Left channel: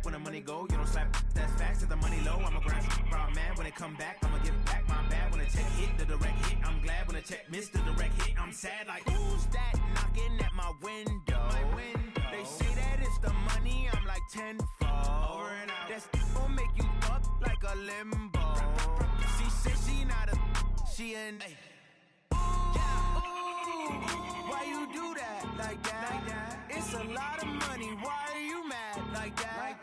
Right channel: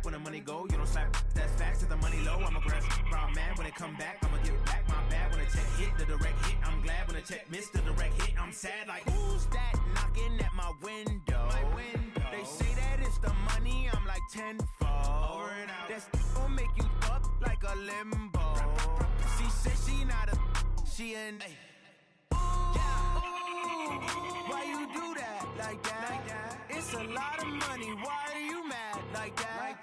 clap when the money go. You don't slap, that's facts, the money low. I'm a brown man when they come back. I'ma give back my bad when the check hit, the direct hit. I'm glad when the check missed the direct hit. I'm sad like, who's that knocking at my window? They say that it's the money, I'm like tenfold. Over and out. That's gon' make you up like a limbo. She said she not a, she an, ay. Why you do that like that? It's a lot of money. Why are you mad like that?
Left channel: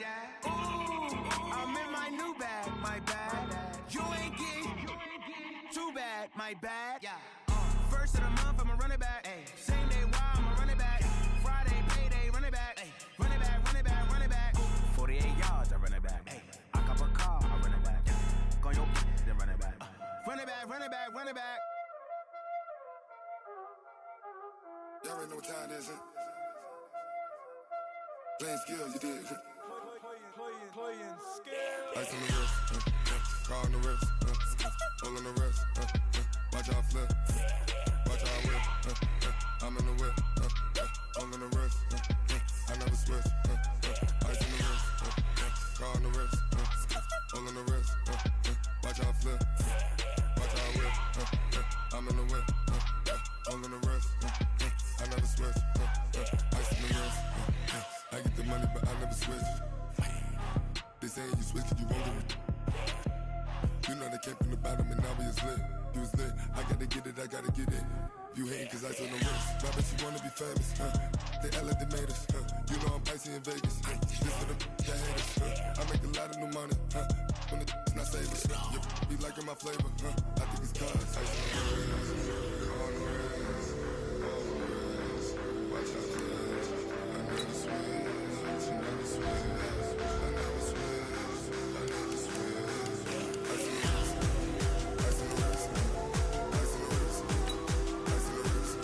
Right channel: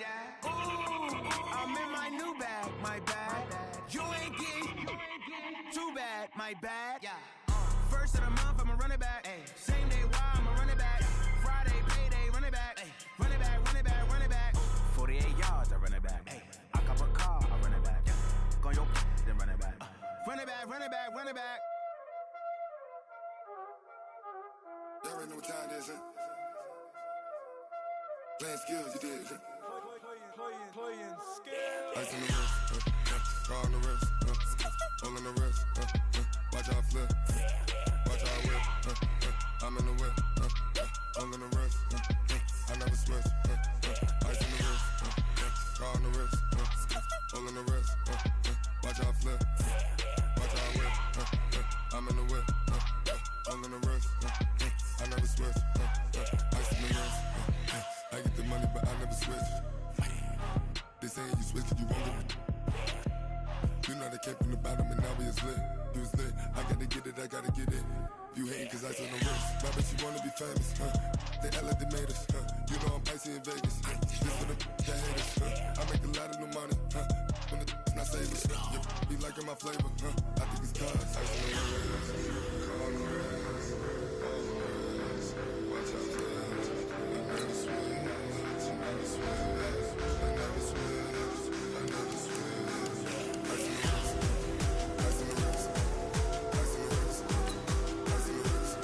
Ooh, I'm in my new bag, my bad. You ain't get too bad, my bad. First of the month, I'ma run it back. Same day, why I'ma run it back. Friday, payday, run it back. Run it back, run it back, run it back. 48 yards, I run it back. I cop a car, I run it back. Go on your then run it back. Run it back, run it back, run it back. Y'all already know what time it is, huh? Playing skills, you did. Playing skills. Ice on the wrist, car on the wrist, all on the wrist, watch how I flip, watch how I whip, I'm in the whip, all on the wrist, I never switch, ice on the wrist, car on the wrist, all on the wrist, watch how I flip, watch how I whip, I'm in the whip, all on the wrist, I never switch, ice on the wrist, I get the money but I never switch. They saying you switch cause you won't get it. You know they came from the bottom and now we is lit. You was lit, I gotta get it, I gotta get it. You hating cause ice on the wrist. My bitch, you wanna be famous, They act like they made us, You know I'm icy in Vegas, This for the that haters, I make a lot of new money, When the not savers, You be liking my flavor, I think it's cause ice on the wrist, on the wrist, on the wrist. Watch out, flash, I never switch, I never switch. I never switch, I never switch. Ice in the wrist, ice in the wrist, ice in the wrist, ice in the wrist, ice in the wrist,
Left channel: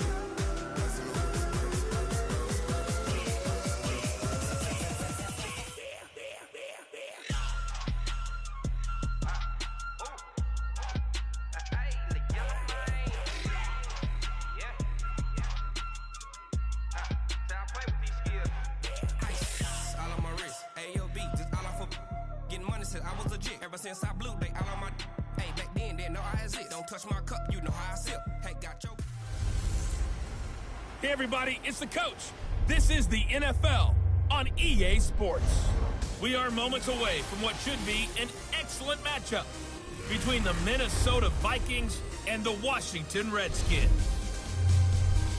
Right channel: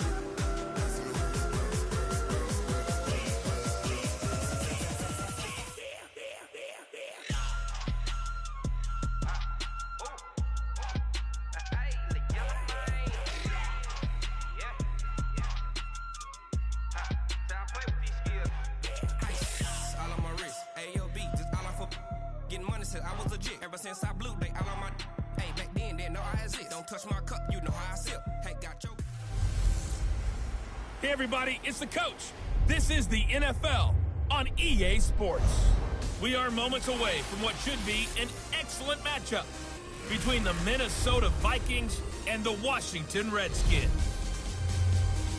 I was legit. Ever since I blew, they all on my. Hey, back then, didn't know I exist. Don't touch my cup, you know how I sip. Hey, got your. Hey, everybody, it's the coach. This is the NFL on EA Sports. We are moments away from what should be an excellent matchup between the Minnesota Vikings and the Washington Redskins.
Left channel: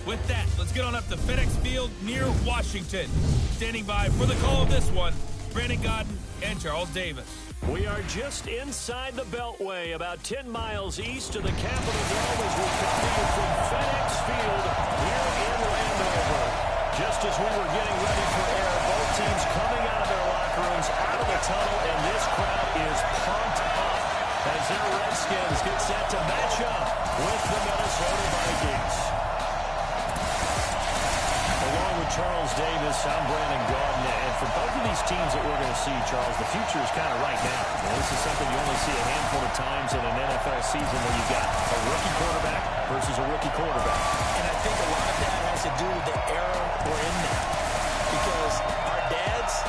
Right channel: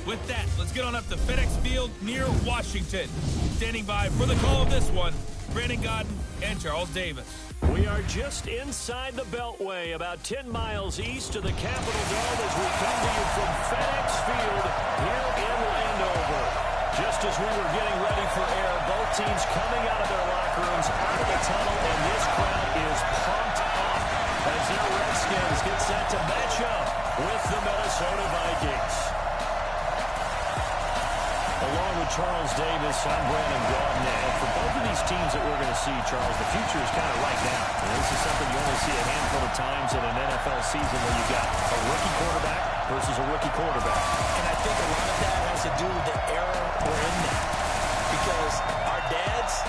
With that, let's get on up to FedEx Field near Washington. Standing by for the call of this one, Brandon Godden and Charles Davis. We are just inside the Beltway, about 10 miles east of the Capitol Dome as we come to you from FedEx Field here in Landover. Just as we were getting ready for air, both teams coming out of their locker rooms, out of the tunnel, and this crowd is pumped up as their Redskins get set to match up with the Minnesota Vikings. Along with Charles Davis, I'm Brandon Gaudin, and for both of these teams that we're going to see, Charles, the future is kind of right now. This is something you only see a handful of times in an NFL season where you've got a rookie quarterback versus a rookie quarterback. And I think a lot of that has to do with the era we're in now. Because our dads,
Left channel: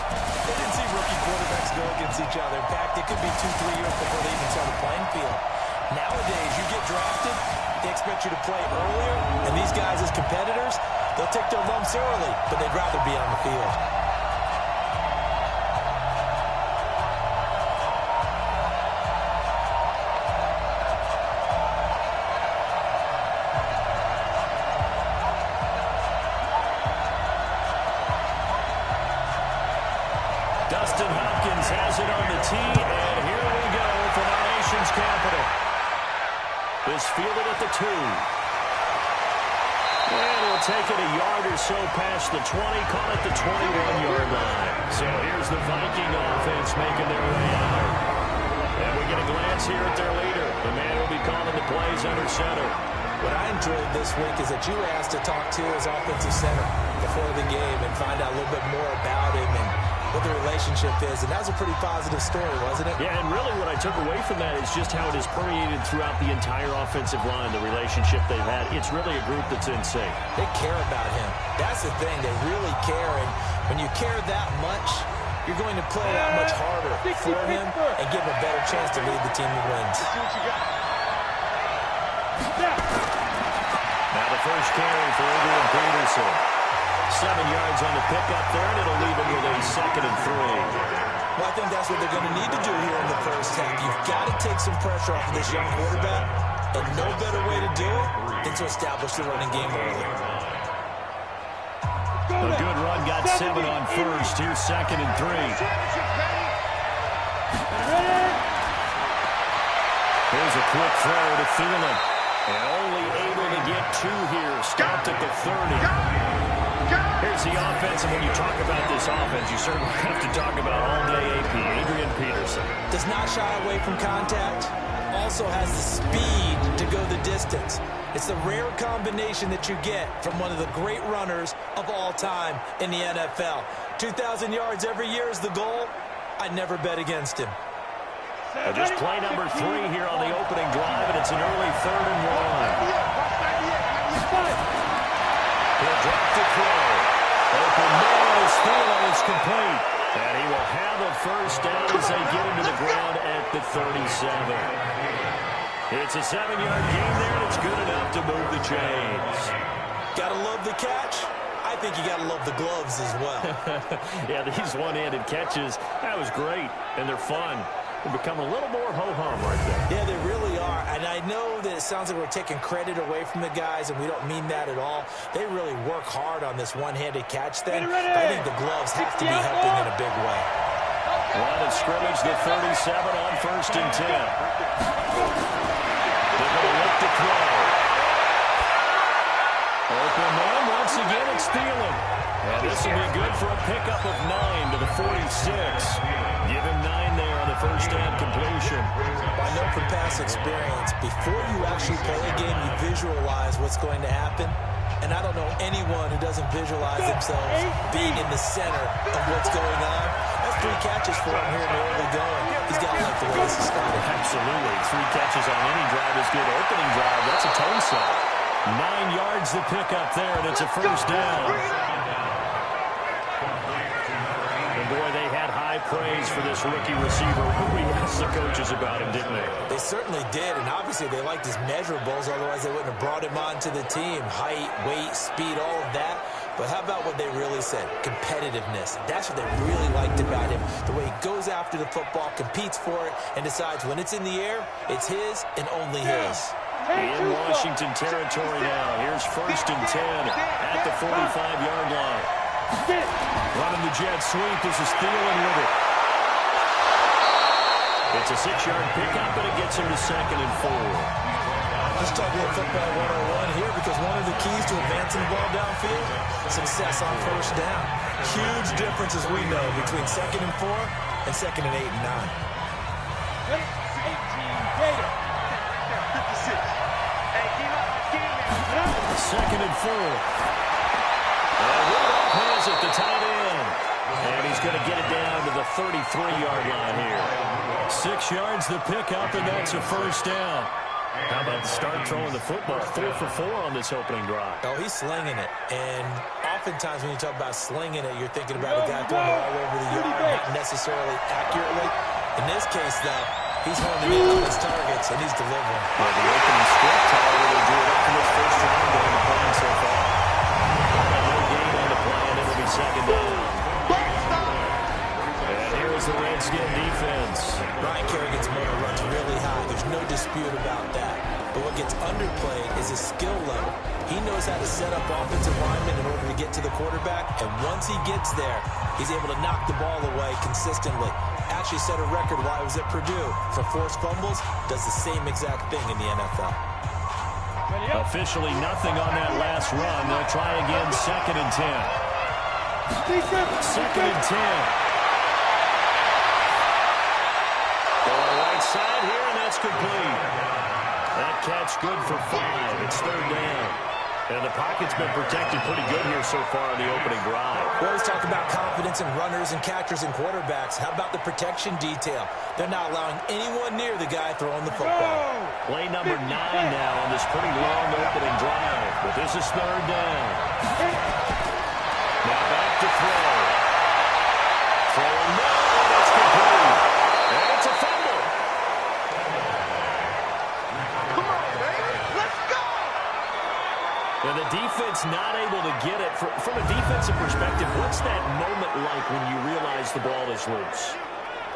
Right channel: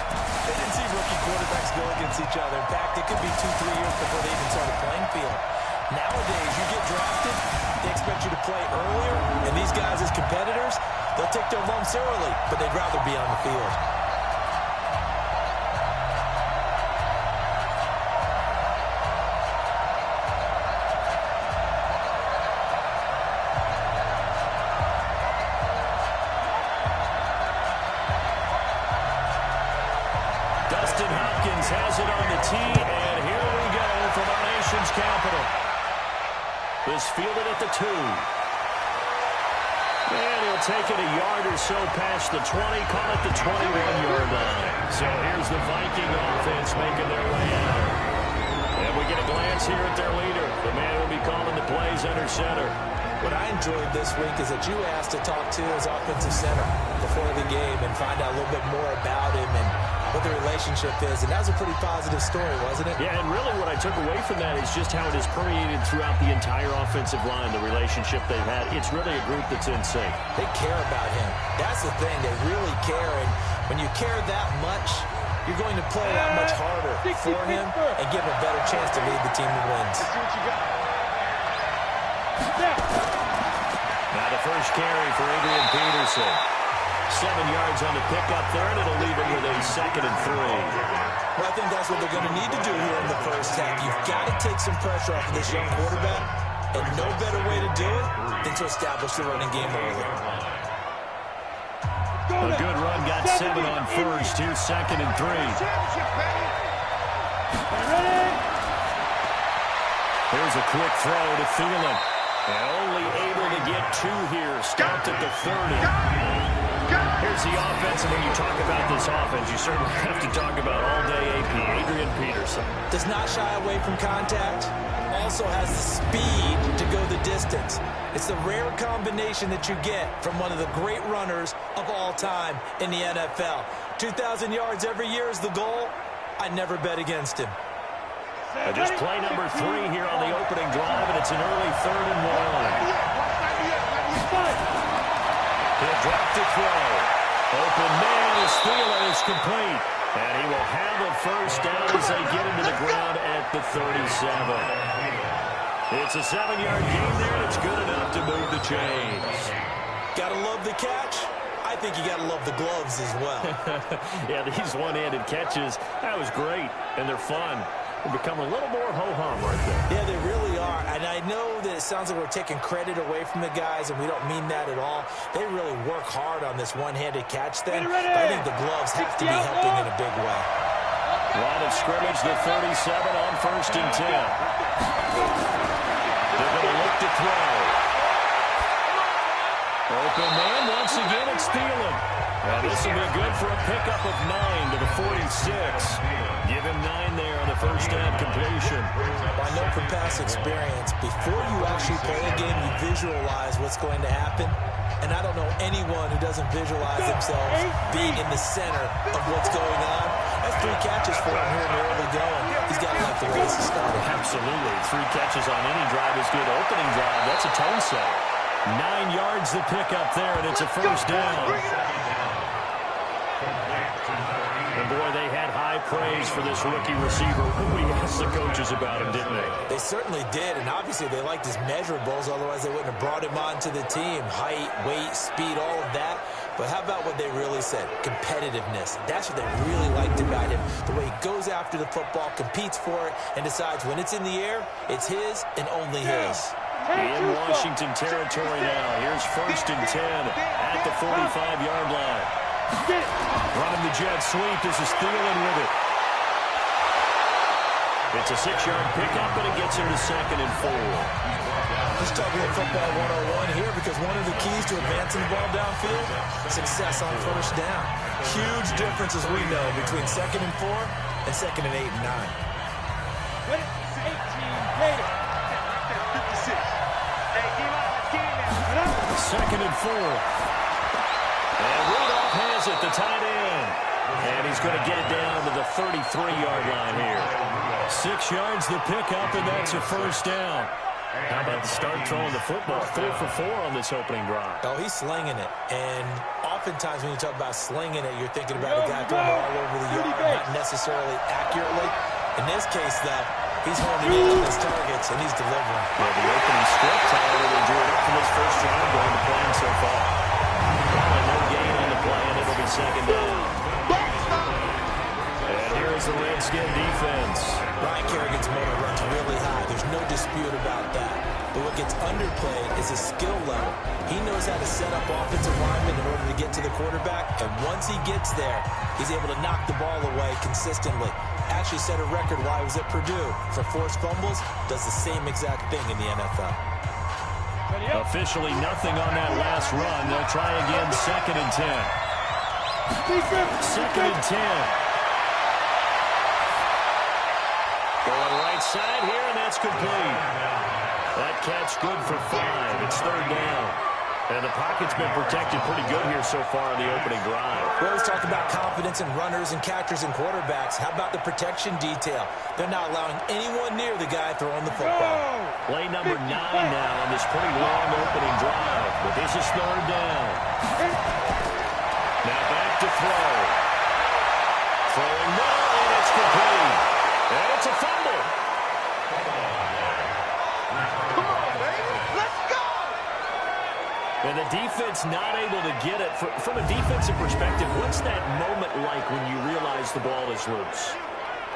they didn't see rookie quarterbacks go against each other. In fact, it could be 2-3 years before they even saw the playing field. Nowadays, you get drafted, they expect you to play earlier, and these guys as competitors, they'll take their lumps early, but they'd rather be on the field. Dustin Hopkins has it on the tee, and here we go from our nation's capital. This fielded at the 2. And he'll take it a yard or so past the 20, call it the 21-yard line. So here's the Viking offense making their way out. And we get a glance here at their leader, the man who will be calling the plays under center. What I enjoyed this week is that you asked to talk to his offensive center before the game and find out a little bit more about him and what the relationship is. And that was a pretty positive story, wasn't it? Yeah, and really what I took away from that is just how it has permeated throughout the entire offensive line, the relationship they've had. It's really a group that's in sync. They care about him. That's the thing. They really care. And when you care that much, you're going to play that much harder for him and give him a better chance to lead the team to wins. Let's see what you got. Now the first carry for Adrian Peterson. 7 yards on the pickup there, and it'll leave him with a 2nd and 3. Well, I think that's what they're going to need to do here in the first half. You've got to take some pressure off of this young quarterback, and no better way to do it than to establish the running game early. A good run, got 7 on first. Here's 2nd and 3. Here's a quick throw to Thielen. And only able to get 2 here. Stopped at the 30. Here's the offense, and when you talk about this offense, you certainly have to talk about all-day AP, Adrian Peterson. Does not shy away from contact. Also has the speed to go the distance. It's the rare combination that you get from one of the great runners of all time in the NFL. 2,000 yards every year is the goal. I'd never bet against him. Just play number 3 here on the opening drive, and it's an early 3rd and 1. He'll drop to throw. Open man is Thielen is complete. And he will have a first down as they get him to the ground at the 37. It's a 7-yard gain there, and it's good enough to move the chains. Gotta love the catch. I think you gotta love the gloves as well. Yeah, these one-handed catches, that was great, and they're fun. They become a little more ho-hum right there. Yeah, they really are. And I know that it sounds like we're taking credit away from the guys, and we don't mean that at all. They really work hard on this one-handed catch thing. But I think the gloves have to be helping in a big way. Line of scrimmage, the 37 on 1st and 10. They're going to look to throw. Open man, once again, it's Thielen. And this will be good for a pickup of 9 to the 46. Give him 9 there on the first down completion. I know from past experience, before you actually play a game, you visualize what's going to happen. And I don't know anyone who doesn't visualize themselves being in the center of what's going on. That's 3 catches for him here in the early going. He's got to like the way this is starting. Absolutely. 3 catches on any drive is good. Opening drive, that's a tone set. 9 yards the pickup there, and it's a first down. And boy, they had high praise for this rookie receiver when we asked the coaches about him, didn't they? They certainly did, and obviously they liked his measurables, otherwise they wouldn't have brought him onto the team. Height, weight, speed, all of that. But how about what they really said? Competitiveness. That's what they really liked about him. The way he goes after the football, competes for it, and decides when it's in the air, it's his and only his. In Washington territory now. Here's 1st and 10 at the 45-yard line. Running the jet sweep. This is Thielen with it. It's a 6-yard pickup, and it gets him to 2nd and 4. Let's talk a little football 101 here, because one of the keys to advancing the ball downfield, success on first down. Huge difference, as we know, between 2nd and 4 and 2nd and 8 and 9. Ready? 18 Gator. 56. Hey, Second and 4. And Rudolph has it, the tight end. And he's going to get it down to the 33-yard line here. 6 yards the pickup, and that's a first down. How about the start throwing the football? 4 for 4 on this opening drive. Oh, he's slinging it. And oftentimes when you talk about slinging it, you're thinking about a guy throwing it all over the yard, not necessarily accurately. In this case, though, he's honing in on his targets, and he's delivering. Yeah, the opening script, however, they drew it up for this first round during the plan so far. No gain on the play, and it'll be second down. And here is the Redskin defense. Ryan Kerrigan's motor runs really high. There's no dispute about that. But what gets underplayed is his skill level. He knows how to set up offensive linemen in order to get to the quarterback, and once he gets there, he's able to knock the ball away consistently. Actually set a record while he was at Purdue for forced fumbles, does the same exact thing in the NFL. Officially nothing on that last run. They'll try again, second and 10. Second and 10. Going right side here, and that's complete. That catch good for 5. It's third down. And the pocket's been protected pretty good here so far on the opening drive. We always talk about confidence in runners and catchers and quarterbacks. How about the protection detail? They're not allowing anyone near the guy throwing the football. Play number 9 now on this pretty long opening drive. But this is third down. Now back to throw. Throwing And it's a fumble. Come on, baby. Let's go. And the defense not able to get it. From a defensive perspective, what's that moment like when you realize the ball is loose?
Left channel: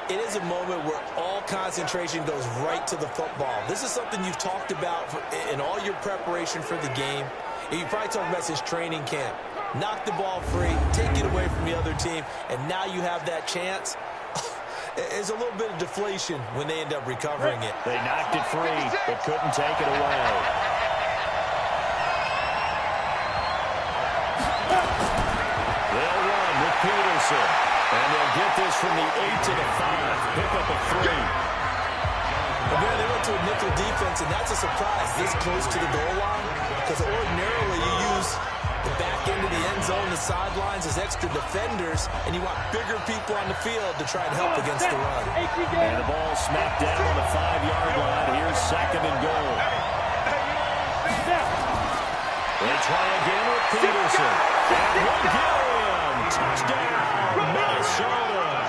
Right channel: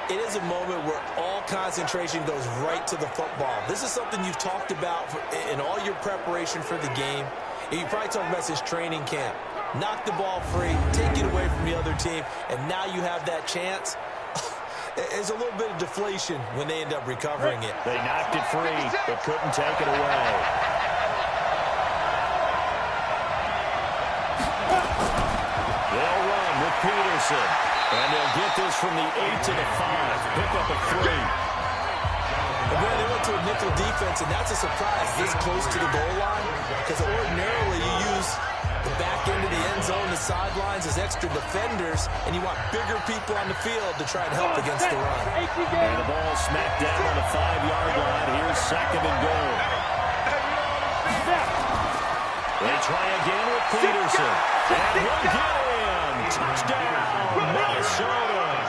It is a moment where all concentration goes right to the football. This is something you've talked about in all your preparation for the game. You probably talked about since training camp. Knock the ball free, take it away from the other team, and now you have that chance. There's a little bit of deflation when they end up recovering it. They knocked it free, but couldn't take it away. They'll run with Peterson. And they'll get this from the 8 to the 5. Pick up a 3. And man, they went to a nickel defense, and that's a surprise this close to the goal line. Because ordinarily you use the back end of the end zone, the sidelines as extra defenders, and you want bigger people on the field to try and help against the run. And the ball smacked down on the 5-yard line. Here's 2nd and goal. They try again with Peterson. And he'll get in. Touchdown, Minnesota.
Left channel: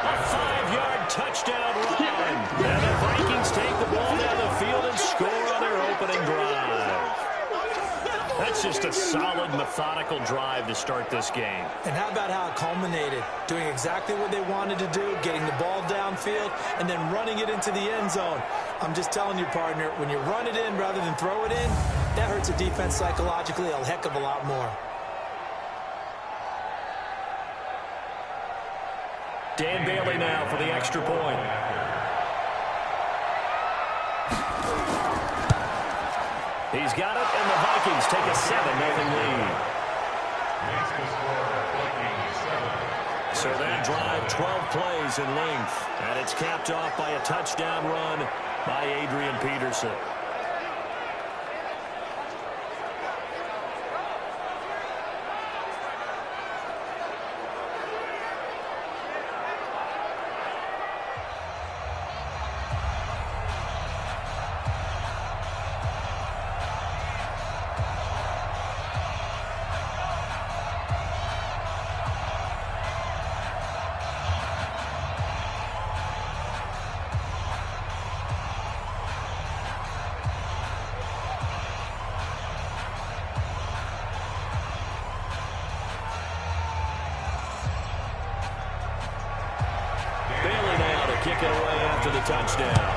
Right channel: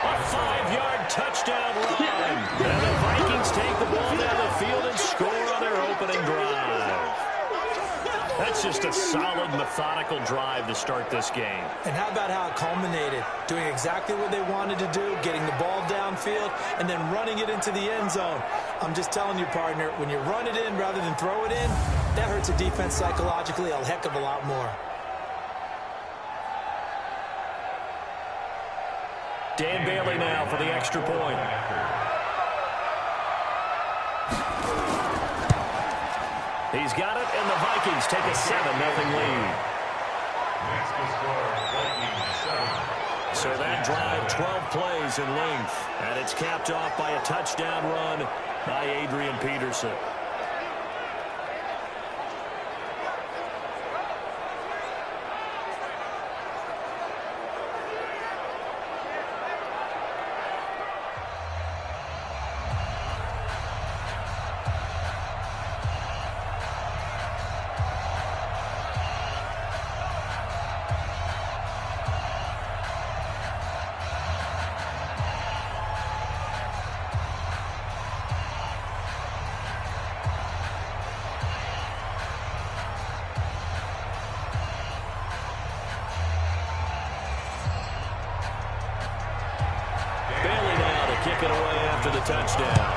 A 5-yard touchdown run. And the Vikings take the ball down the field and score on their opening drive. That's just a solid, methodical drive to start this game. And how about how it culminated? Doing exactly what they wanted to do, getting the ball downfield, and then running it into the end zone. I'm just telling you, partner, when you run it in rather than throw it in, that hurts a defense psychologically a heck of a lot more. Dan Bailey now for the extra point. He's got it, and the Vikings take a 7-0 lead. So that drive, 12 plays in length, and it's capped off by a touchdown run by Adrian Peterson. Bailey now to kick it away after the touchdown.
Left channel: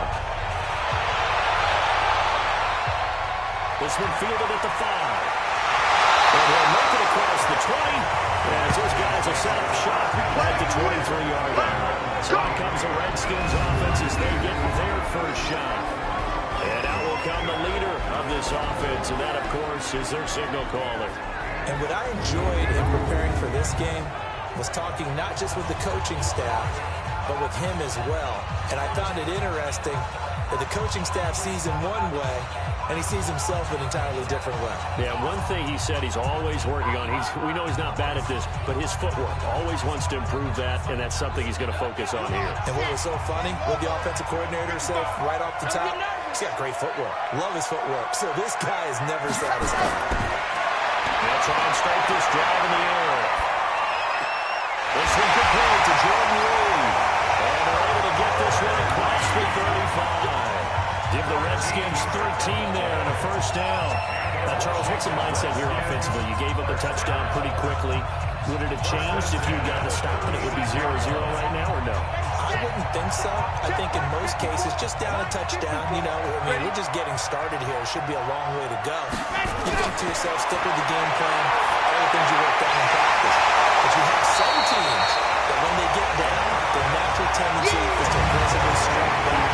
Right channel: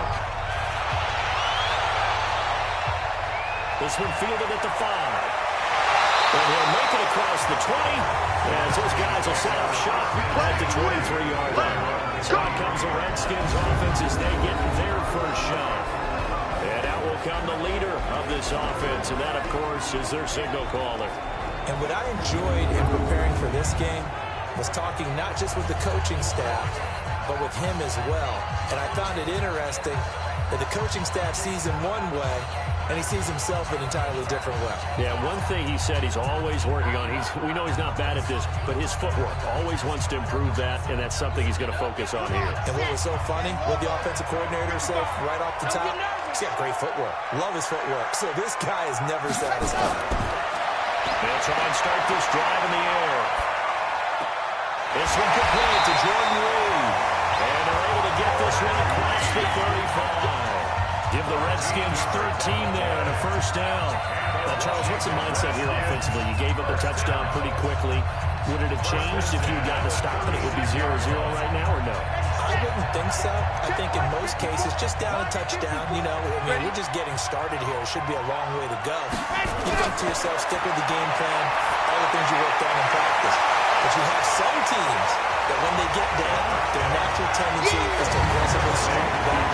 This one fielded at the 5. And he'll make it across the 20 as those guys will set up shop at the 23-yard line. So out comes the Redskins offense as they get their first shot. And out will come the leader of this offense, and that, of course, is their signal caller. And what I enjoyed in preparing for this game was talking not just with the coaching staff, but with him as well. And I found it interesting that the coaching staff sees him one way, and he sees himself an entirely different way. Yeah, one thing he said he's always working on, we know he's not bad at this, but his footwork, always wants to improve that, and that's something he's going to focus on here. And what was so funny, what the offensive coordinator said right off the top, he's got great footwork. Love his footwork. So this guy is never satisfied. They'll try and start this drive in the air. This one complete to Jordan Reed. And they're able to get this one across the 35. Give the Redskins 13 there and a first down. Now, Charles, what's the mindset here offensively? You gave up the touchdown pretty quickly. Would it have changed if you had gotten a stop and it would be 0-0 right now, or no? I wouldn't think so. I think in most cases, just down a touchdown, you know, I mean, we're just getting started here. It should be a long way to go. You think to yourself, stick with the game plan, all the things you worked on in practice. But you have some teams that when they get down, their natural tendency is to aggressively strike back.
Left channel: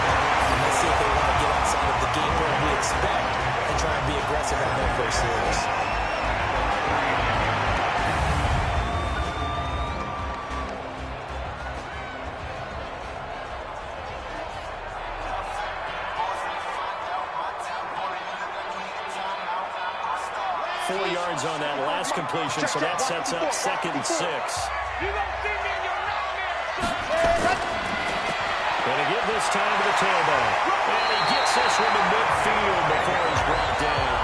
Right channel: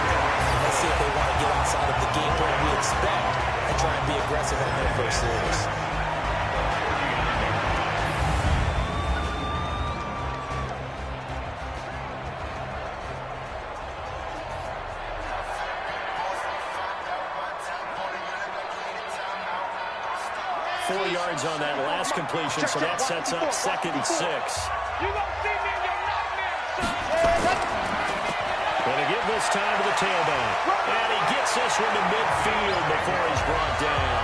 And let's see if they want to get outside of the game plan we expect and try and be aggressive on their first series. 4 yards on that last completion, so that sets up 2nd and 6. You don't see me in your nightmares, son. Going to give this time to the tailback. And he gets this one to midfield before he's brought down.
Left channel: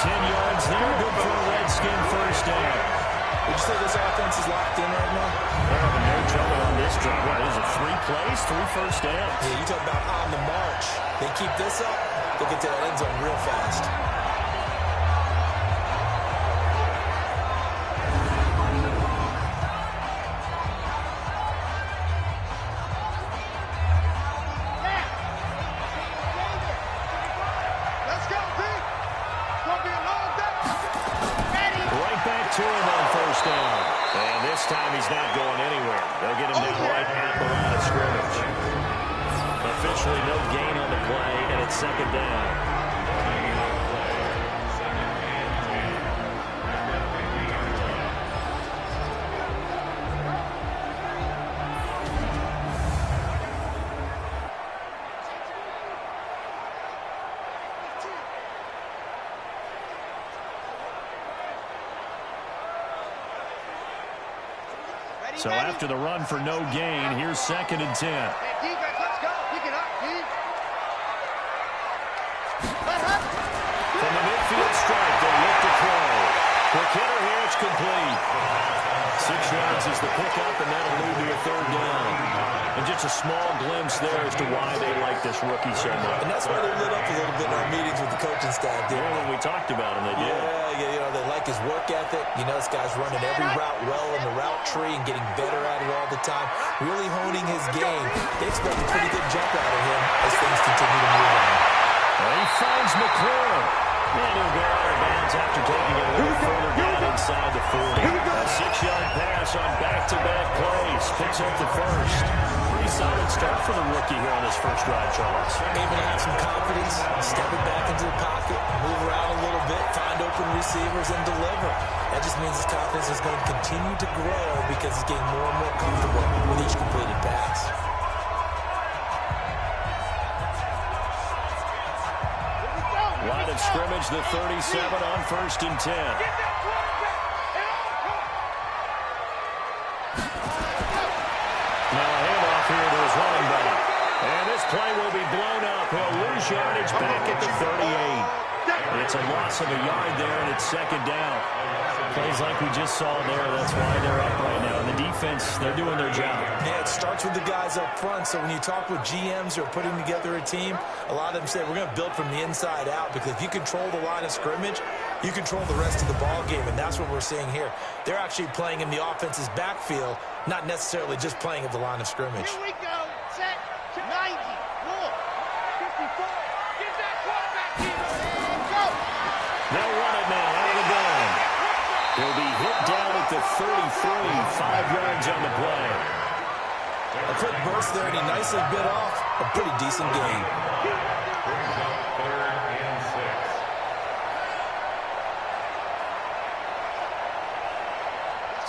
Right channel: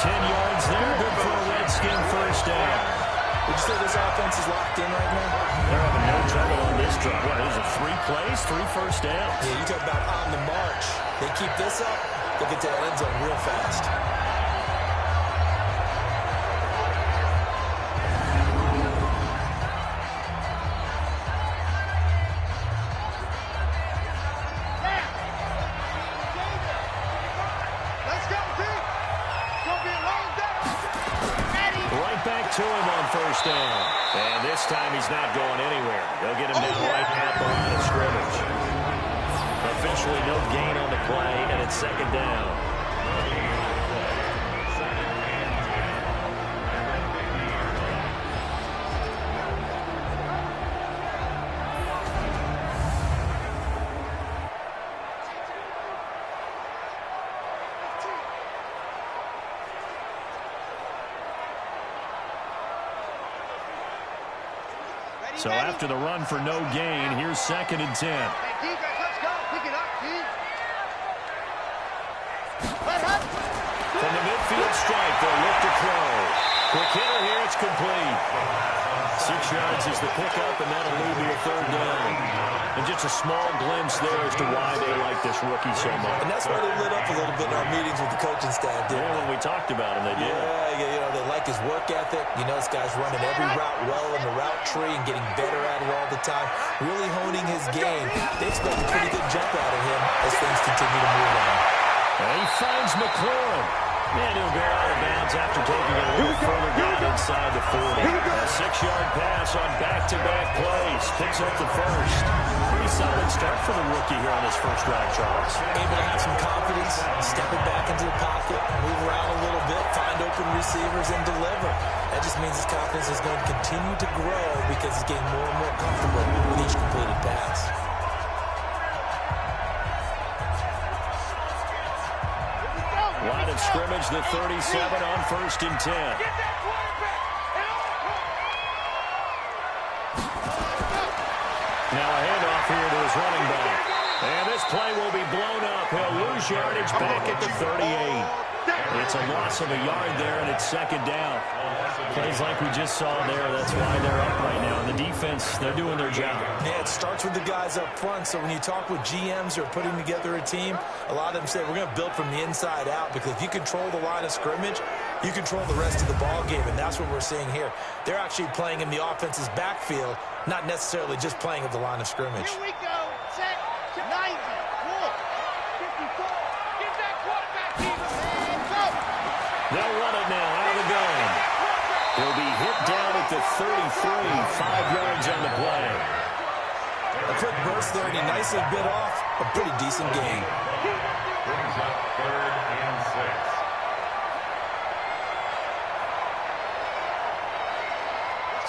10 yards there, good for a Redskin first down. Would you say this offense is locked in right now? They're having no trouble on this drive. What is it, 3 plays, 3 first downs? Yeah, you talk about on the march. They keep this up, they'll get to that end zone real fast. To him on first down. And this time he's not going anywhere. They'll get him down right at the line of scrimmage. Officially no gain on the play, and it's second down. So after the run for no gain, here's 2nd and 10. Hey, defense, let's go. Pick it up, D. From the midfield stripe, they'll look to throw. Quick hitter here, it's complete. 6 yards is the pickup, and that'll lead to a 3rd down. And just a small glimpse there as to why they like this rookie so much. And that's why they lit up a little bit in our meetings with the coaching staff, didn't when we talked about him, they did. Yeah, you know, they like his work ethic. You know, this guy's running every route well in the route tree and getting better at it all the time. Really honing his game. They expect a pretty good jump out of him as things continue to move on. And he finds McLaurin. And he'll go out of bounds after taking it a little further down inside the 40. A 6-yard pass on back-to-back plays. Picks up the first. Pretty solid start for the rookie here on his first drive, Charles. Able to have some confidence, stepping back into the pocket, move around a little bit, find open receivers, and deliver. That just means his confidence is going to continue to grow because he's getting more and more comfortable with each completed pass. Line of scrimmage, the 37 on 1st and 10. Get that quarterback and Now a handoff here to his running back. And this play will be blown up. He'll lose yardage back at the 38. It's a loss of a yard there, and it's 2nd down. Plays like we just saw there. That's why they're up right now. And the defense, they're doing their job. Yeah, it starts with the guys up front. So when you talk with GMs who are putting together a team, a lot of them say we're going to build from the inside out, because if you control the line of scrimmage, you control the rest of the ball game, and that's what we're seeing here. They're actually playing in the offense's backfield, not necessarily just playing at the line of scrimmage. Here we go. Set. 90. Wolf. 54. Get that quarterback, Eagles. And go. They'll run it now out of the gun. He'll be hit down at the 33, 5 yards on the play. A quick burst there, and he nicely bit off a pretty decent gain. Brings up 3rd and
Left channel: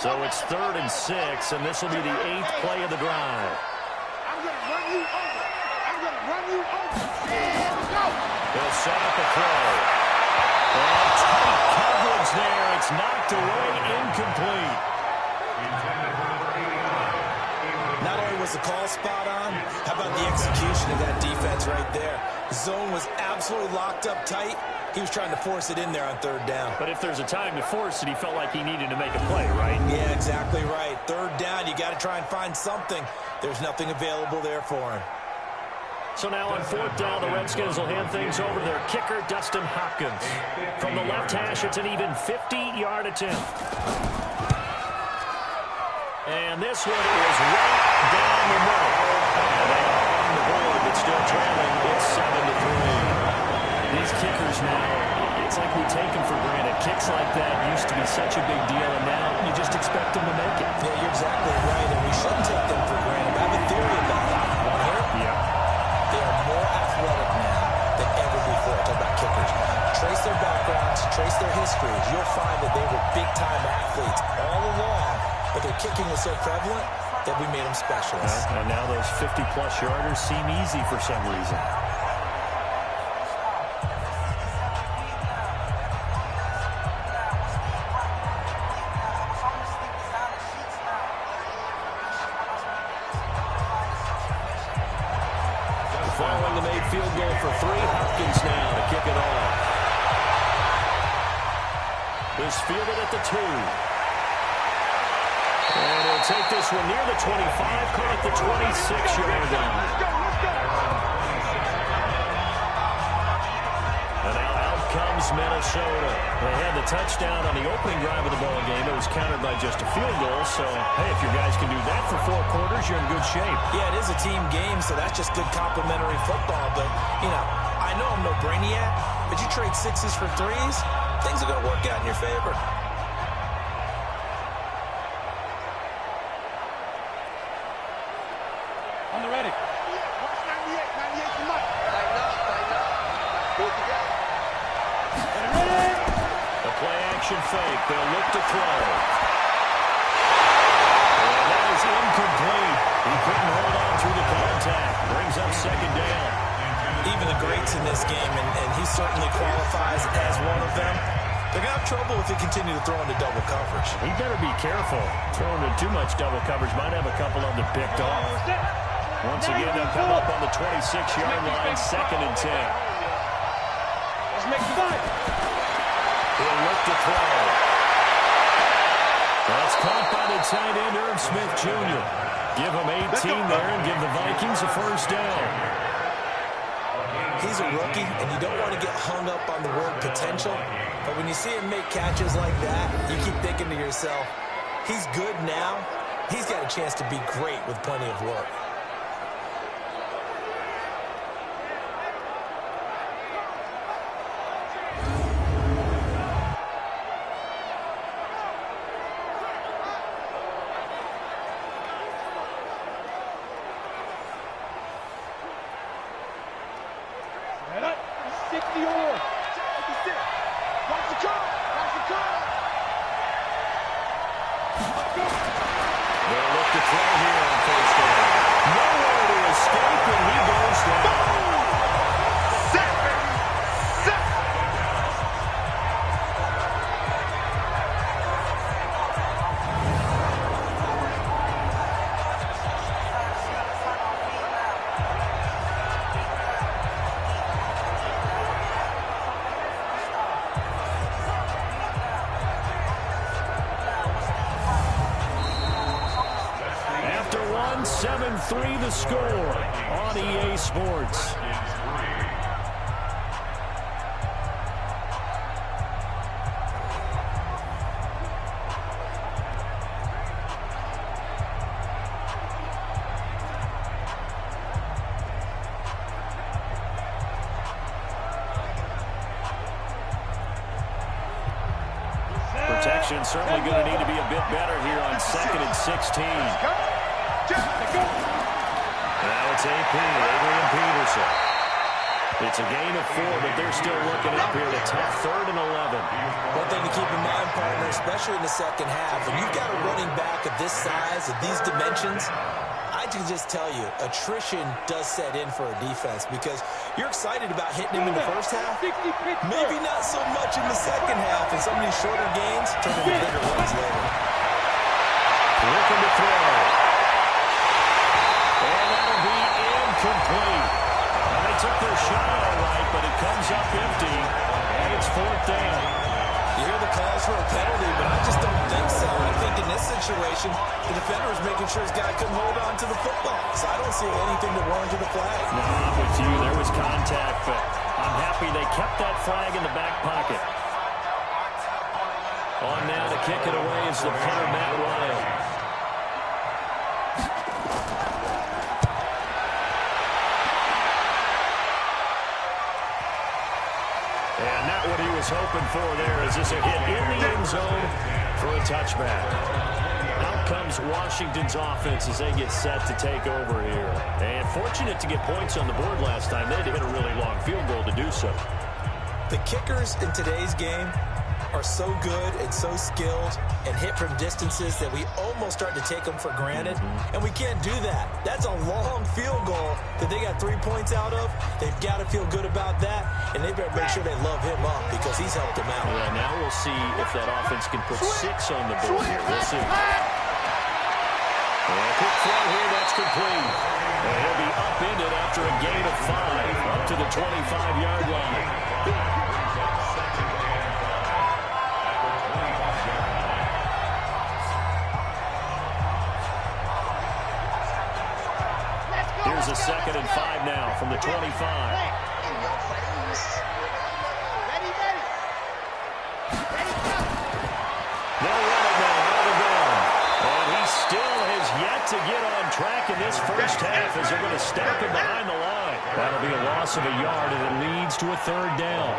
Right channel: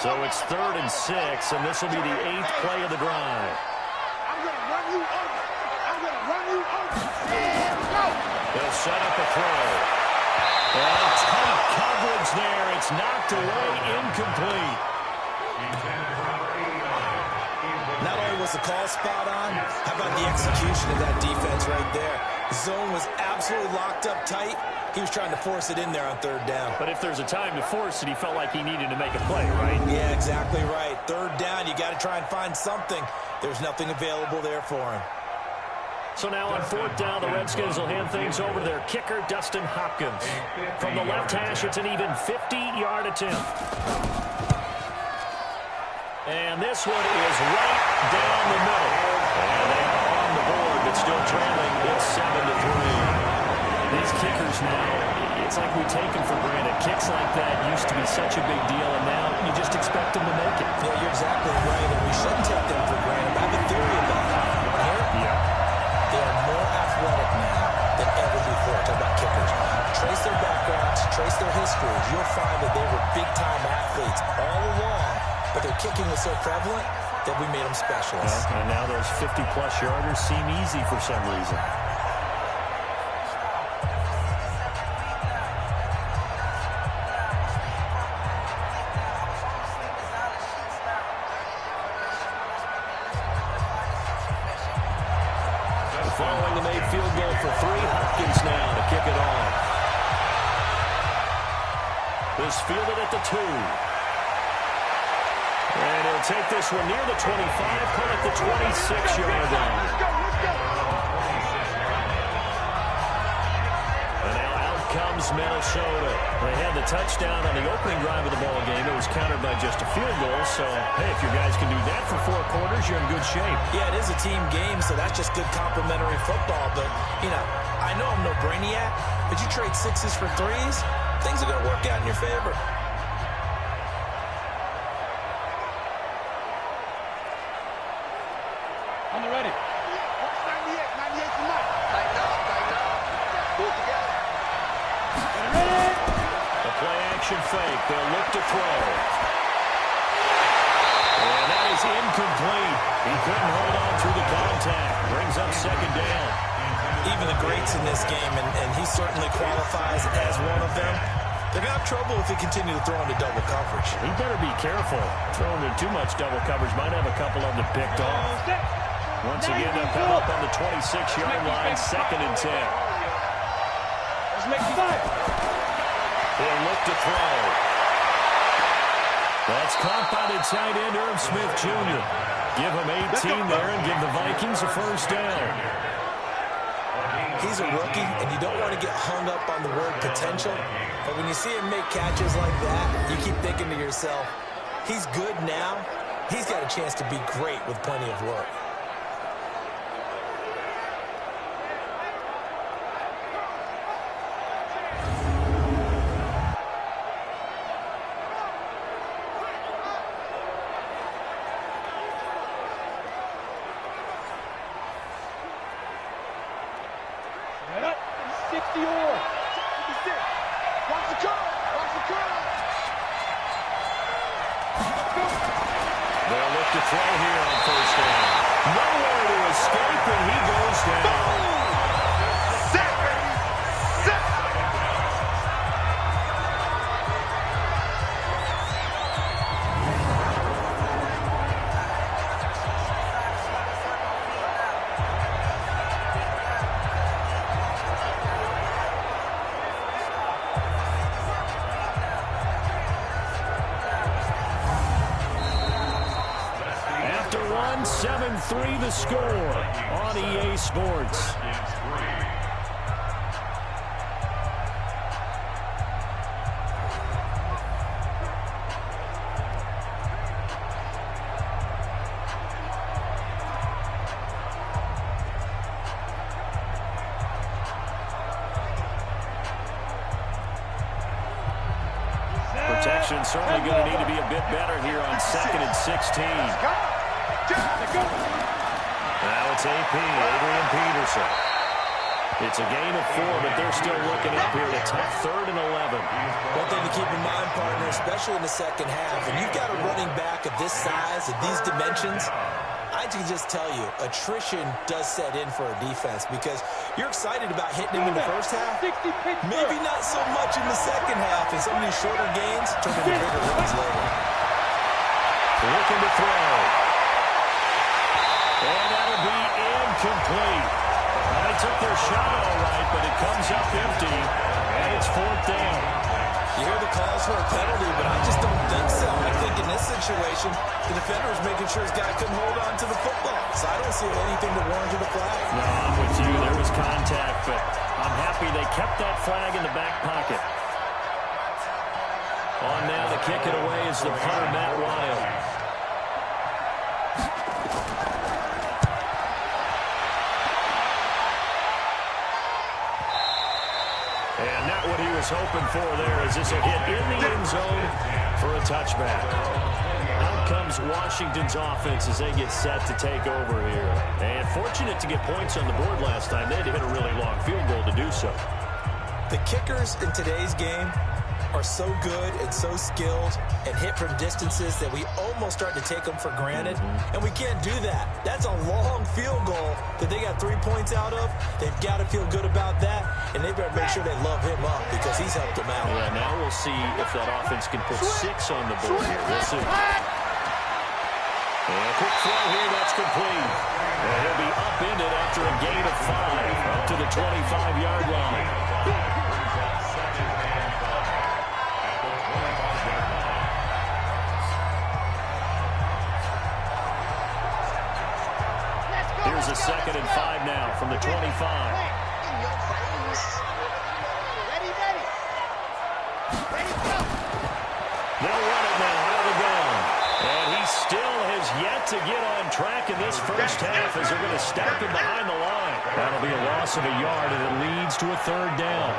6. So it's 3rd and 6, and this will be the 8th play of the drive. I'm going to run you over. I'm going to run you over. And go. They'll set up a throw. And tight coverage there. It's knocked away, incomplete. Not only was the call spot on, how about the execution of that defense right there? The zone was absolutely locked up tight. He was trying to force it in there on 3rd down. But if there's a time to force it, he felt like he needed to make a play, right? Yeah, exactly right. 3rd down, you got to try and find something. There's nothing available there for him. So now on 4th down, the Redskins will hand things over to their kicker, Dustin Hopkins. From the left hash, it's an even 50-yard attempt. And this one is right down the middle. And they are on the board, but still trailing. It's 7-3. These kickers now, it's like we take them for granted. Kicks like that used to be such a big deal, and now you just expect them to make it. Yeah, you're exactly right, and we shouldn't take them for granted. I have a theory about it. You want to hear it? Yeah. They are more athletic now than ever before. Talk about kickers. Trace their backgrounds, trace their histories. You'll find that they were big-time athletes all along, but their kicking was so prevalent that we made them specialists. And now those 50-plus yarders seem easy for some reason. Following the made field goal for 3, Hopkins now to kick it off. This fielded at the 2. And he'll take this one near the 25, call it the 26-yard line. Let's go. And now out comes Minnesota. They had the touchdown on the opening drive of the ball game. It was countered by just a field goal. So, hey, if your guys can do that for 4 quarters, you're in good shape. Yeah, it is a team game, so that's just good complimentary football. But, you know, I know I'm no brainiac, but you trade 6s for 3s, things are going to work out in your favor. On the ready. Yeah, watch 98. 98 to Mike. Tighten up. Pull it together. Ready. The play-action fake. They'll look to throw. And that is incomplete. He couldn't hold on through the contact. Brings up second down. Even the greats in this game, and he certainly qualifies as one of them, they're going to have trouble if they continue to throw into double coverage. He better be careful. Throwing into too much double coverage might have a couple of them picked off. Once again, they'll come up on the 26-yard line, 2nd and 10. Let's make 5. He'll look to throw. That's caught by the tight end, Irv Smith Jr. Give him 18 there and give the Vikings a first down. He's a rookie, and you don't want to get hung up on the word potential. But when you see him make catches like that, you keep thinking to yourself, he's good now. He's got a chance to be great with plenty of work. Set up. 60 or 56. Watch the curl. They'll look to throw here on first down. Nowhere to escape, and he goes down. Sack, baby. Sack. After 7-3 the score on EA Sports. Protection certainly going to need to be a bit better here on 2nd and 16. Now it's AP, Adrian Peterson. It's a gain of 4, but they're still looking up here at a tough 3rd and 11. One thing to keep in mind, partner, especially in the second half, when you've got a running back of this size, of these dimensions, I can just tell you, attrition does set in for a defense because you're excited about hitting him in the first half. Maybe not so much in the second half, and some of these shorter gains turn into bigger runs later. Looking to throw. And that'll be incomplete. Well, they took their shot all right, but it comes up empty, and it's 4th down. You hear the calls for a penalty, but I just don't think so. I think in this situation, the defender was making sure his guy couldn't hold on to the football. So I don't see anything that warranted a flag. No, I'm with you. There was contact, but I'm happy they kept that flag in the back pocket. On now to kick it away is the punter, Matt Wild. And not what he was hoping for there, as this will hit in the end zone for a touchback. Out comes Washington's offense as they get set to take over here. And fortunate to get points on the board last time. They had to hit a really long field goal to do so. The kickers in today's game are so good and so skilled and hit from distances that we almost start to take them for granted. And we can't do that. That's a long field goal that they got 3 points out of. They've got to feel good about that, and they better make sure they love him up because he's helped them out. Yeah, now we'll see if that offense can put 6 on the board here. We'll see. And a quick throw here, that's complete. And he'll be upended after a gain of 5 up to the 25-yard line. is a 2nd and 5 now from the 25. In your face. Ready, ready. Ready, go. They'll run it now out of the gun. And he still has yet to get on track in this first half as they're going to stop him behind the line. That'll be a loss of a yard, and it leads to a 3rd down.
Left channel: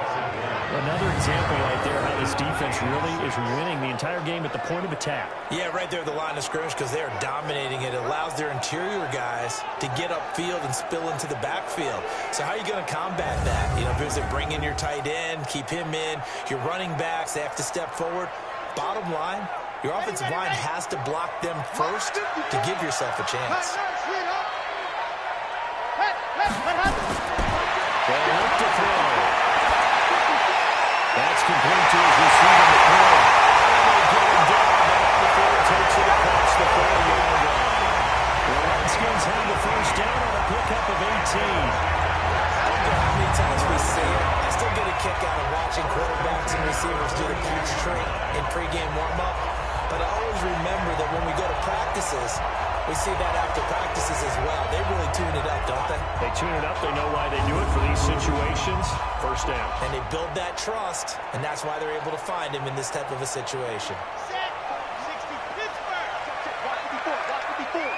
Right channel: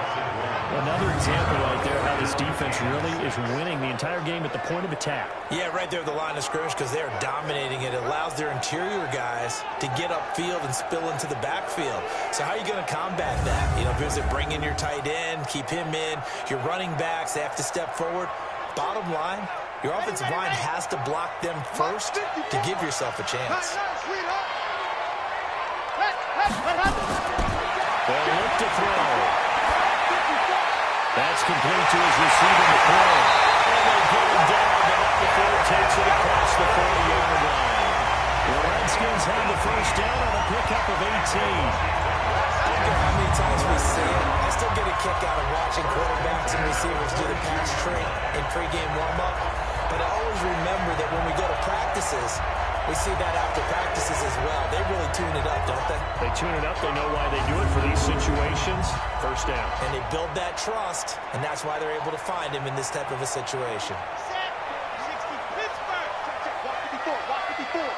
Another example right there how this defense really is winning the entire game at the point of attack. Yeah, right there at the line of scrimmage because they are dominating it. It allows their interior guys to get upfield and spill into the backfield. So how are you going to combat that? You know, if it's bring in your tight end, keep him in, your running backs, they have to step forward. Bottom line, your offensive line has to block them first to give yourself a chance. They'll look to throw. That's complete to his receiver, McCoy. And they get him down, but not before it takes it across the 40-yard line. The Redskins have the first down on a pickup of 18. I don't care how many times we see it. I still get a kick out of watching quarterbacks and receivers do the pass tree in pregame warm-up. But I always remember that when we go to practices, we see that after practices as well. They really tune it up, don't they? They tune it up. They know why they do it for these situations. First down. And they build that trust, and that's why they're able to find him in this type of a situation. Set. 60 Pittsburgh. Check. Watch it before. Watch it before.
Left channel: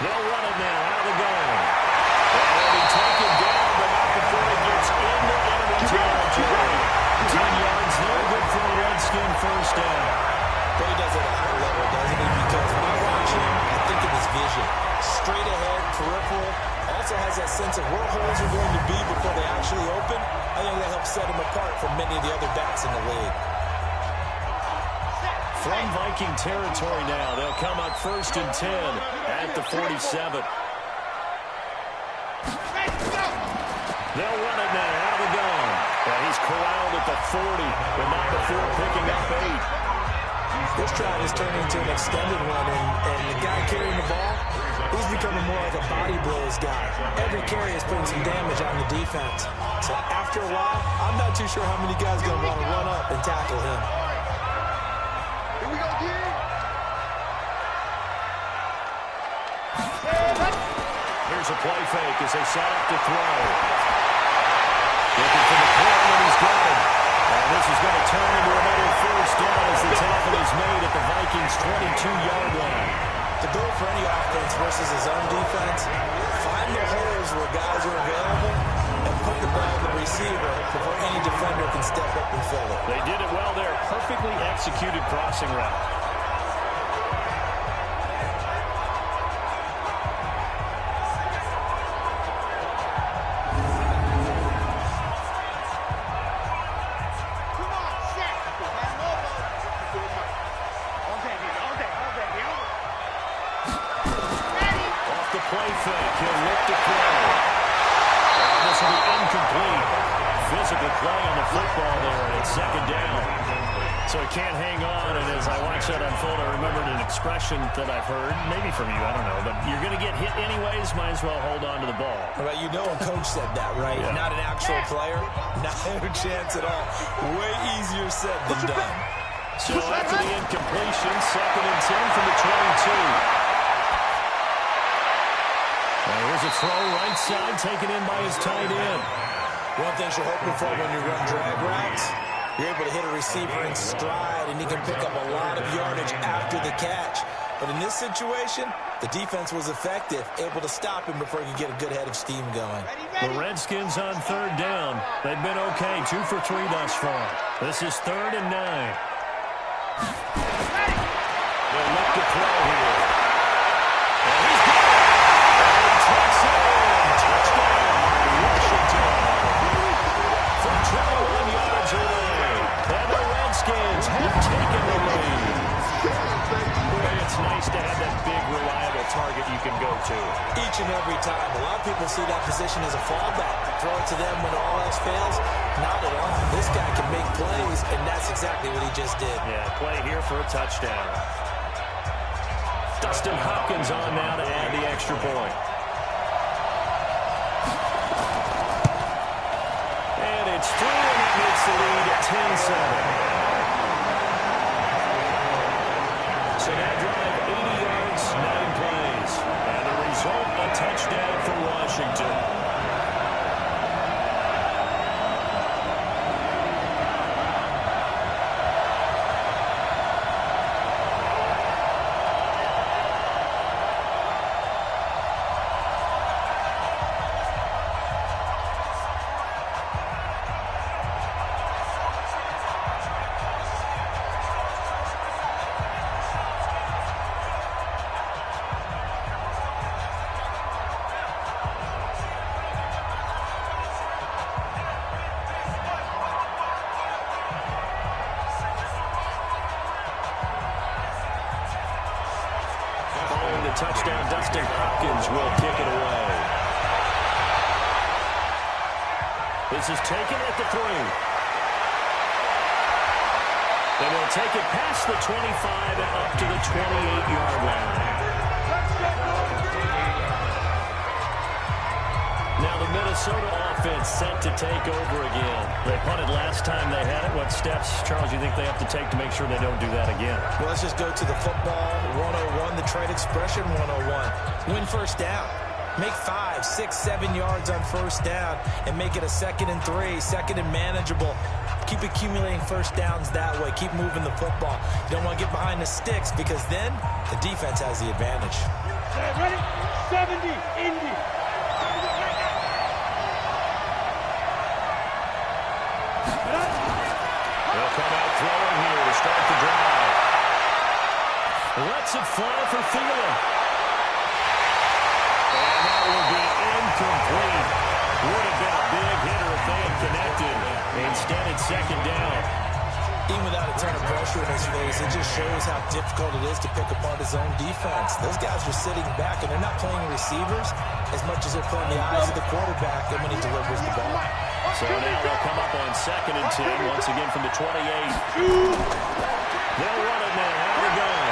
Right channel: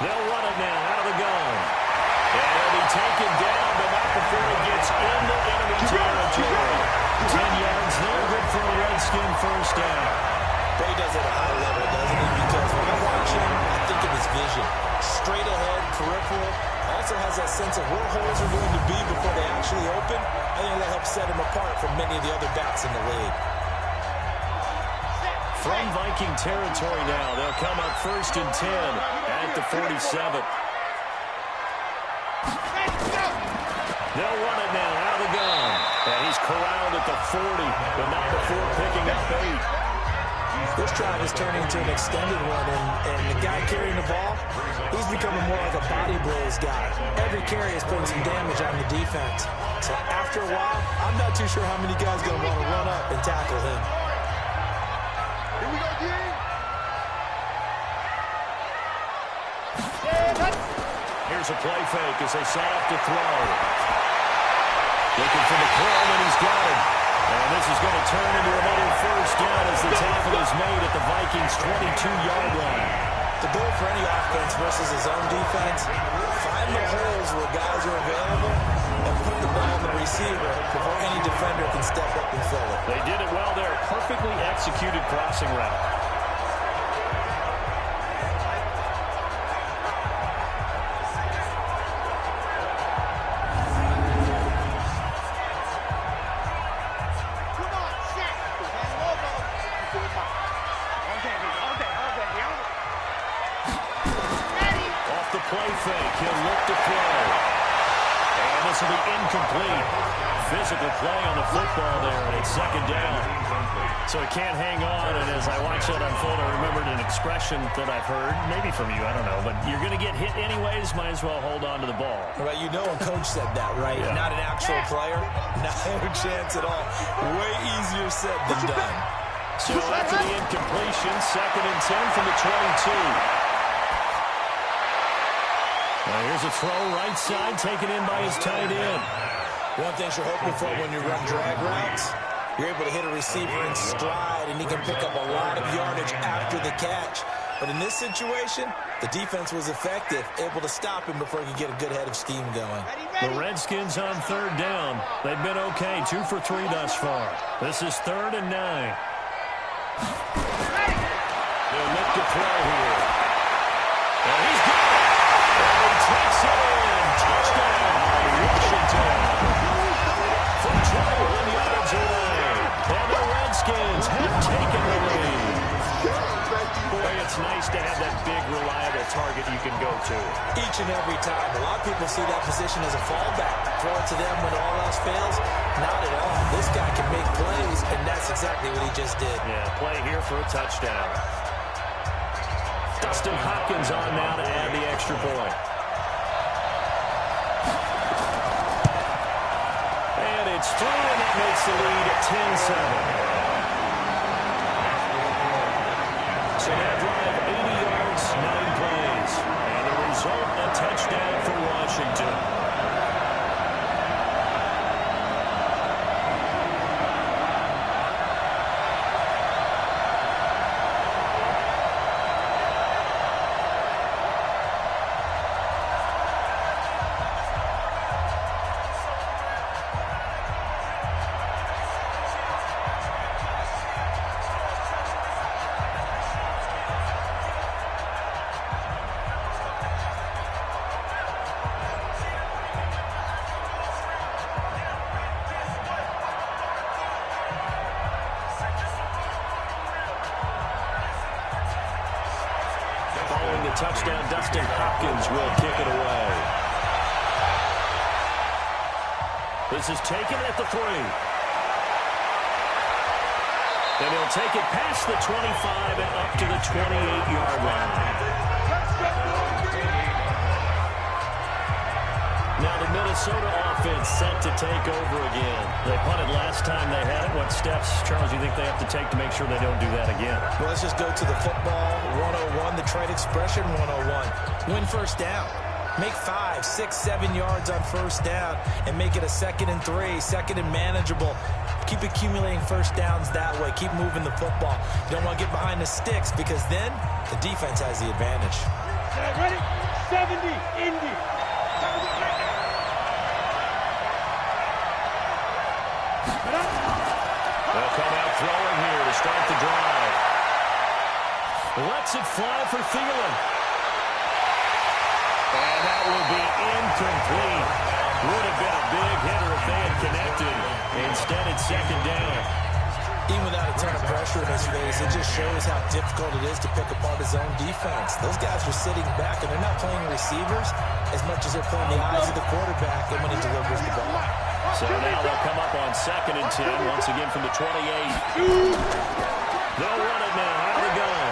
They'll run it now out of the gun. And it'll be taken down, but not before it gets into enemy territory. 10 yards there, good for a Redskin first down. But he does it at a high level, doesn't he? Because when I watch him, I think of his vision. Straight ahead, peripheral. Also has that sense of where holes are going to be before they actually open. I think that helps set him apart from many of the other backs in the league. From Viking territory now, they'll come up 1st and 10 at the 47. They'll run it now out of the gun. And he's corralled at the 40, but not before picking up 8. This drive is turning into an extended one, and the guy carrying the ball, he's becoming more like a body blows guy. Every carry is putting some damage on the defense. So after a while, I'm not too sure how many guys are going to want to run up and tackle him. Here we go, G. Here's a play fake as they set up to throw. Looking for the corner, and he's got him. And this is going to turn into another first down as the tackle is made at the Vikings' 22-yard line. The goal for any offense versus his own defense, find the holes where guys are available and put the ball in the receiver before any defender can step up and fill it. They did it well there. Perfectly executed crossing route. Play fake. He'll look to throw. And this will be incomplete. Physical play on the football there, and it's 2nd down. So he can't hang on, and as I watch that unfold, I remembered an expression that I've heard, maybe from you, I don't know, but you're going to get hit anyways, might as well hold on to the ball. Right, you know a coach said that, right? Yeah. Not an actual player. Not a chance at all. Way easier said than done. So after the incompletion, 2nd and 10 from the 22. Now here's a throw right side taken in by his tight end. One thing you're hoping for when you run drag routes, you're able to hit a receiver in stride, and he can pick up a lot of yardage after the catch. But in this situation, the defense was effective, able to stop him before he could get a good head of steam going. The Redskins on 3rd down. They've been okay, 2 for 3 thus far. This is 3rd and 9. They'll look to throw here. And he's got it. Takes it in. Touchdown, Washington. From 21 yards away. And the Redskins have taken the lead. Boy, it's nice to have that big, reliable target you can go to. Each and every time. A lot of people see that position as a fallback. Throw it to them when all else fails. Not at all. This guy can make plays, and that's exactly what he just did. Yeah, play here for a touchdown. Dustin Hopkins on now to add the extra point. And it's through, and that makes the lead at 10-7. So that drive, 80 yards result, a touchdown for Washington. Following the touchdown, Dustin Hopkins will kick it away. This is taken at the 3. And he'll take it past the 25 and up to the 28-yard line. Now the Minnesota offense set to take over again. They punted last time they had it. What steps, Charles, do you think they have to take to make sure they don't do that again? Well, let's just go to the football 101, the trade expression 101. Win first down. Make 5, 6, 7 yards on first down and make it a 2nd and 3, 2nd and manageable. Keep accumulating first downs that way. Keep moving the football. You don't want to get behind the sticks because then the defense has the advantage. Ready? 70, Indy. They'll come out throwing here to start the drive. Lets it fly for Thielen. And that will be incomplete. Would have been a big hitter if they had connected. Instead, it's 2nd down. Even without a ton of pressure in his face, it just shows how difficult it is to pick apart his own defense. Those guys are sitting back, and they're not playing receivers as much as they're playing the eyes of the quarterback and when he delivers the ball. So now they'll come up on 2nd and 10, once again from the 28. They'll run it now out of the gun.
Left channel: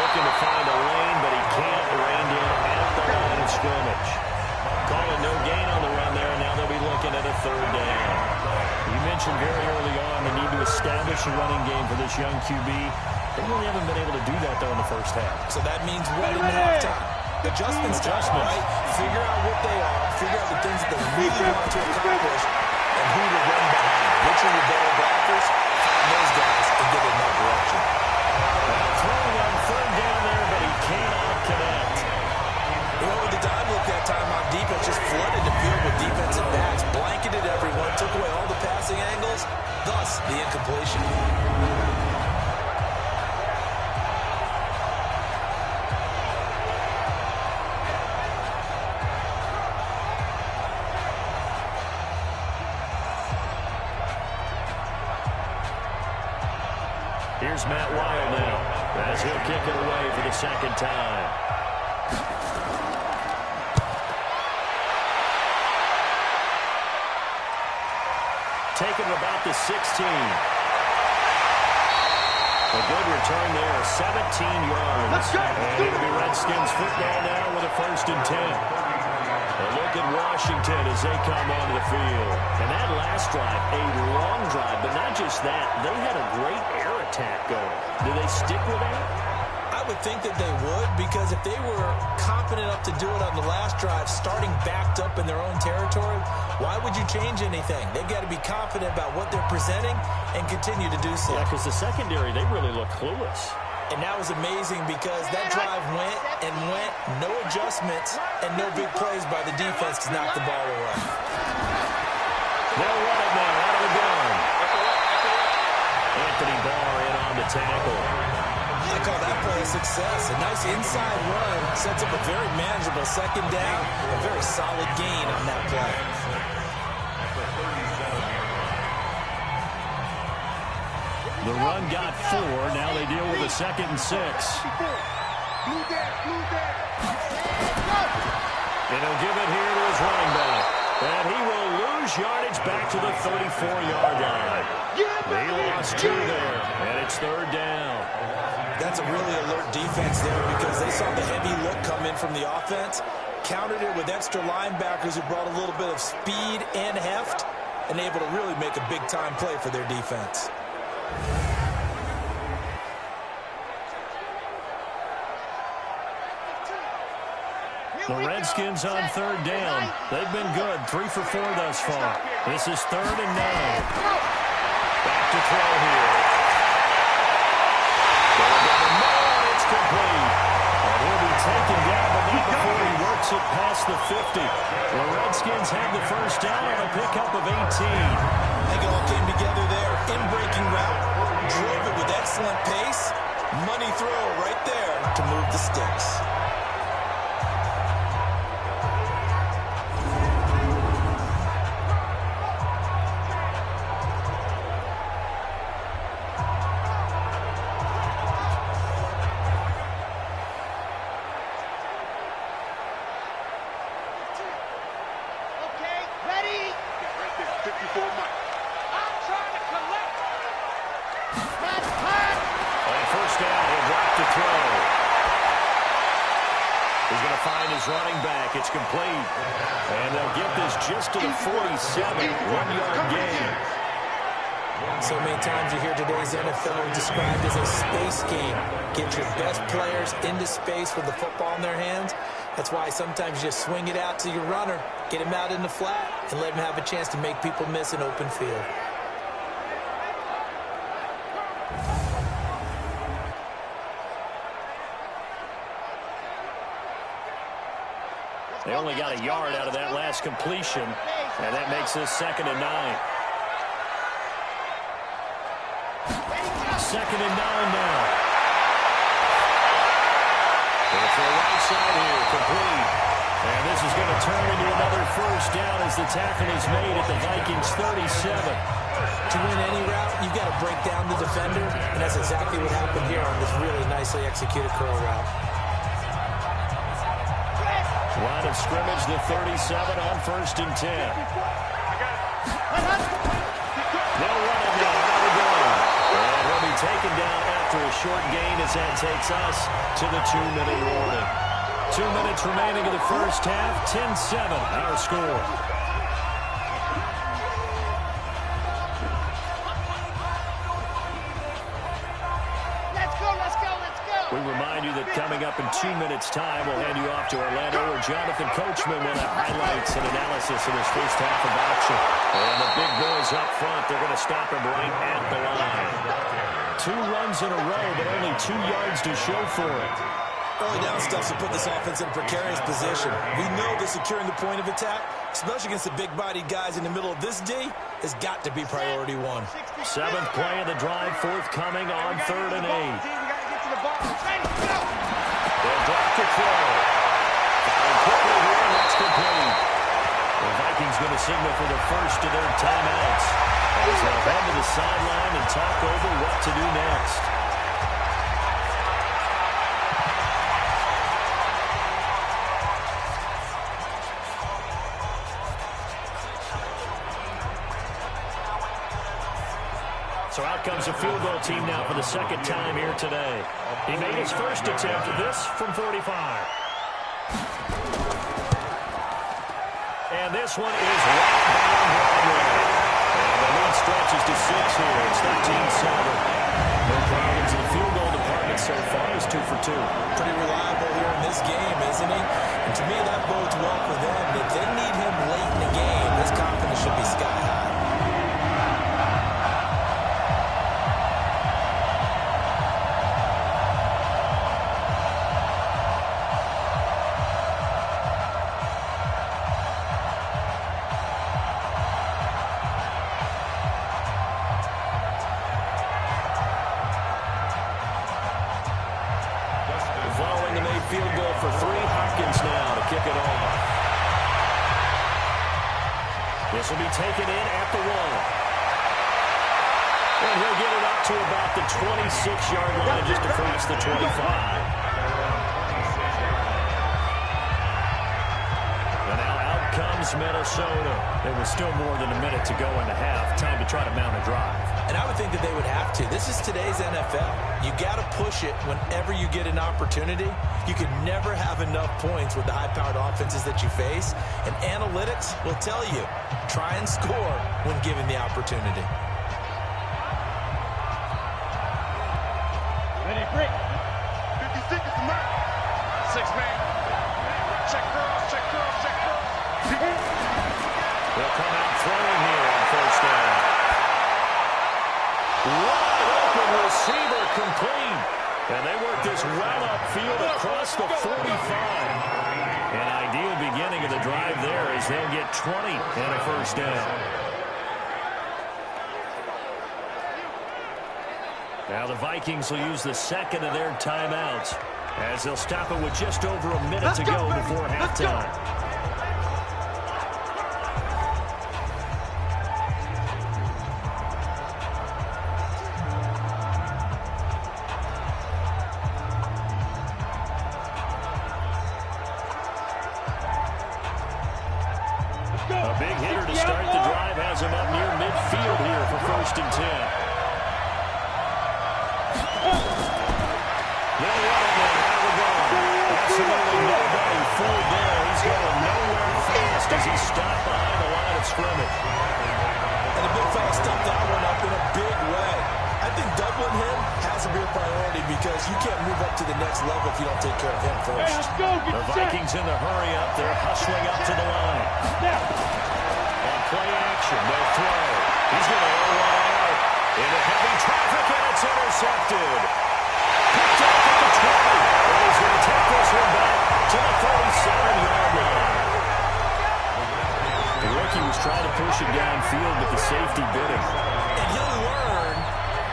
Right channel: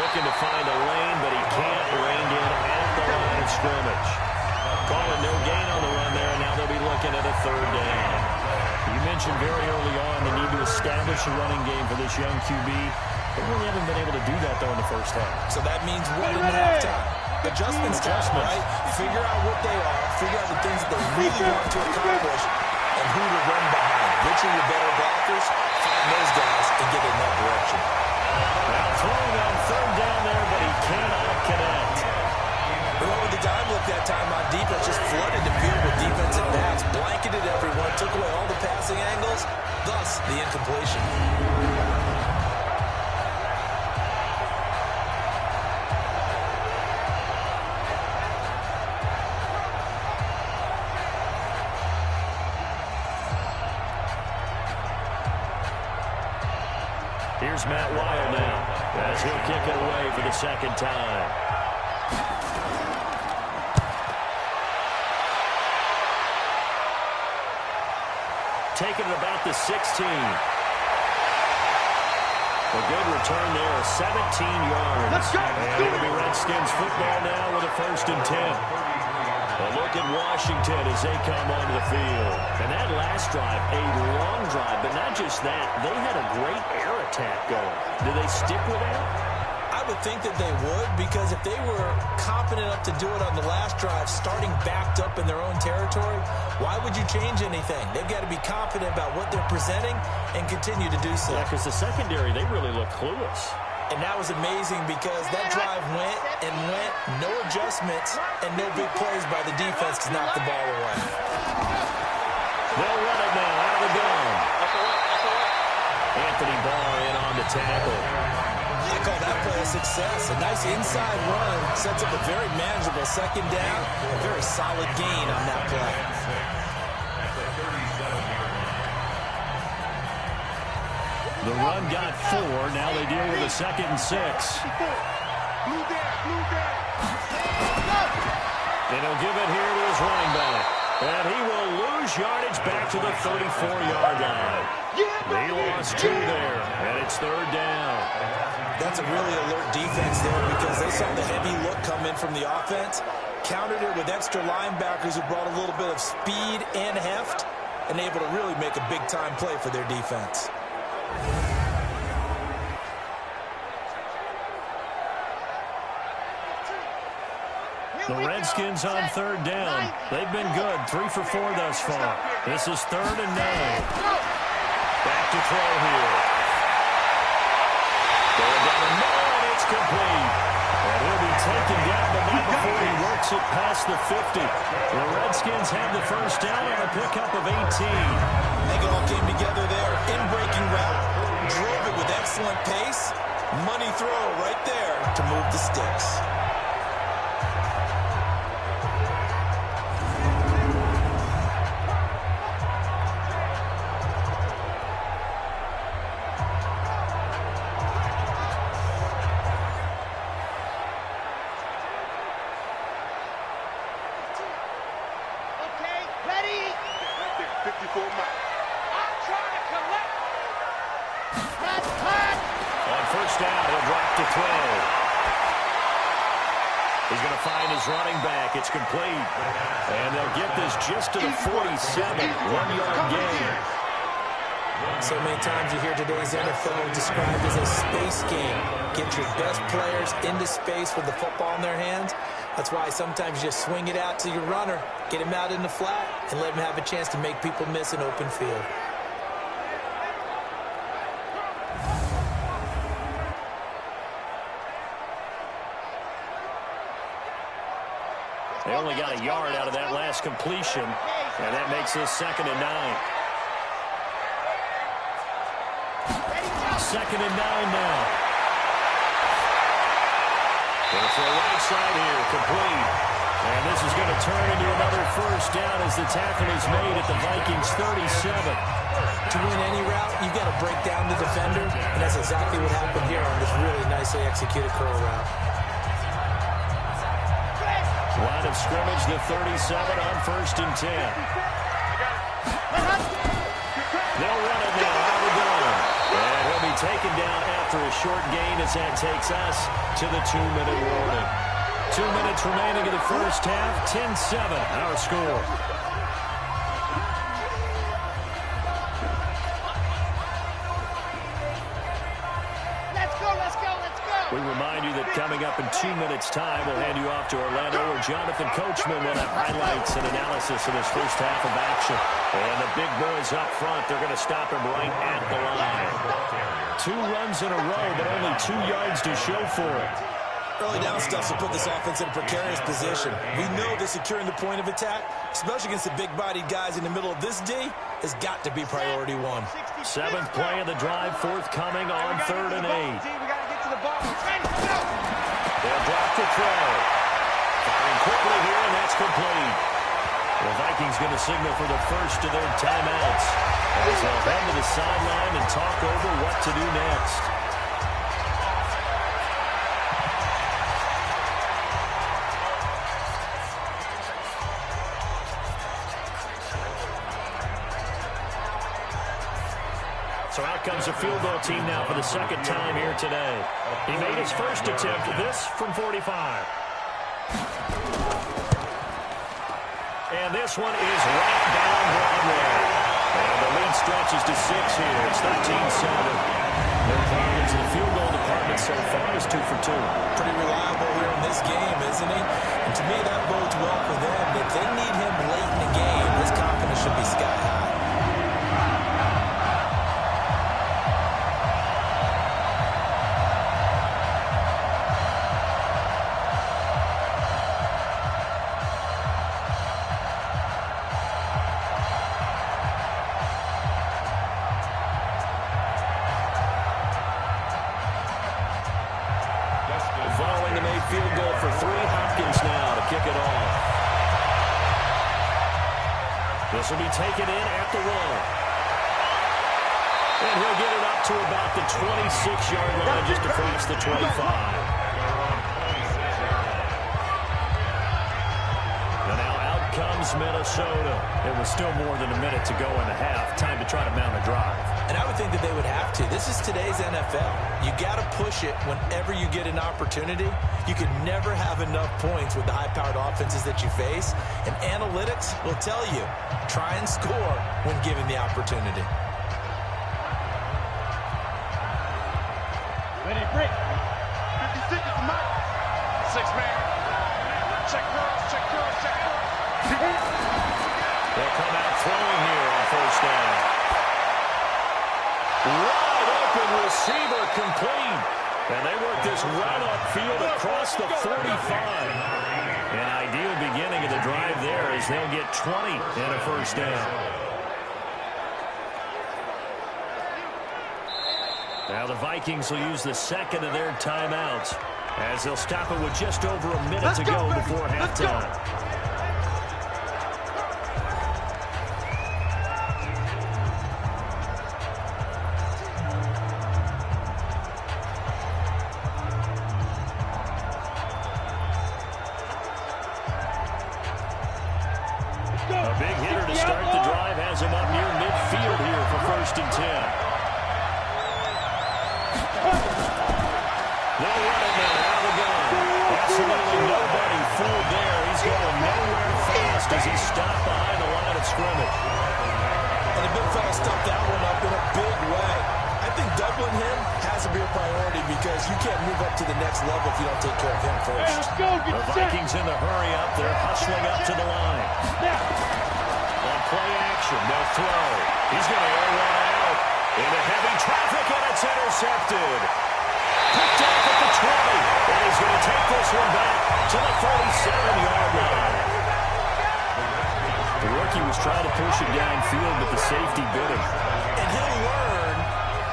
Looking to find a lane, but he can't. Reined in at the line of scrimmage. Calling no gain on the run there, and now they'll be looking at a 3rd down. You mentioned very early on the need to establish a running game for this young QB. They really haven't been able to do that, though, in the first half. So that means what in halftime? Adjustments time, right? Figure out what they are, figure out the things that they really want to accomplish, and who to run behind. Which are your better blockers? Find those guys and get in that direction. Now throwing on 3rd down there, but he cannot connect. They went with the dime look that time on defense, just flooded the field with defensive backs, blanketed everyone, took away all the passing angles, thus the incompletion. Here's Matt Wild now, as he'll kick it away for the 2nd time. Taking it about the 16. A good return there, 17 yards. Let's go. And it'll be Redskins football now with a 1st and 10. A look at Washington as they come onto the field. And that last drive, a long drive, but not just that. They had a great air attack going. Do they stick with that? I would think that they would, because if they were confident enough to do it on the last drive, starting backed up in their own territory, why would you change anything? They've got to be confident about what they're presenting and continue to do so. Yeah, because the secondary, they really look clueless. And that was amazing because that drive went and went, no adjustments, and no big plays by the defense to knock the ball away. They'll run it now out of the gun. Anthony Barr in on the tackle. I call that play a success. A nice inside run sets up a very manageable 2nd down, a very solid gain on that play. The run got 4. Now they deal with a 2nd and 6. Blue there, blue there. And he'll give it here to his running back. And he will lose yardage back to the 34-yard line. He lost 2 there, and it's 3rd down. That's a really alert defense there because they saw the heavy look come in from the offense, countered it with extra linebackers who brought a little bit of speed and heft, and able to really make a big-time play for their defense. The Redskins on third down. They've been good, 3 for 4 thus far. This is 3rd and 9. Back to throw here. Going down the middle, and it's complete. And he'll be taken down, but not before he works it past the 50. The Redskins have the first down on a pickup of 18. I think it all came together there. In-breaking route. Drove it with excellent pace. Money throw right there to move the sticks. Okay, ready? Yeah, right there, 54 Mike. I'm trying to collect. Cut. On first down, he'll drop to throw. He's going to find his running back. It's complete. And they'll get this just to the 47. 1-yard gain. So many times you hear today's NFL described as a space game. Get your best players into space with the football in their hands. That's why sometimes you just swing it out to your runner, get him out in the flat, and let him have a chance to make people miss an open field. They only got a yard out of that last completion, and that makes this 2nd and 9. 2nd and 9 now. Going to throw right side here, complete. And this is going to turn into another first down as the tackle is made at the Vikings 37. To win any route, you've got to break down the defender, and that's exactly what happened here on this really nicely executed curl route. Line of scrimmage, the 37 on 1st and 10. They'll run it now out of the gun. And he'll be taken down after a short gain as that takes us to the 2-minute warning. 2 minutes remaining in the first half. 10-7 our score. We remind you that coming up in 2 minutes' time, we'll hand you off to Orlando, where Jonathan Coachman will have highlights and analysis of this first half of action. And the big boys up front, they're going to stop him right at the line. 2 runs in a row, but only 2 yards to show for it. Early down stuff will put this offense in a precarious position. We know that securing the point of attack, especially against the big-bodied guys in the middle of this D, has got to be priority 1. 7th play of the drive, forthcoming on 3rd and 8. They'll drop to throw. Firing quickly here, and that's complete. The Vikings going to signal for the first of their timeouts as they'll head to the sideline and talk over what to do next. So out comes a field goal team now for the 2nd time here today. He made his first attempt, this from 45. And this one is right down Broadway. And the lead stretches to 6 here. It's 13-7. No problems in the field goal department so far. It's 2 for 2. Pretty reliable here in this game, isn't he? And to me, that bodes well for them. If they need him late in the game, his confidence should be sky high. Following the made field goal for 3, Hopkins now to kick it off. This will be taken in at the 1. And he'll get it up to about the 26-yard line, just across the 25. And now out comes Minnesota. It was still more than a minute to go in the half. Time to try to mount a drive. And I would think that they would have to. This is today's NFL. You got to push it whenever you get an opportunity. You can never have enough points with the high-powered offenses that you face. And analytics will tell you, try and score when given the opportunity. Ready, break. 56 is the mark. 6 man. Check girls, check girls, check girls. They'll come out throwing here on first down. Wide open receiver complete. And they work this well upfield across the 45. An ideal beginning of the drive there as they'll get 20 and a first down. Now the Vikings will use the second of their timeouts as they'll stop it with just over a minute to go before halftime. A big hitter to start the drive has him up near midfield here for 1st and 10. They'll run it now out of the gun. Absolutely nobody fooled there. He's going nowhere fast as he's stopped behind the line of scrimmage. And the big fella stumped that one up in a big way. I think doubling him has to be a priority because you can't move up to the next level if you don't take care of him first. Hey, let's go. Get The Vikings in the hurry up. They're hustling up to the line. On play action, they'll throw. He's going to air one out into heavy traffic, and it's intercepted. Picked off at the 20, and he's going to take this one back to the 37-yard line. The rookie was trying to push it downfield, but the safety bit him. And he'll learn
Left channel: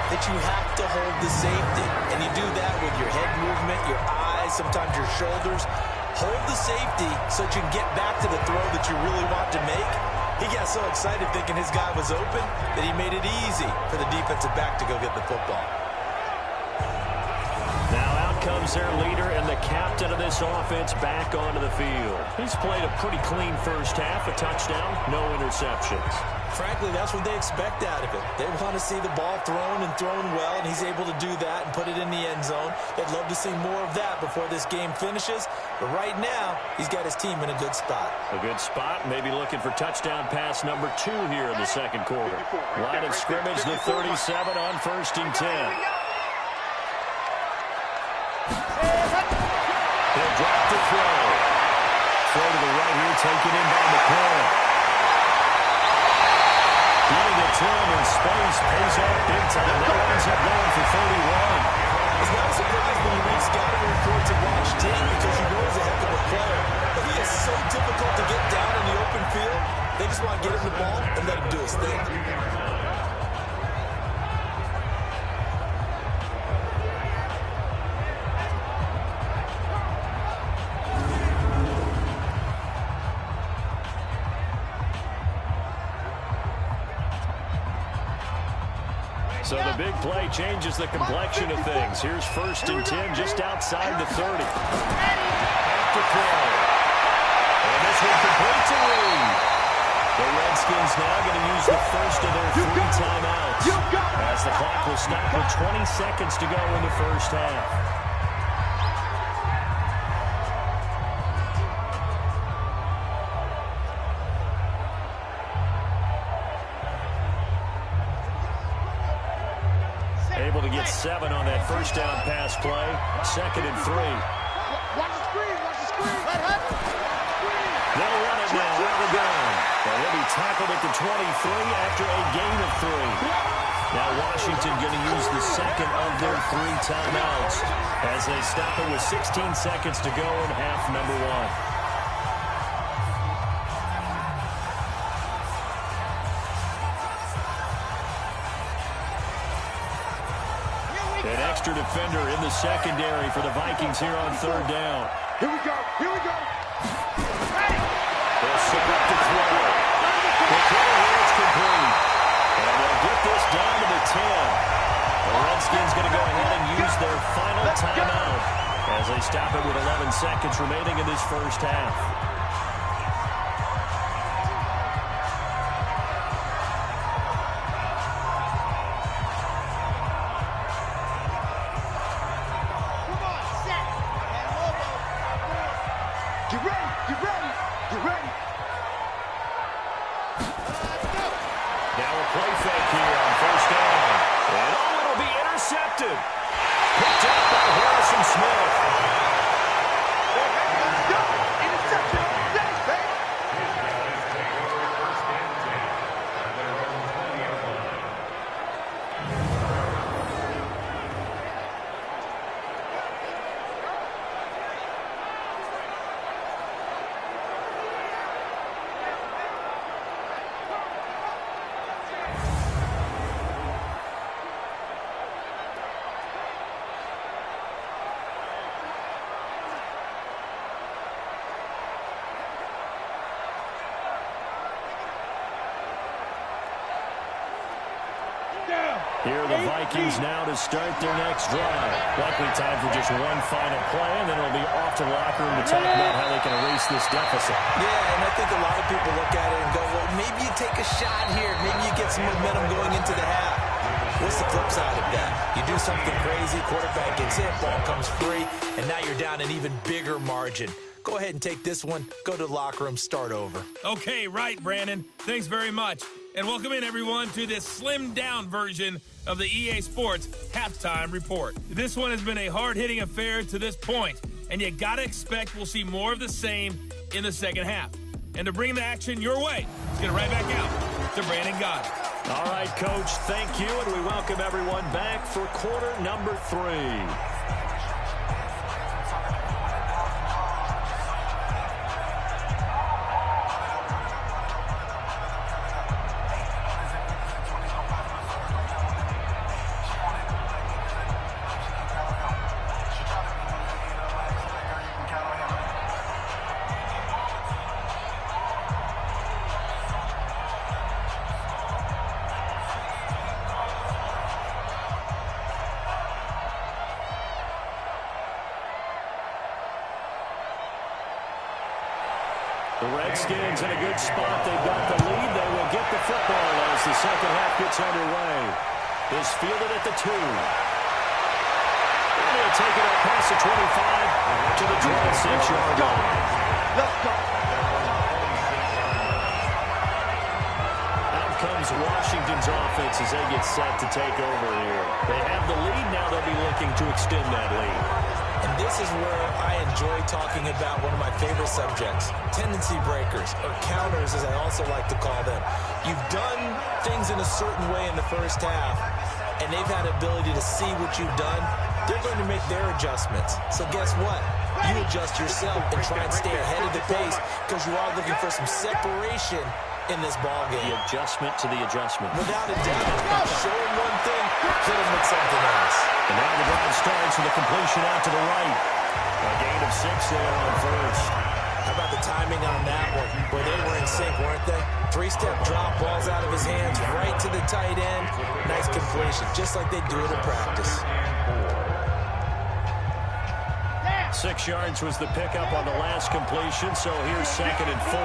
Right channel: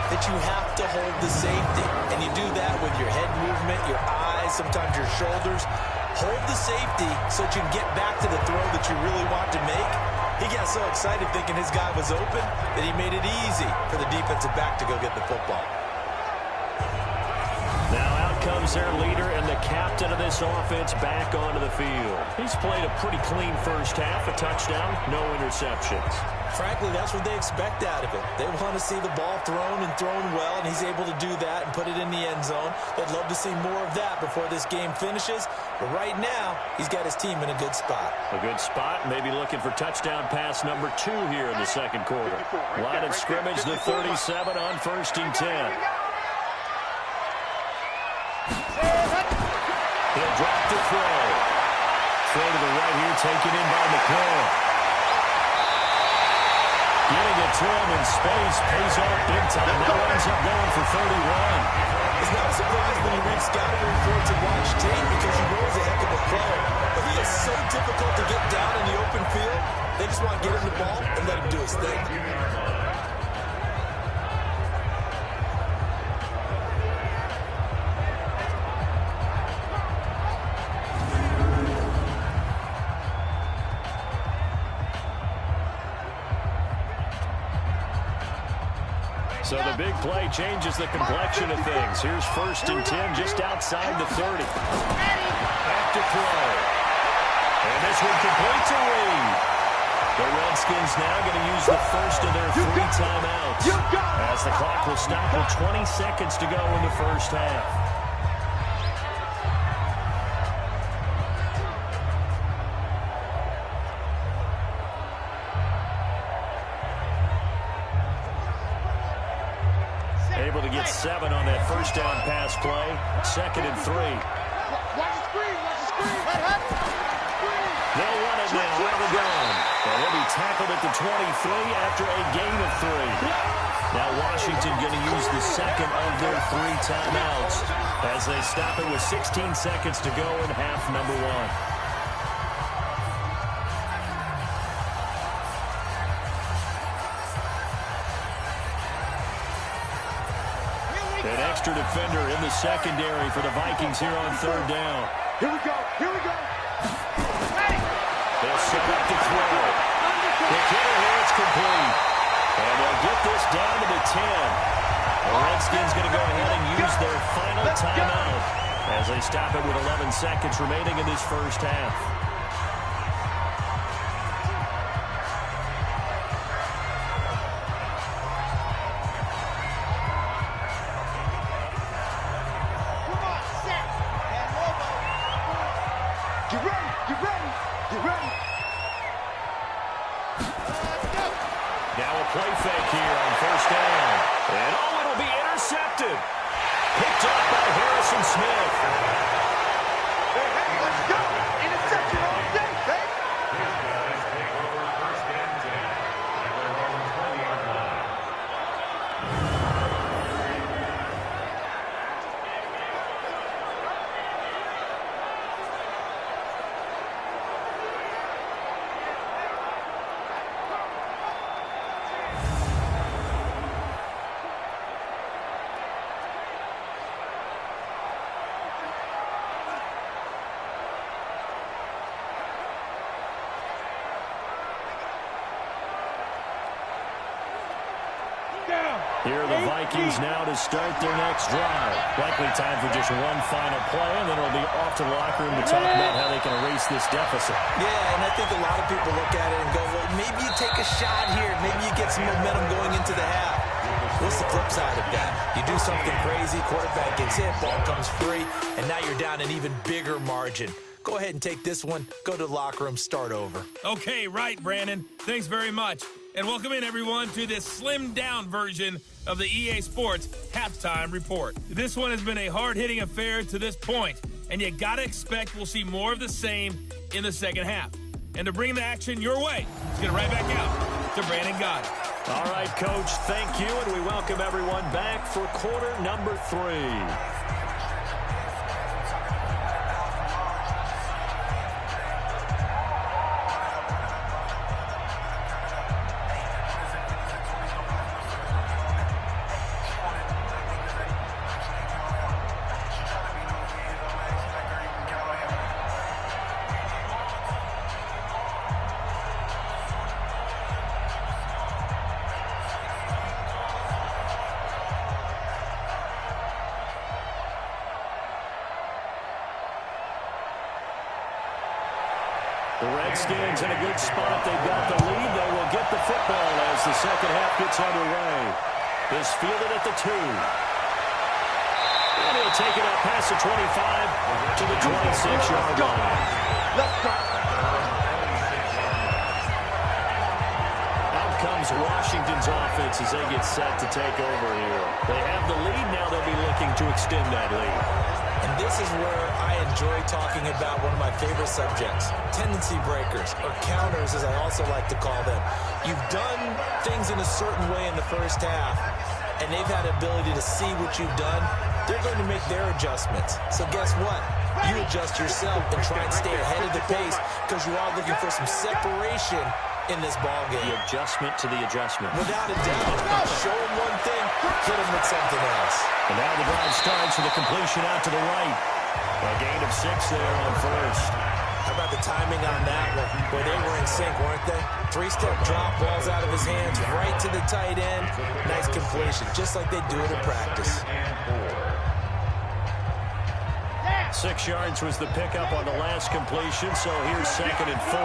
that you have to hold the safety. And you do that with your head movement, your eyes, sometimes your shoulders. Hold the safety so that you can get back to the throw that you really want to make. He got so excited thinking his guy was open that he made it easy for the defensive back to go get the football. Now out comes their leader and the captain of this offense back onto the field. He's played a pretty clean first half, a touchdown, no interceptions. Frankly, that's what they expect out of it. They want to see the ball thrown and thrown well, and he's able to do that and put it in the end zone. They'd love to see more of that before this game finishes. But right now, he's got his team in a good spot. A good spot, maybe looking for touchdown pass number 2 here in the second quarter. Line of scrimmage, the 37 on 1st and 10. He'll drop the throw. Throw to the right here, taken in by McLaurin. Getting it to him in space pays off big time. That ends up going for 31. It's not a surprise when you read scouting reports and watch tape because you know he's a heck of a player. But he is so difficult to get down in the open field. They just want to get him the ball and let him do his thing. So the big play changes the complexion of things. Here's 1st and 10 just outside the 30. Back to throw. And this one completes a read. The Redskins now going to use the first of their 3 timeouts as the clock will stop with 20 seconds to go in the first half. Able to get 7 on that first down pass play. 2nd and 3. Watch the screen, watch the screen. They'll run it now out of the gun. And he'll be tackled at the 23 after a gain of 3. Now Washington going to use the second of their 3 timeouts as they stop it with 16 seconds to go in half number 1. An extra defender in the secondary for the Vikings here on 3rd down. Here we go, here we go. They'll set up to throw. The throw here is complete. And they'll get this down to the 10. The Redskins going to go ahead and use their final timeout as they stop it with 11 seconds remaining in this first half. Get ready, get ready, get ready. Let's go. Now a play fake here on 1st down. And it'll be intercepted. Picked up by Harrison Smith. Hey, let's go. Intercepted. Here are the Vikings now to start their next drive. Likely time for just one final play, and then it'll be off to the locker room to talk about how they can erase this deficit. Yeah, and I think a lot of people look at it and go, well, maybe you take a shot here. Maybe you get some momentum going into the half. What's the flip side of that? You do something crazy, quarterback gets hit, ball comes free, and now you're down an even bigger margin. Go ahead and take this one, go to the locker room, start over. Okay, right, Brandon. Thanks very much. And welcome in, everyone, to this slimmed-down version of the EA Sports Halftime Report. This one has been a hard-hitting affair to this point, and you got to expect we'll see more of the same in the second half. And to bring the action your way, let's get it right back out to Brandon Gott. All right, Coach, thank you, and we welcome everyone back for quarter number 3. The Redskins in a good spot. They've got the lead. They will get the football as the second half gets underway. This fielded at the 2. And he'll take it up past the 25 to the 26-yard line. Let's go. Out comes Washington's offense as they get set to take over here. They have the lead. Now they'll be looking to extend that lead. And this is where I enjoy talking about one of my favorite subjects, tendency breakers, or counters as I also like to call them. You've done things in a certain way in the first half, and they've had the ability to see what you've done. They're going to make their adjustments. So guess what? You adjust yourself and try and stay ahead of the pace because you are looking for some separation in this ball game. The adjustment to the adjustment. Without a doubt. Show him one thing, hit him with something else. And now the drive starts with a completion out to the right. A gain of 6 there on first. How about the timing on that one? Boy, they were in sync, weren't they? 3-step drop, balls out of his hands, right to the tight end. Nice completion, just like they do it in practice. 6 yards was the pickup on the last completion, so here's 2nd and 4.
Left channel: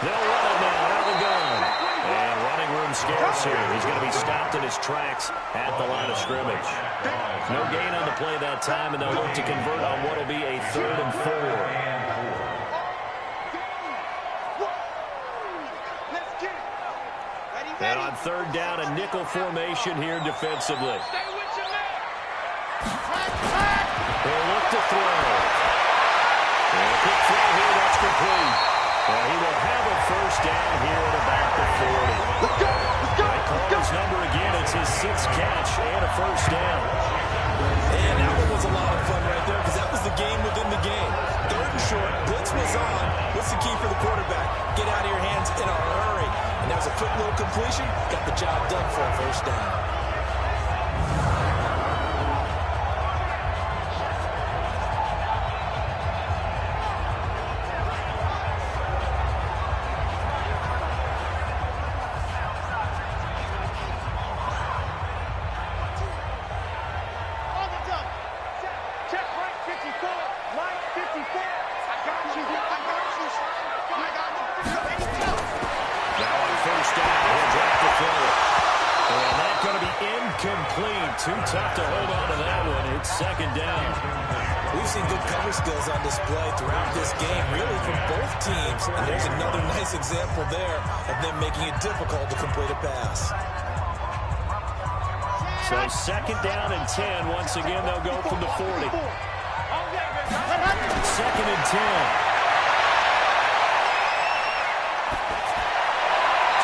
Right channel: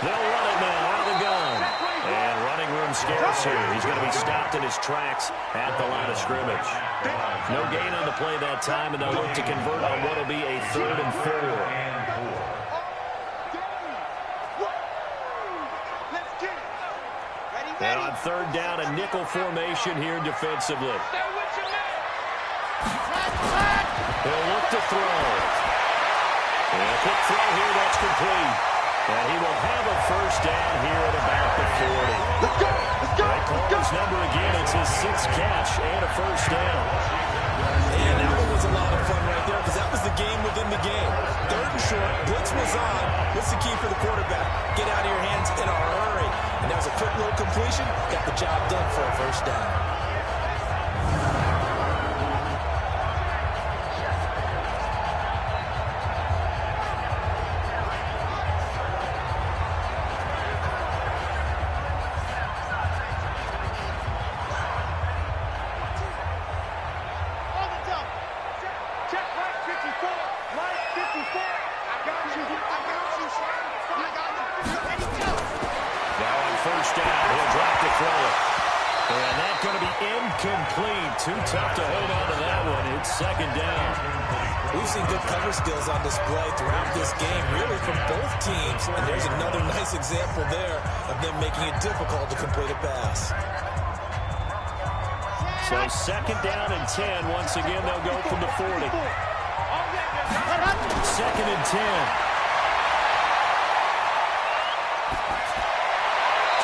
They'll run it now out of the gun. And running room scarce here. He's going to be stopped in his tracks at the line of scrimmage. No gain on the play that time, and they'll look to convert on what will be a 3rd and 4. And on 3rd down, a nickel formation here defensively. He'll look to throw. And a quick throw here, that's complete. And he will have a first down here at about the 40. Let's go! Let's go! They call his number again. It's his 6th catch and a first down. And that one was a lot of fun right there because that was the game within the game. 3rd and short, blitz was on. What's the key for the quarterback? Get out of your hands in a hurry. And that was a quick little completion. Got the job done for a first down. Too tough to hold on to that one. It's 2nd down. We've seen good cover skills on display throughout this game, really from both teams. And there's another nice example there of them making it difficult to complete a pass. So 2nd down and 10. Once again, they'll go from the 40. 2nd and 10.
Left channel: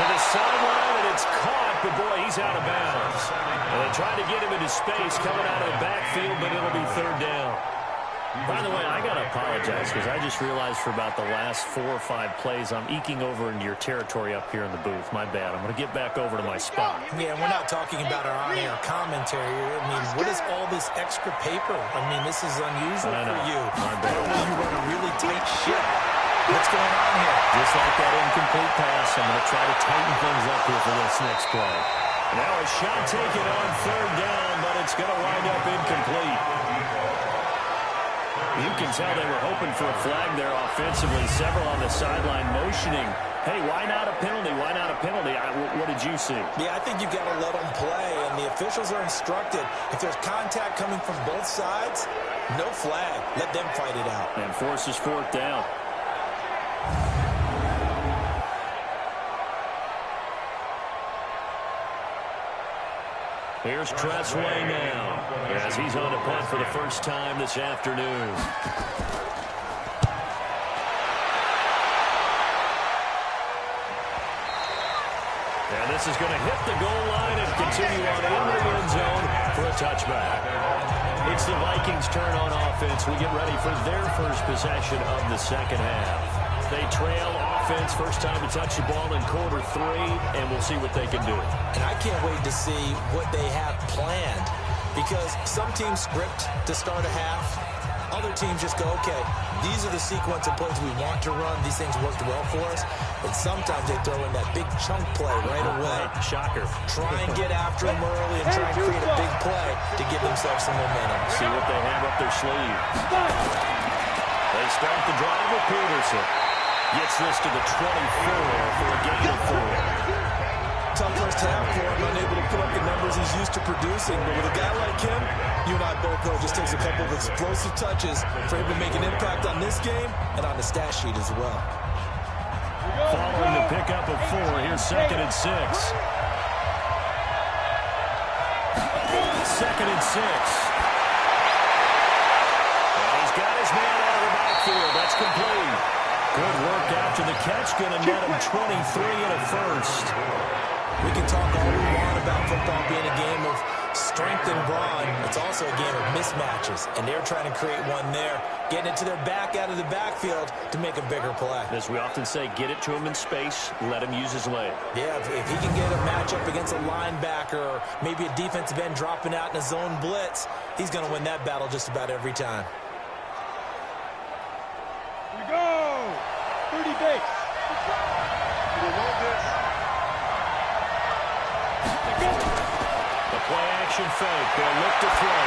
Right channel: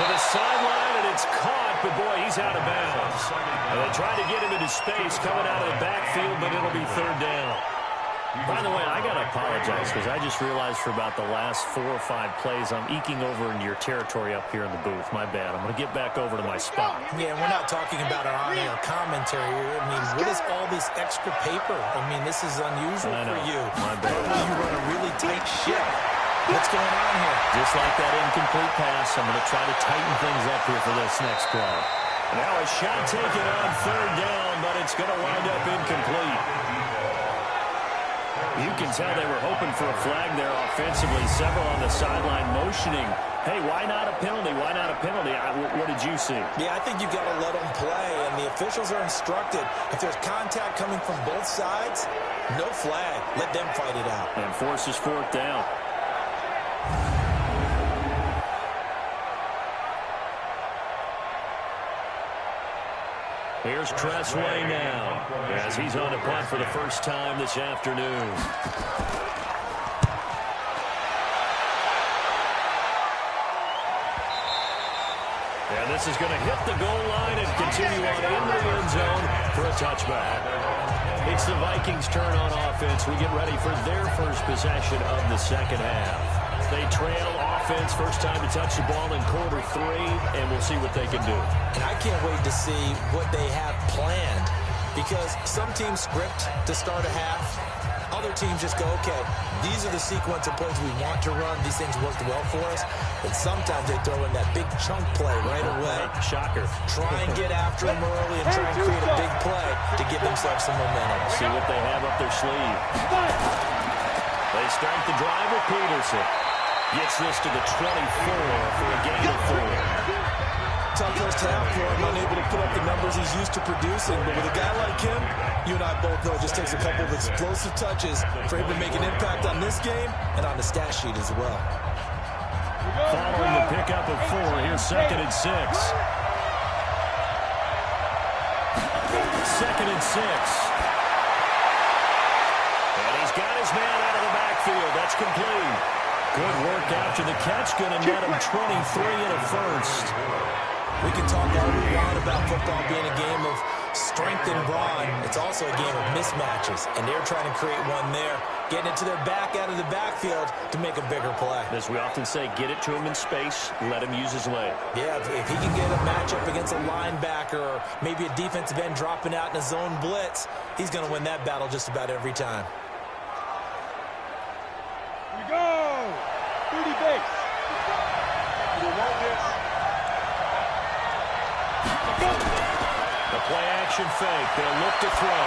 To the sideline, and it's caught, but boy, he's out of bounds. And they tried to get him into space coming out of the backfield, but it'll be 3rd down. By the way, I got to apologize because I just realized for about the last 4 or 5 plays, I'm eking over into your territory up here in the booth. My bad. I'm going to get back over to my spot. Yeah, we're not talking about our on-air commentary. I mean, what is all this extra paper? I mean, this is unusual for you. My bad. You run a really tight ship. What's going on here? Just like that incomplete pass, I'm going to try to tighten things up here for this next play. Now a shot taken on third down, but it's going to wind up incomplete. You can tell they were hoping for a flag there offensively. Several on the sideline motioning, hey, why not a penalty? Why not a penalty? What did you see? Yeah, I think you've got to let them play, and the officials are instructed. If there's contact coming from both sides, no flag. Let them fight it out. And forces fourth down. Here's Tressway now, as he's on to punt for the first time this afternoon. And this is going to hit the goal line and continue on into the end zone for a touchback. It's the Vikings' turn on offense. We get ready for their first possession of the second half. They trail offense, first time to touch the ball in quarter 3, and we'll see what they can do. And I can't wait to see what they have planned, because some teams script to start a half. Other teams just go, okay, these are the sequence of plays we want to run. These things worked well for us. And sometimes they throw in that big chunk play right away. Shocker. Try and get after them early and try and create a big play to give themselves some momentum. See what they have up their sleeve. They start the drive with Peterson. Gets this to the 24 for a gain of 4. Tough first half for him, unable to put up the numbers he's used to producing. But with a guy like him, you and I both know it just takes a couple of explosive touches for him to make an impact on this game and on the stat sheet as well. Following the pickup of 4, here's 2nd and 6. 2nd and 6. And he's got his man out of the backfield. That's complete. Good work after the catch. Going to net him 23 and a first. We can talk all we want about football being a game of strength and brawn. It's also a game of mismatches, and they're trying to create one there, getting it to their back out of the backfield to make a bigger play. As we often say, get it to him in space, let him use his leg. Yeah, if he can get a matchup against a linebacker or maybe a defensive end dropping out in a zone blitz, he's going to win that battle just about every time. Here we go! 30 base. You want this? The play action fake. They'll look to throw.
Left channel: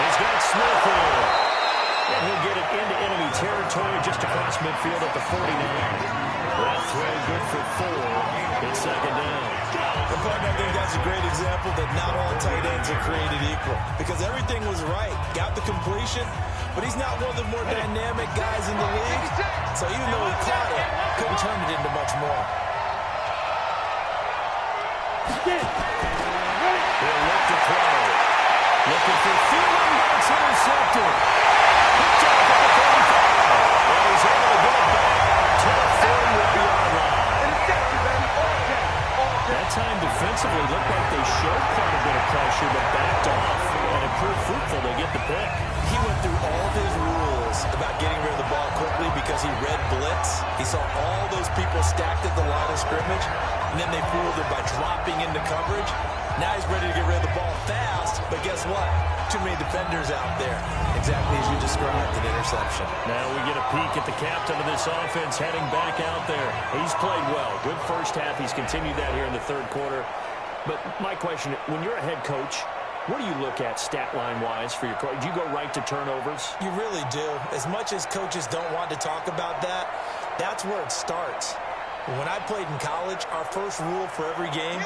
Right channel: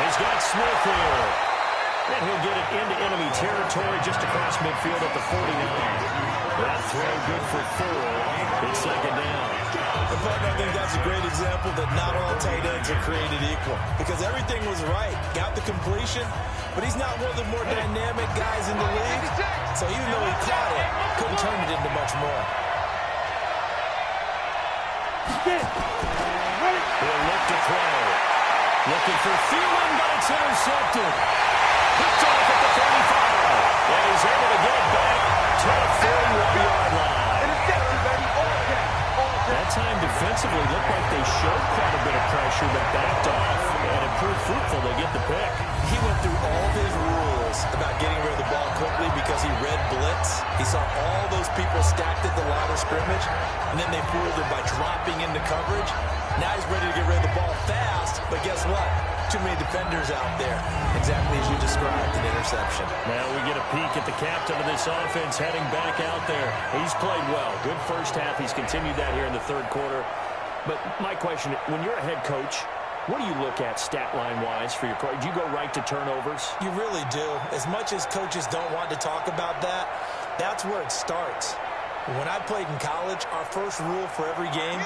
He's got Smith here. And he'll get it into enemy territory just across midfield at the 49. That throw good for 4. It's 2nd down. And partner, I think that's a great example that not all tight ends are created equal. Because everything was right. Got the completion, but he's not one of the more dynamic guys in the league. So even though he caught it, couldn't turn it into much more. He'll look to throw. Looking for Thielen, but it's intercepted. Picked off at the 35. And he's able to get it back to the 41-yard line. That time defensively looked like they showed quite a bit of pressure, but backed off, and it proved fruitful. They get the pick. He went through all of his rules about getting rid of the ball quickly because he read blitz. He saw all those people stacked at the line of scrimmage, and then they fooled him by dropping into coverage. Now he's ready to get rid of the ball fast, but guess what? Too many defenders out there. Exactly as you described, an interception. Now we get a peek at the captain of this offense heading back out there. He's played well. Good first half. He's continued that here in the third quarter. But my question, when you're a head coach, what do you look at stat line-wise for your coach? Do you go right to turnovers? You really do. As much as coaches don't want to talk about that, that's where it starts. When I played in college, our first rule for every game,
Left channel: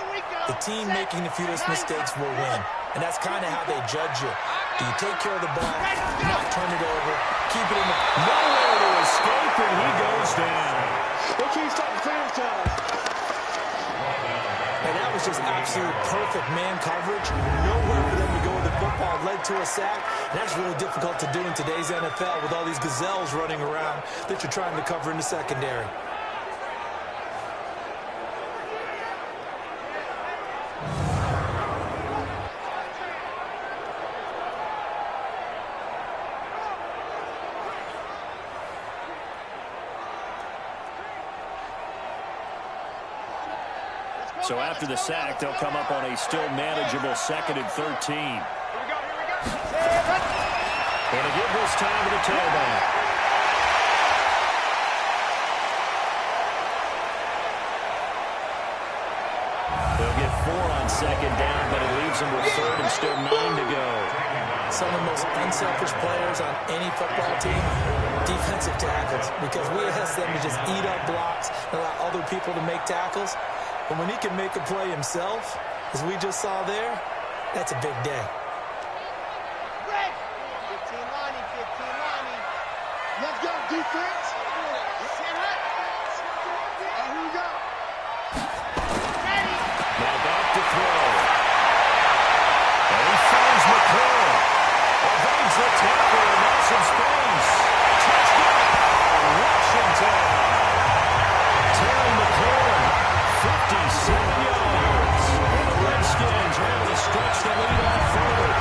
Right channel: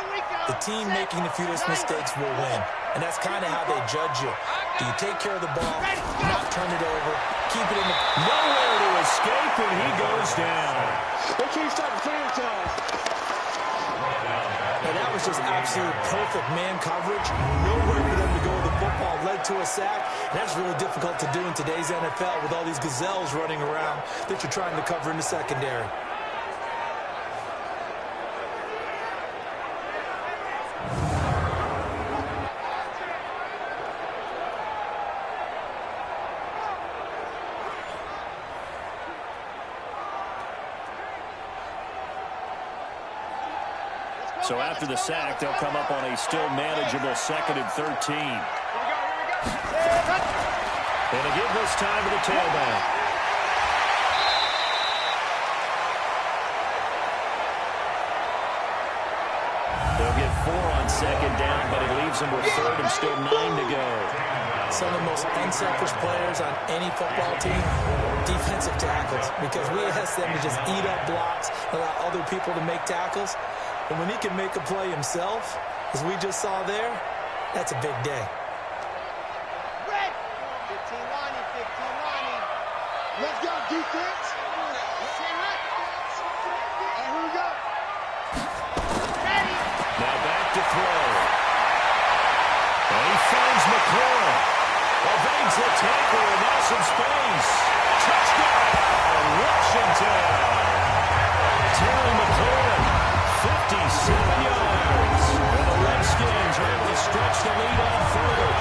the team making the fewest mistakes will win. And that's kind of how they judge you. Do you take care of the ball, not turn it over, keep it in the... Nowhere to escape, and he goes down. Okay, start the franchise. And that was just absolute perfect man coverage. Nowhere for them to go with the football. Led to a sack. And that's really difficult to do in today's NFL with all these gazelles running around that you're trying to cover in the secondary. So after the sack, they'll come up on a still manageable 2nd and 13. Here we go. And to give this time to the tailback. 4 on second down, but it leaves them with third and still 9 to go. Some of the most unselfish players on any football team, defensive tackles, because we ask them to just eat up blocks, allow other people to make tackles. But when he can make a play himself, as we just saw there, that's a big day. Red. 15 lining, 15 lining. Let's go, defense. Sit hot. And here we go. Ready. Now back to throw. And he finds McLaurin. Evades the tackle and now some space. Touchdown, Washington. Terry McLaurin, 57 yards. And the Redskins are able to stretch the lead out further.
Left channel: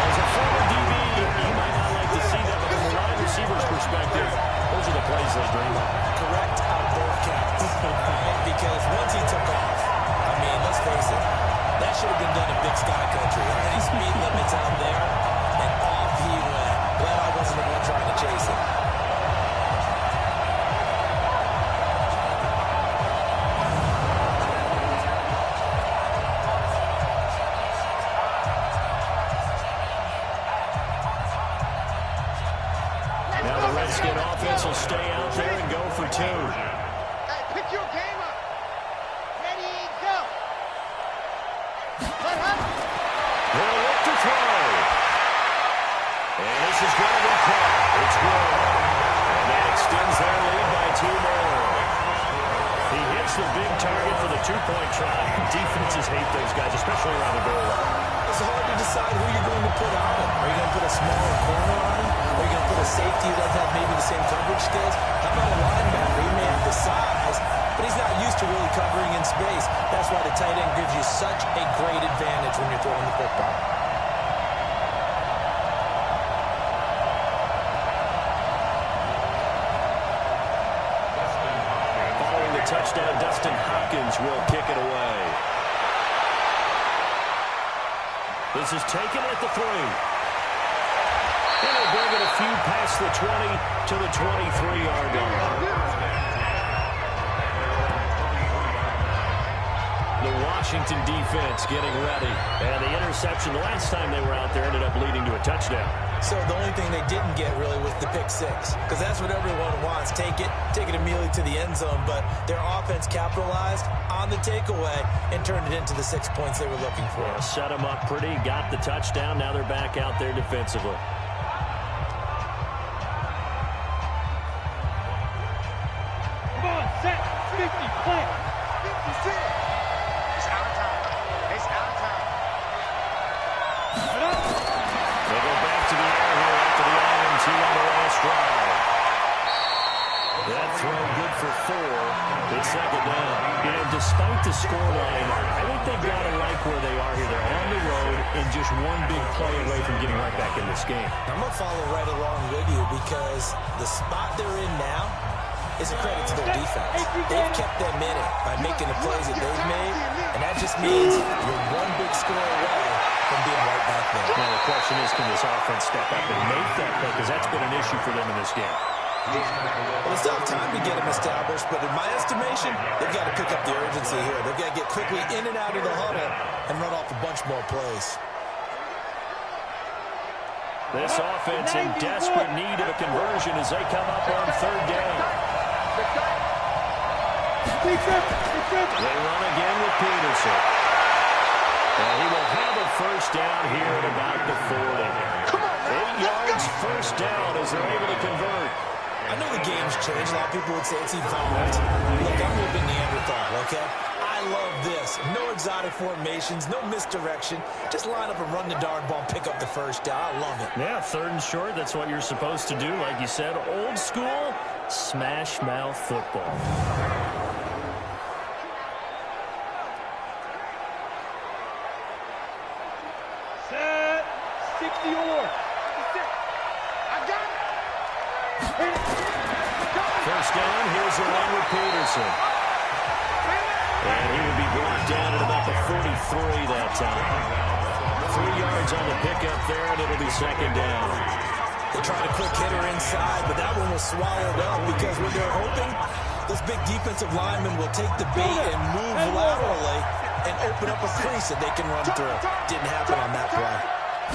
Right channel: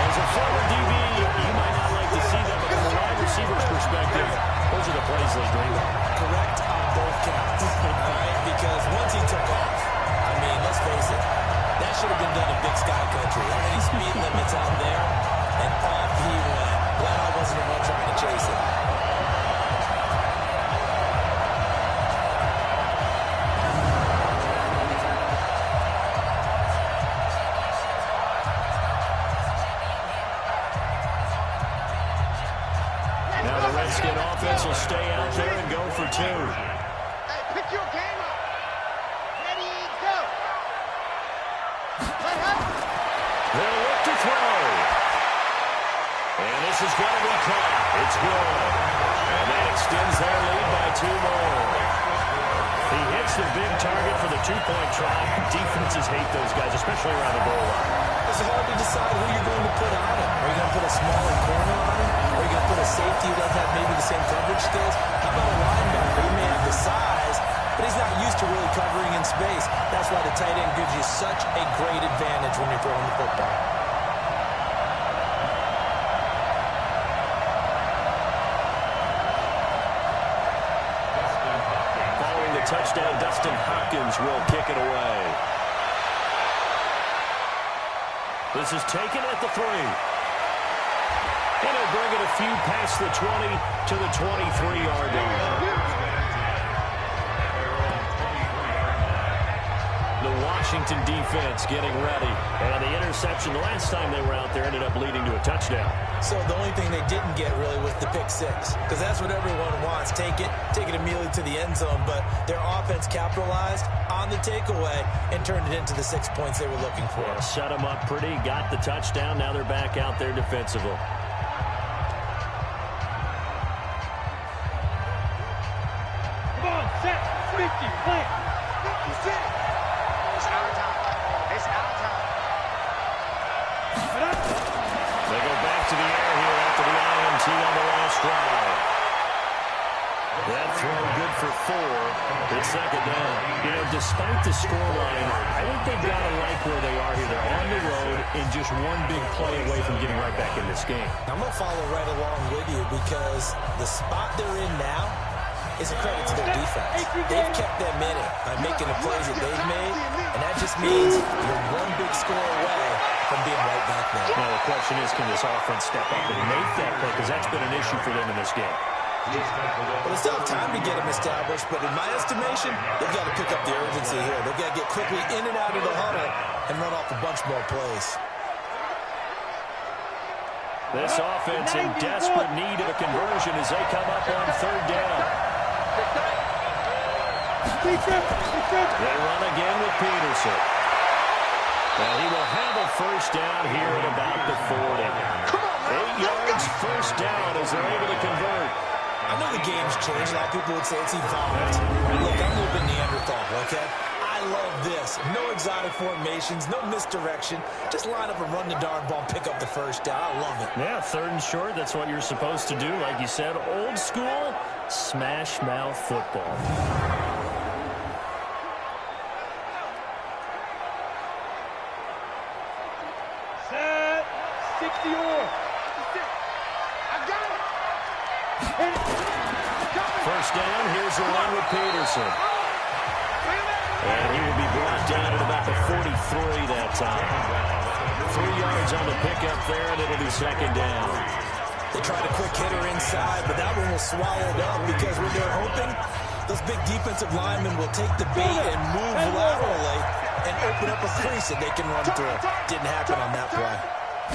As a former DB, you might not like to see that, but from a wide receiver's perspective, those are the plays they dream of. Correct on both counts. All right? Because once he took off, I mean, let's face it, that should have been done in Big Sky Country. Already speed limits out there, and off he went. Glad I wasn't the one trying to chase him. Now the Redskin offense will stay out there and go for 2. Hey, pick your game up. Ready, go. Let up. They'll look to throw. And this is going to be caught. It's good. And that extends their lead by 2 more. He hits the big target for the 2-point try. Defenses hate those guys, especially around the goal line. It's hard to decide who you're going to put on him. Are you going to put a smaller corner on him? Are you going to put a safety who doesn't have maybe the same coverage skills? How about a linebacker? He may have the size, but he's not used to really covering in space. That's why the tight end gives you such a great advantage when you're throwing the football. Following the touchdown, Dustin Hopkins will kick it away. This is taken at the 3. And he'll bring it a few past the 20 to the 23-yard line. The Washington defense getting ready. And the interception the last time they were out there ended up leading to a touchdown. So the only thing they didn't get really was the pick 6. Because that's what everyone wants. Take it immediately to the end zone. But their offense capitalized on the takeaway and turned it into the 6 points they were looking for. Yeah, set them up pretty, got the touchdown. Now they're back out there defensively. Come on, set. 50, plant. 56. It's our time. It's our time. Put up. They go back to the air here after the INT on the last drive. That throw good for 4. It's second down. You know, despite the scoreline, I think they've got to like where they are here. They're on the road and just one big play away from getting right back in this game. I'm going to follow right along with you because the spot they're in now is a credit to their defense. They've kept them in it by making the plays that they've made, and that just means you're one big score away from being right back there. Now the question is, can this offense step up and make that play? Because that's been an issue for them in this game. Well, they still have time to get them established, but in my estimation, they've got to pick up the urgency here. They've got to get quickly in and out of the huddle and run off a bunch more plays. This offense in desperate need of a conversion as they come up on 3rd down. They run again with Peterson. And he will have a first down here at about the 40. 8 yards, first down as they're able to convert. I know the game's changed. A lot of people would say it's evolved. Look, I'm a little bit Neanderthal, okay? I love this. No exotic formations, no misdirection. Just line up and run the darn ball and pick up the first down. I love it. Yeah, 3rd and short, that's what you're supposed to do. Like you said, old school, smash mouth football. Set. 60 or. I got it. First down, here's the run with Peterson. And he will be brought down at about the 43 that time. 3 yards on the pickup there, and it'll be second down. They tried a quick hitter inside, but that one was swallowed up because when they're hoping those big defensive linemen will take the bait and move laterally, and open up a crease that they can run through. Didn't happen on that play.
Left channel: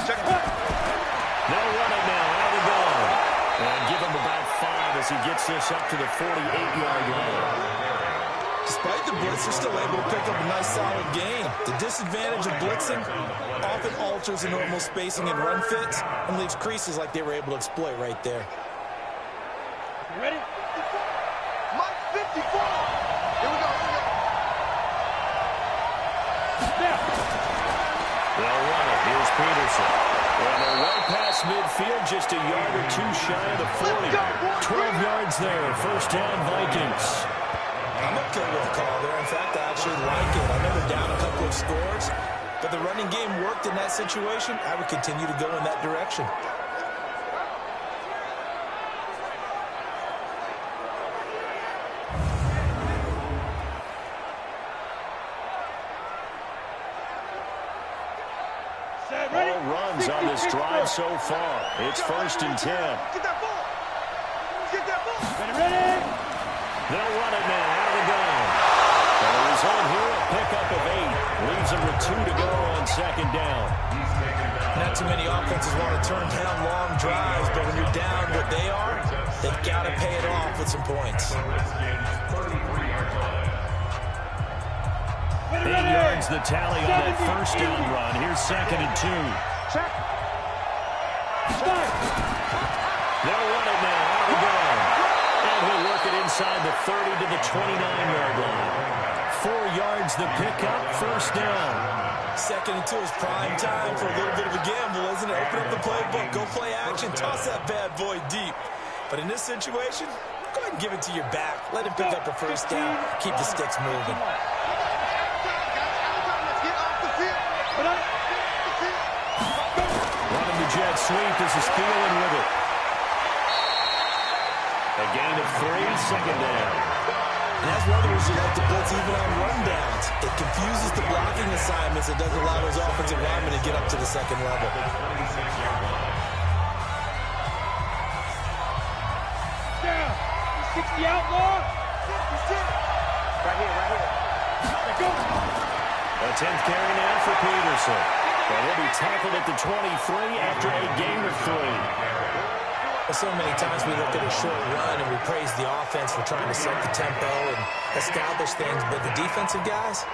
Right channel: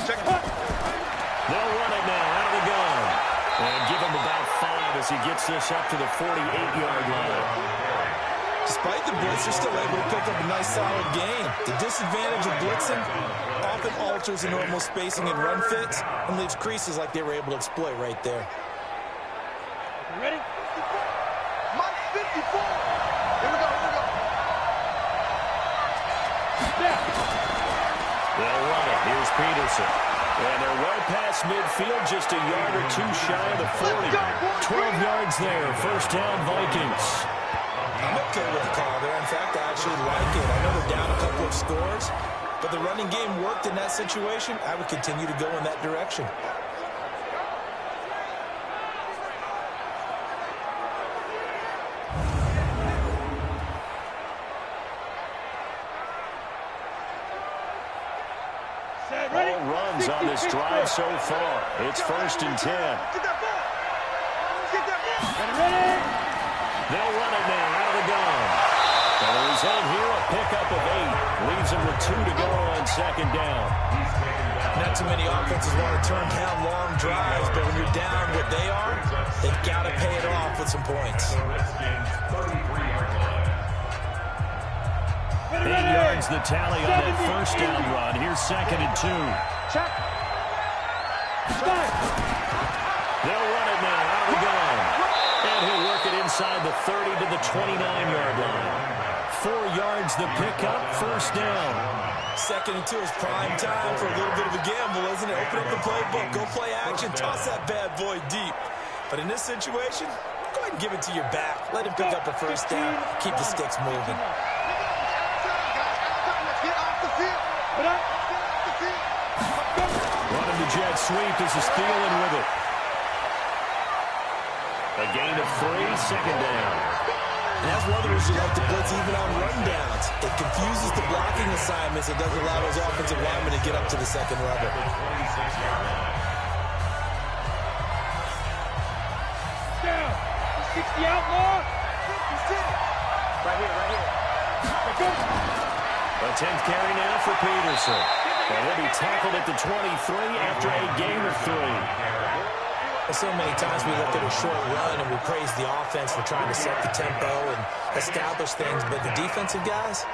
They'll run it now out of the gun. And give him about 5 as he gets this up to the 48-yard line. Despite the blitz, they're still able to pick up a nice, solid gain. The disadvantage of blitzing often alters the normal spacing and run fits and leaves creases like they were able to exploit right there. You ready? 54. Mike 54. Here we go. Snap. They'll run it. Here's Peterson. And they're well past midfield, just a yard or 2 shy of the 40. 12 yards there. First down, Vikings. I'm okay with the call there. In fact, I actually like it. I know they're down a couple of scores, but the running game worked in that situation. I would continue to go in that direction. All runs on this drive so far. It's 1st and 10. Get that ball. Get that ball. Ready? They'll run it now out of the gun. And the result here, a pickup of 8. Leaves them with 2 to go on 2nd down. Not too many offenses want to turn down long drives, but when you're down what they are, they've got to pay it off with some points. The Redskins 33-yard line. 8 yards the tally on that first down run. Here's 2nd and 2. Check. They'll run it now out of the gun. And he'll work it inside the 30 to the 29-yard line. 4 yards the pickup, first down. 2nd and 2 is prime time for a little bit of a gamble, isn't it? Open up the playbook, go play action, toss that bad boy deep. But in this situation, go ahead and give it to your back. Let him pick up a first down, keep the sticks moving. Running the jet sweep. This is Thielen with it. A gain of 3, 2nd down. And that's one of the reasons you like to blitz even on rundowns. It confuses the blocking assignments. It doesn't allow those offensive linemen to get up to the 2nd level. 26-yard line. Down. 60 outlaw. 56. Right here. Let go. A 10th carry now for Peterson. And he'll be tackled at the 23 after a gain of 3. So many times we look at a short run and we praise the offense for trying to set the tempo and establish things, but the defensive guys,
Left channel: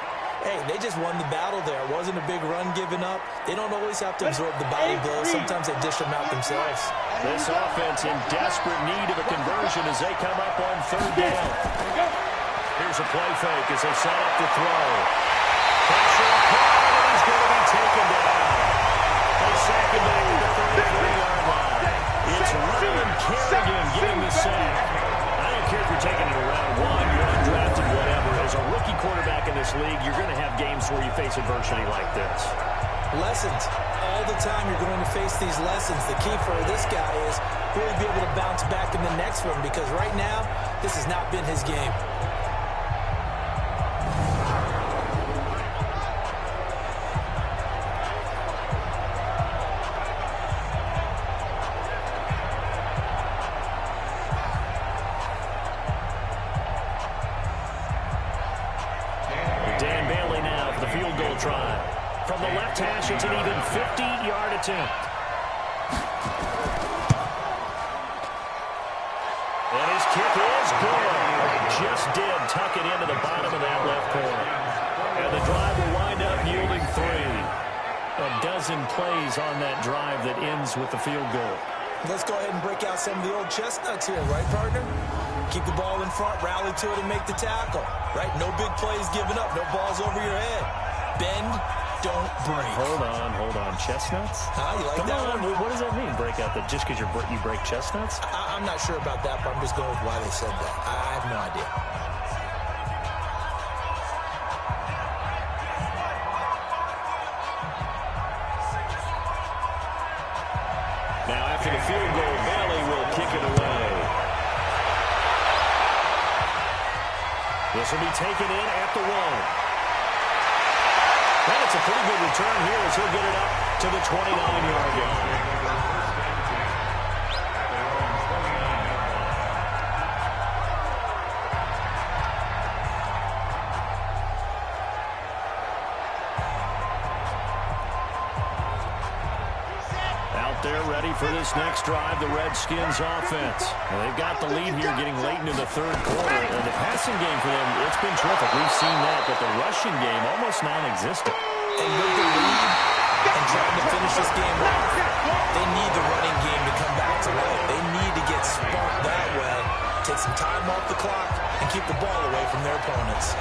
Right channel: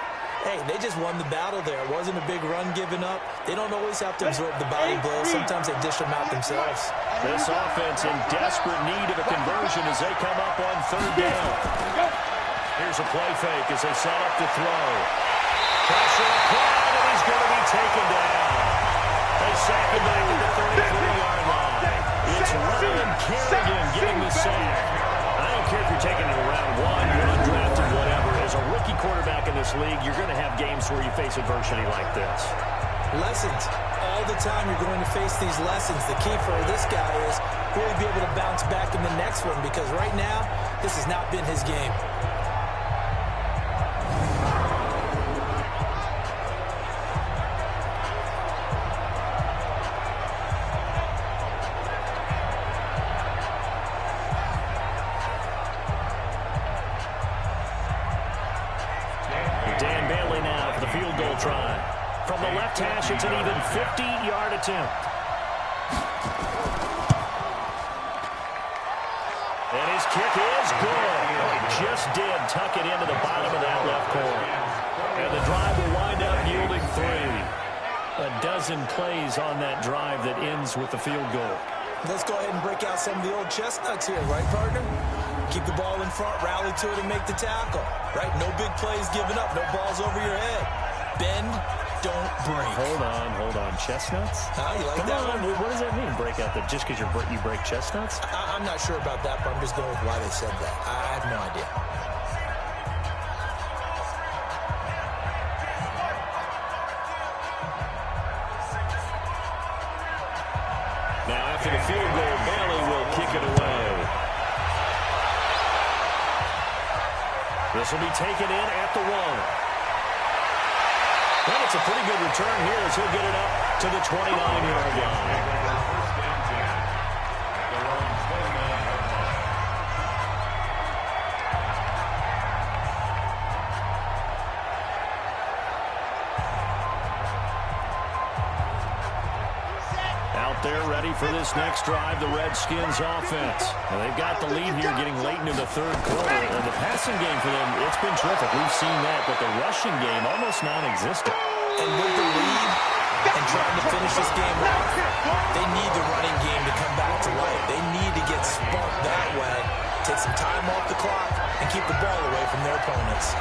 hey, they just won the battle there. It wasn't a big run given up. They don't always have to absorb the body blows. Sometimes they dish them out themselves. This offense in desperate need of a conversion as they come up on 3rd down. Here's a play fake as they set up to throw. Pressure applied, and he's going to be taken down. They sack him back at the 33-yard line. It's Ryan Kerrigan getting the sack. I don't care if you're taking it in round 1, you're undrafted, whatever. As a rookie quarterback in this league, you're going to have games where you face adversity like this. Lessons. All the time you're going to face these lessons. The key for this guy is will he be able to bounce back in the next one, because right now, this has not been his game. Dan Bailey now for the field goal try. From the left hash, it's an even 50-yard attempt. And his kick is good. He just did tuck it into the bottom of that left corner. And the drive will wind up yielding 3. A dozen plays on that drive that ends with the field goal. Let's go ahead and break out some of the old chestnuts here, right, partner? Keep the ball in front, rally to it, and make the tackle, right? No big plays given up, no balls over your head. Bend, don't break. Hold on. Chestnuts? You like Come that on, one? what does that mean, break out? Just because you break chestnuts? I'm not sure about that, but I'm just going with why they said that. I have no idea. Now, after the field goal, Bailey will kick it away. This will be taken in at the 1. And it's a pretty good return here as he'll get it up to the 29-yard line. First and 10 at their own 29-yard line. out there ready for this next drive, the Redskins offense. Now, they've got the lead here getting late into the third quarter. And the passing game for them, it's been terrific. We've seen that, but the rushing game almost non-existent. And with the lead and trying to finish this game off, they need the running game to come back to life. They need to get sparked that way, take some time off the clock, and keep the ball away from their opponents.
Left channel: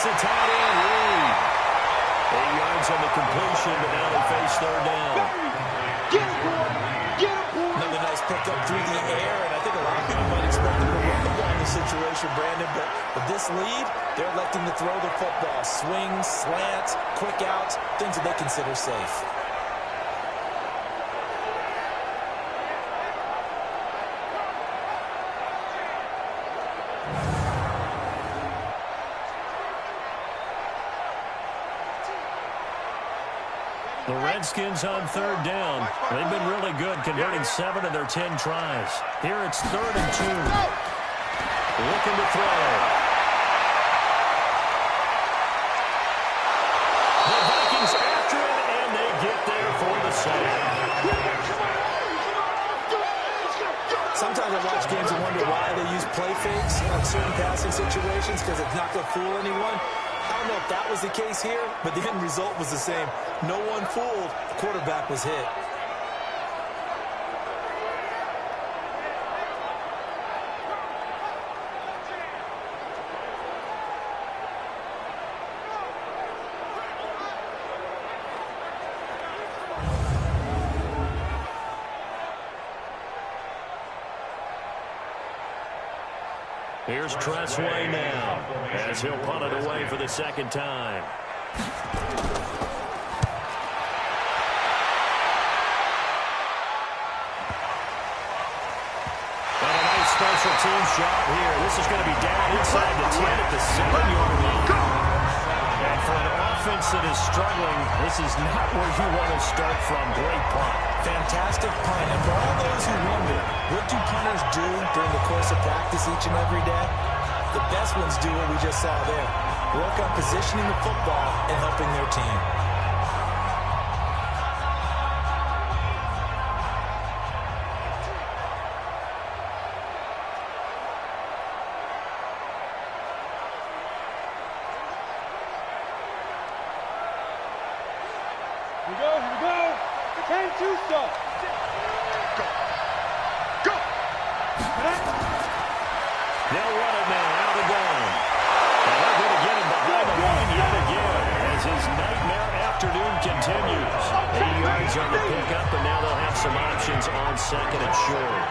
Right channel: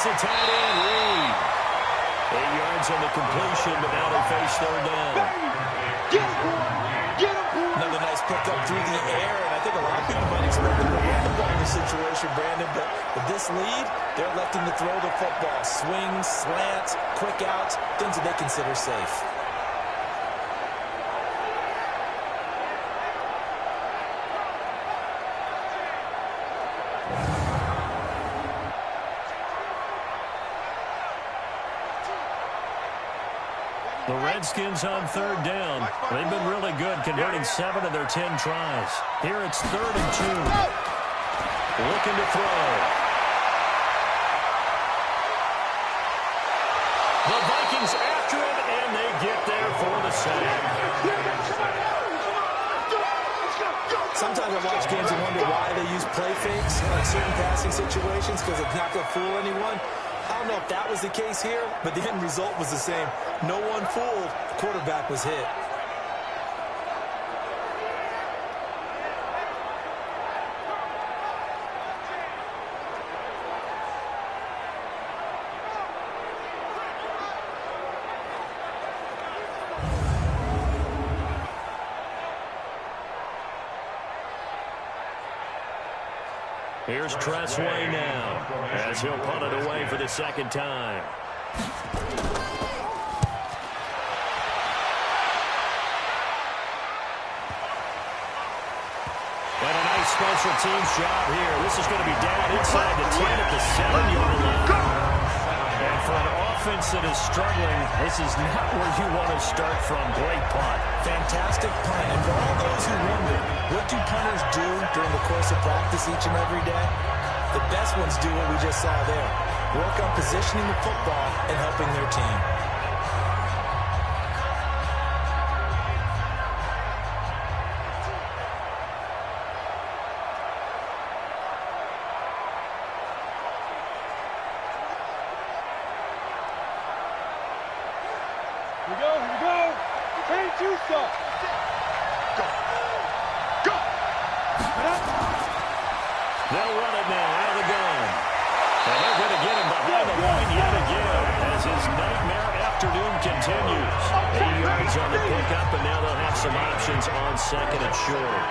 The tight end, Reed. 8 yards on the completion, but now they face third down. Another nice pickup through the air, and I think a lot of people might expect them to run the ball in this situation, Brandon, but with this lead, they're electing to throw the football. Swings, slants, quick outs, things that they consider safe. The Redskins on third down. They've been really good, converting 7 of their 10 tries. Here it's 3rd and 2. Looking to throw. The Vikings after it, and they get there for the sack. Sometimes I watch games and wonder why they use play fakes on certain passing situations, because it's not going to fool anyone. I don't know if that was the case here, but the end result was the same. No one fooled. The quarterback was hit. Here's Tressway now, as he'll punt it away for the second time. And a nice special teams job here. This is going to be down inside the 10 at the 7-yard line. And for an offense that is struggling, this is not where you want to start from. Great punt. Fantastic punt. And for all those who wonder, what do punters do during the course of practice each and every day? The best ones do what we just saw there. Work on positioning the football and helping their team. Here we go. 10-2 stop. Go. They'll run it now out of the gun. And they're going to get him behind the line yet again as his nightmare afternoon continues. 8 yards on the pickup, and now they'll have some options on second and short.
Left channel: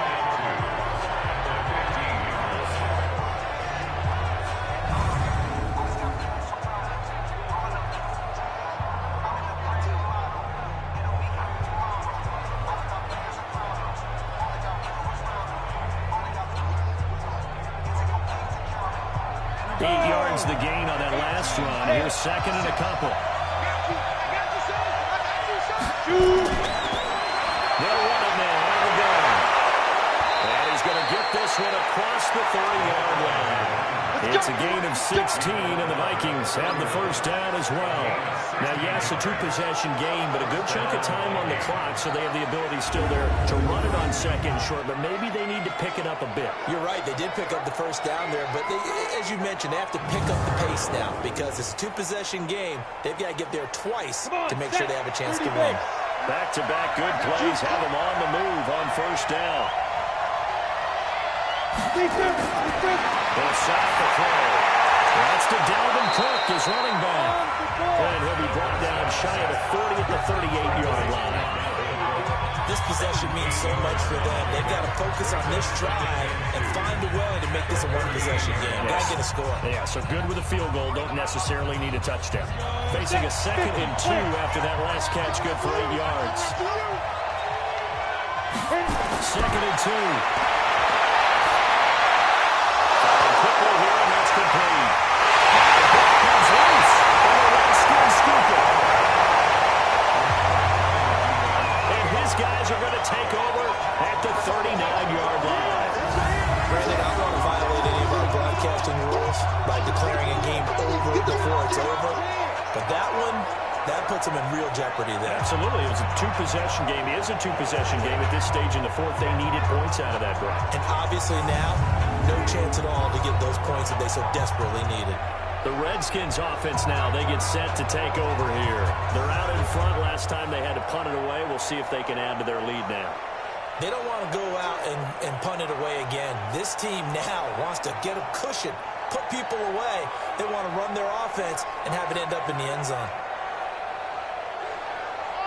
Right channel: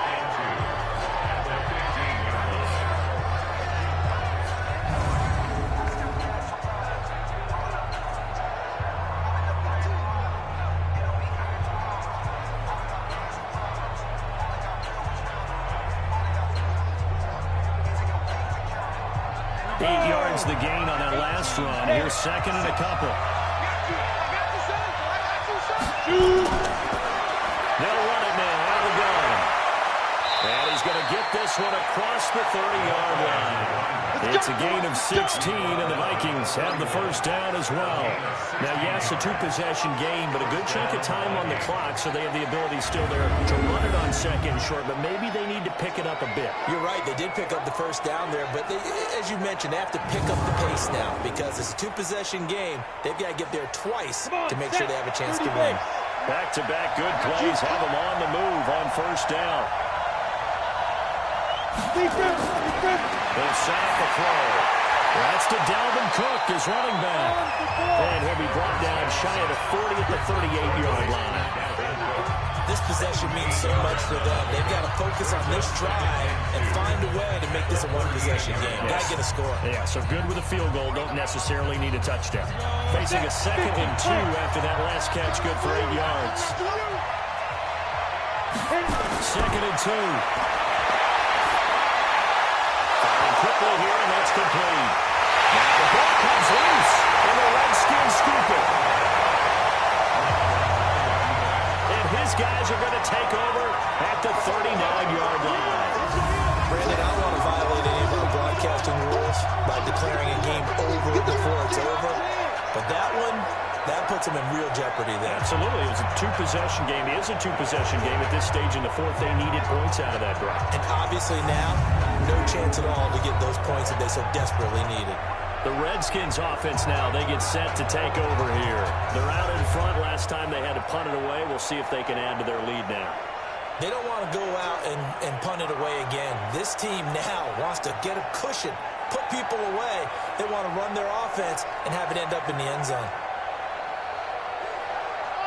The gain on that last run. Here's second and a couple. I got you, son. They'll run it now out of the gun. And he's going to get this one across the 30-yard line. It's a gain of 16, and the Vikings have the first down as well. Now, yes, a 2-possession game, but a good chunk of time on the clock, so they have the ability still there to run it on second and short, but maybe they need to pick it up a bit. You're right. They did pick up the first down there, but as you mentioned, they have to pick up the pace now because it's a 2-possession game. They've got to get there twice to make sure they have a chance to win. Back-to-back good plays have them on the move on first down. They'll set up the throw. That's to Dalvin Cook, his running back. And he'll be brought down shy of the 40 at the 38-yard line. This possession means so much for them. They've got to focus on this drive and find a way to make this a one-possession game. Yes. Got to get a score. Yeah, so good with a field goal. Don't necessarily need a touchdown. Facing a 2nd and 2 after that last catch, good for 8 yards. 2nd and 2. Quick at the 39-yard line. Brandon, I don't want to violate any of our broadcasting rules by declaring a game over before it's over. But that one, that puts them in real jeopardy there. Absolutely. It was a two-possession game. It is a two-possession game at this stage in the fourth. They needed points out of that drive. And obviously now, no chance at all to get those points that they so desperately needed. The Redskins offense now, they get set to take over here. They're out in front. Last time they had to punt it away. We'll see if they can add to their lead now. They don't want to go out and punt it away again. This team now wants to get a cushion, put people away. They want to run their offense and have it end up in the end zone.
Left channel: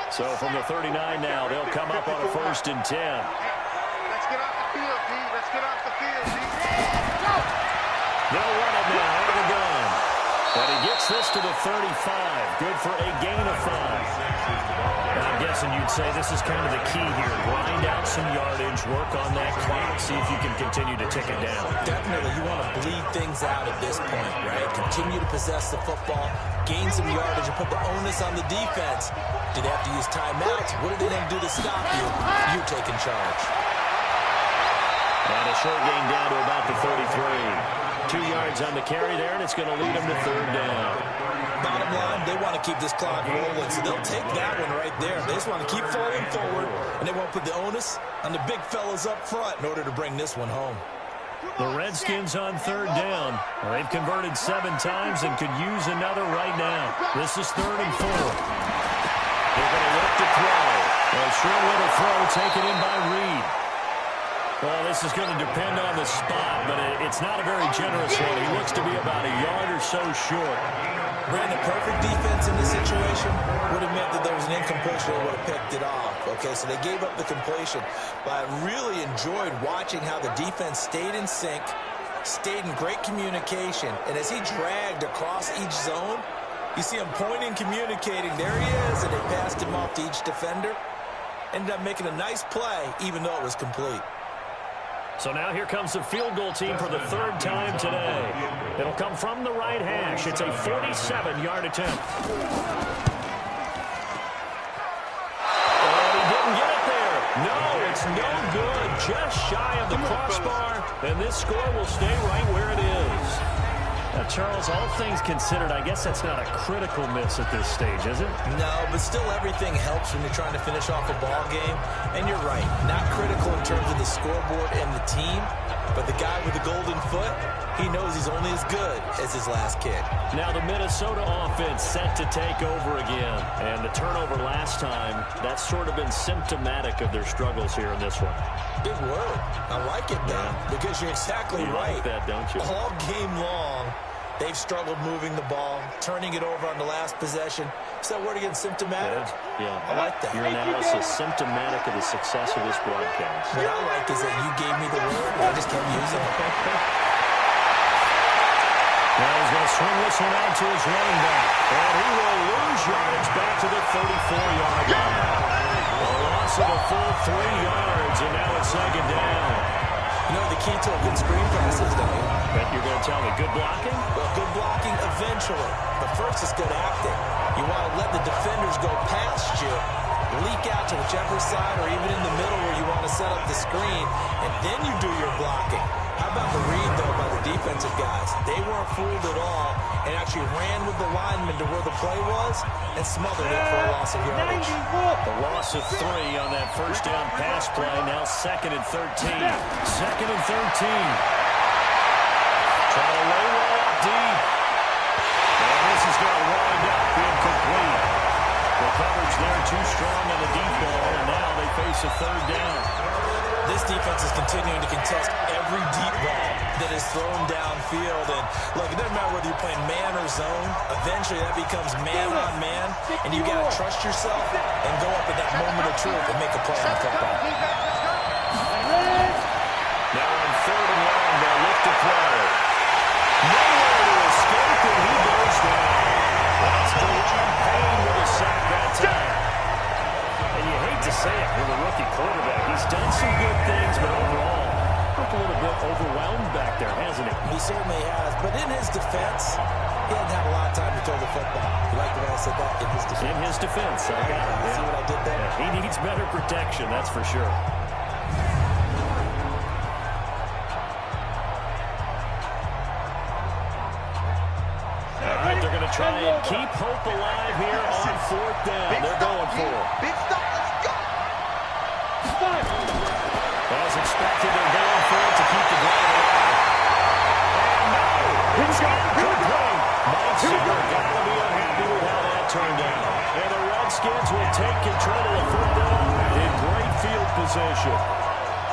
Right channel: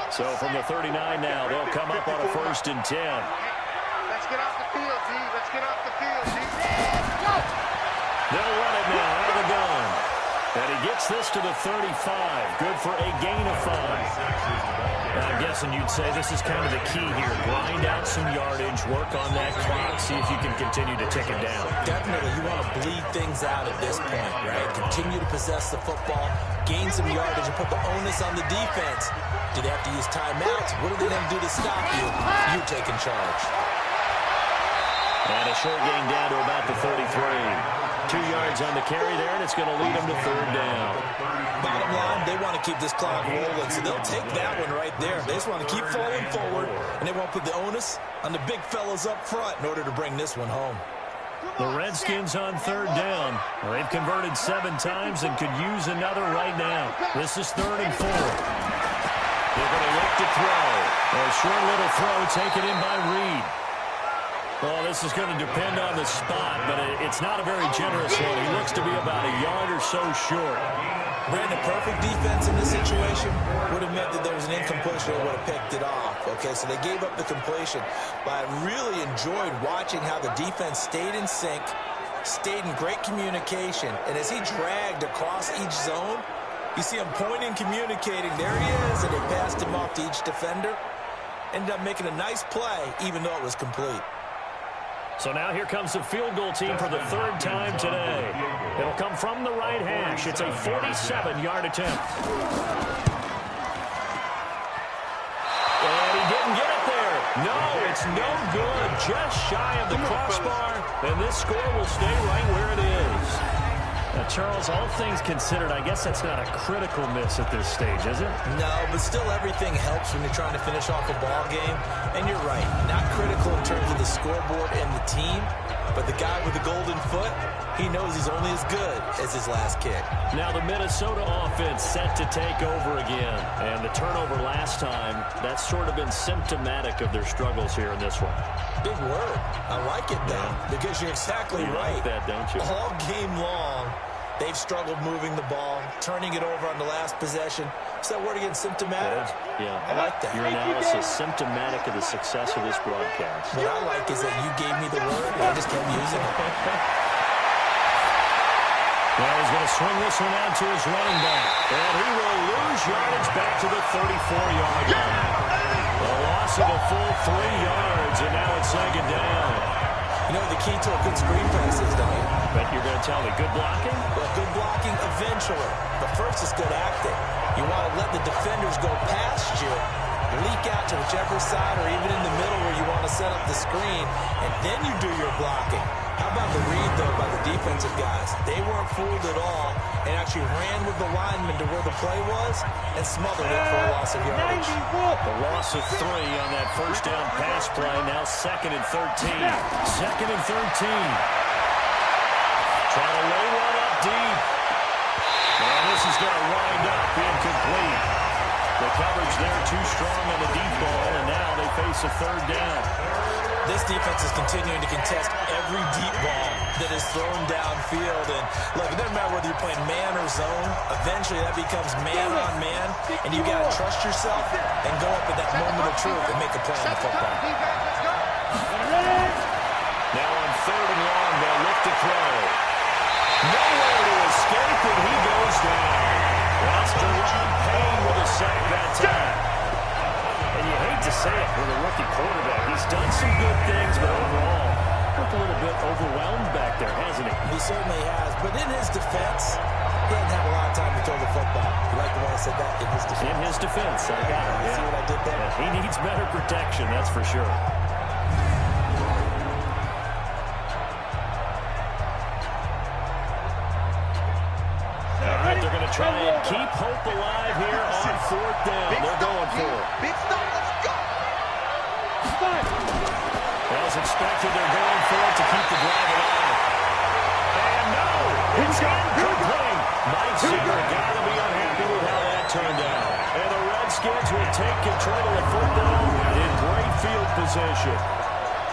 So from the 39 now, they'll come up on a 1st and 10. Let's get off the field, D. Let's get off the field, D. Let's go! They'll run it now out of the gun. And he gets this to the 35. Good for a gain of 5. And I'm guessing you'd say this is kind of the key here. Grind out some yardage, work on that clock, see if you can continue to tick it down. Definitely, you want to bleed things out at this point, right? Continue to possess the football, gain some yardage, and put the onus on the defense. Do they have to use timeouts? What are they going to do to stop you? You're taking charge. And a short gain down to about the 33. 2 yards on the carry there, and it's going to lead them to 3rd down. Bottom line, they want to keep this clock rolling, so they'll take that one right there. They just want to keep falling forward, and they won't put the onus on the big fellas up front in order to bring this one home. The Redskins on 3rd down. They've converted 7 times and could use another right now. This is 3rd and 4. They're going to look to throw. A short little throw taken in by Reed. Well, this is going to depend on the spot, but it's not a very generous one. He looks to be about a yard or so short. Brandon, perfect defense in this situation would have meant that there was an incompletion that would have picked it off. Okay, so they gave up the completion. But I really enjoyed watching how the defense stayed in sync, stayed in great communication. And as he dragged across each zone, you see him pointing, communicating. There he is, and they passed him off to each defender. Ended up making a nice play, even though it was complete. So now here comes the field goal team for the 3rd time today. It'll come from the right hash. It's a 47-yard attempt. And he didn't get it there. No, it's no good. Just shy of the crossbar. And this score will stay right where it is. Now, Charles, all things considered, I guess that's not a critical miss at this stage, is it? No, but still everything helps when you're trying to finish off a ball game. And you're right, not critical in terms of the scoreboard and the team, but the guy with the golden foot, he knows he's only as good as his last kick. Now the Minnesota offense set to take over again. And the turnover last time, that's sort of been symptomatic of their struggles here in this one. Big word. I like it, though, because you're exactly right. Like that, don't you? All game long, they've struggled moving the ball, turning it over on the last possession. Is that word again, symptomatic? Yeah. I like that. Your analysis, symptomatic of the success of this broadcast. What I like is that you gave me the word, and I just kept using it. Now he's going to swing this one out to his running back. And he will lose yardage back to the 34-yard line. A loss of a full 3 yards, and now it's 2nd down. You know the key to a good screen pass is, don't you? But you're going to tell me, good blocking? Well, good blocking eventually. But first is good acting. You want to let the defenders go past you, leak out to whichever side or even in the middle where you want to set up the screen, and then you do your blocking. How about the read, though, by the defensive guys? They weren't fooled at all and actually ran with the lineman to where the play was and smothered it for a loss of yardage. The loss of 3 on that first down pass play. Now 2nd and 13. 2nd and 13. Trying to lay one up deep. And this is going to wind up incomplete. The coverage there too strong on the deep ball, and now they face a 3rd down. This defense is continuing to contest every deep ball that is thrown downfield. And, look, it doesn't matter whether you're playing man or zone. Eventually, that becomes man on man. And you got to trust yourself and go up at that moment of truth and make a play on the football. Now on 3rd and long, they'll look to throw. Nowhere to escape, and he goes down. That's Deron Payne with a sack that time. And you hate to say it with a rookie quarterback. He's done some good things, but overall, looked a little bit overwhelmed back there, hasn't he? He certainly has. But in his defense, he hadn't had a lot of time to throw the football. You like the way I said that? In his defense. In his defense, I got it. See what I did there? Yeah, he needs better protection, that's for sure. they're going to try and keep hope alive here on 4th down. They're going for it. Big stop, let's go. As expected, they're going for it to keep the drive alive. And no, it's incomplete. Mike Zimmer got to be unhappy with how that turned out. And the Redskins will take control of the football in great field position.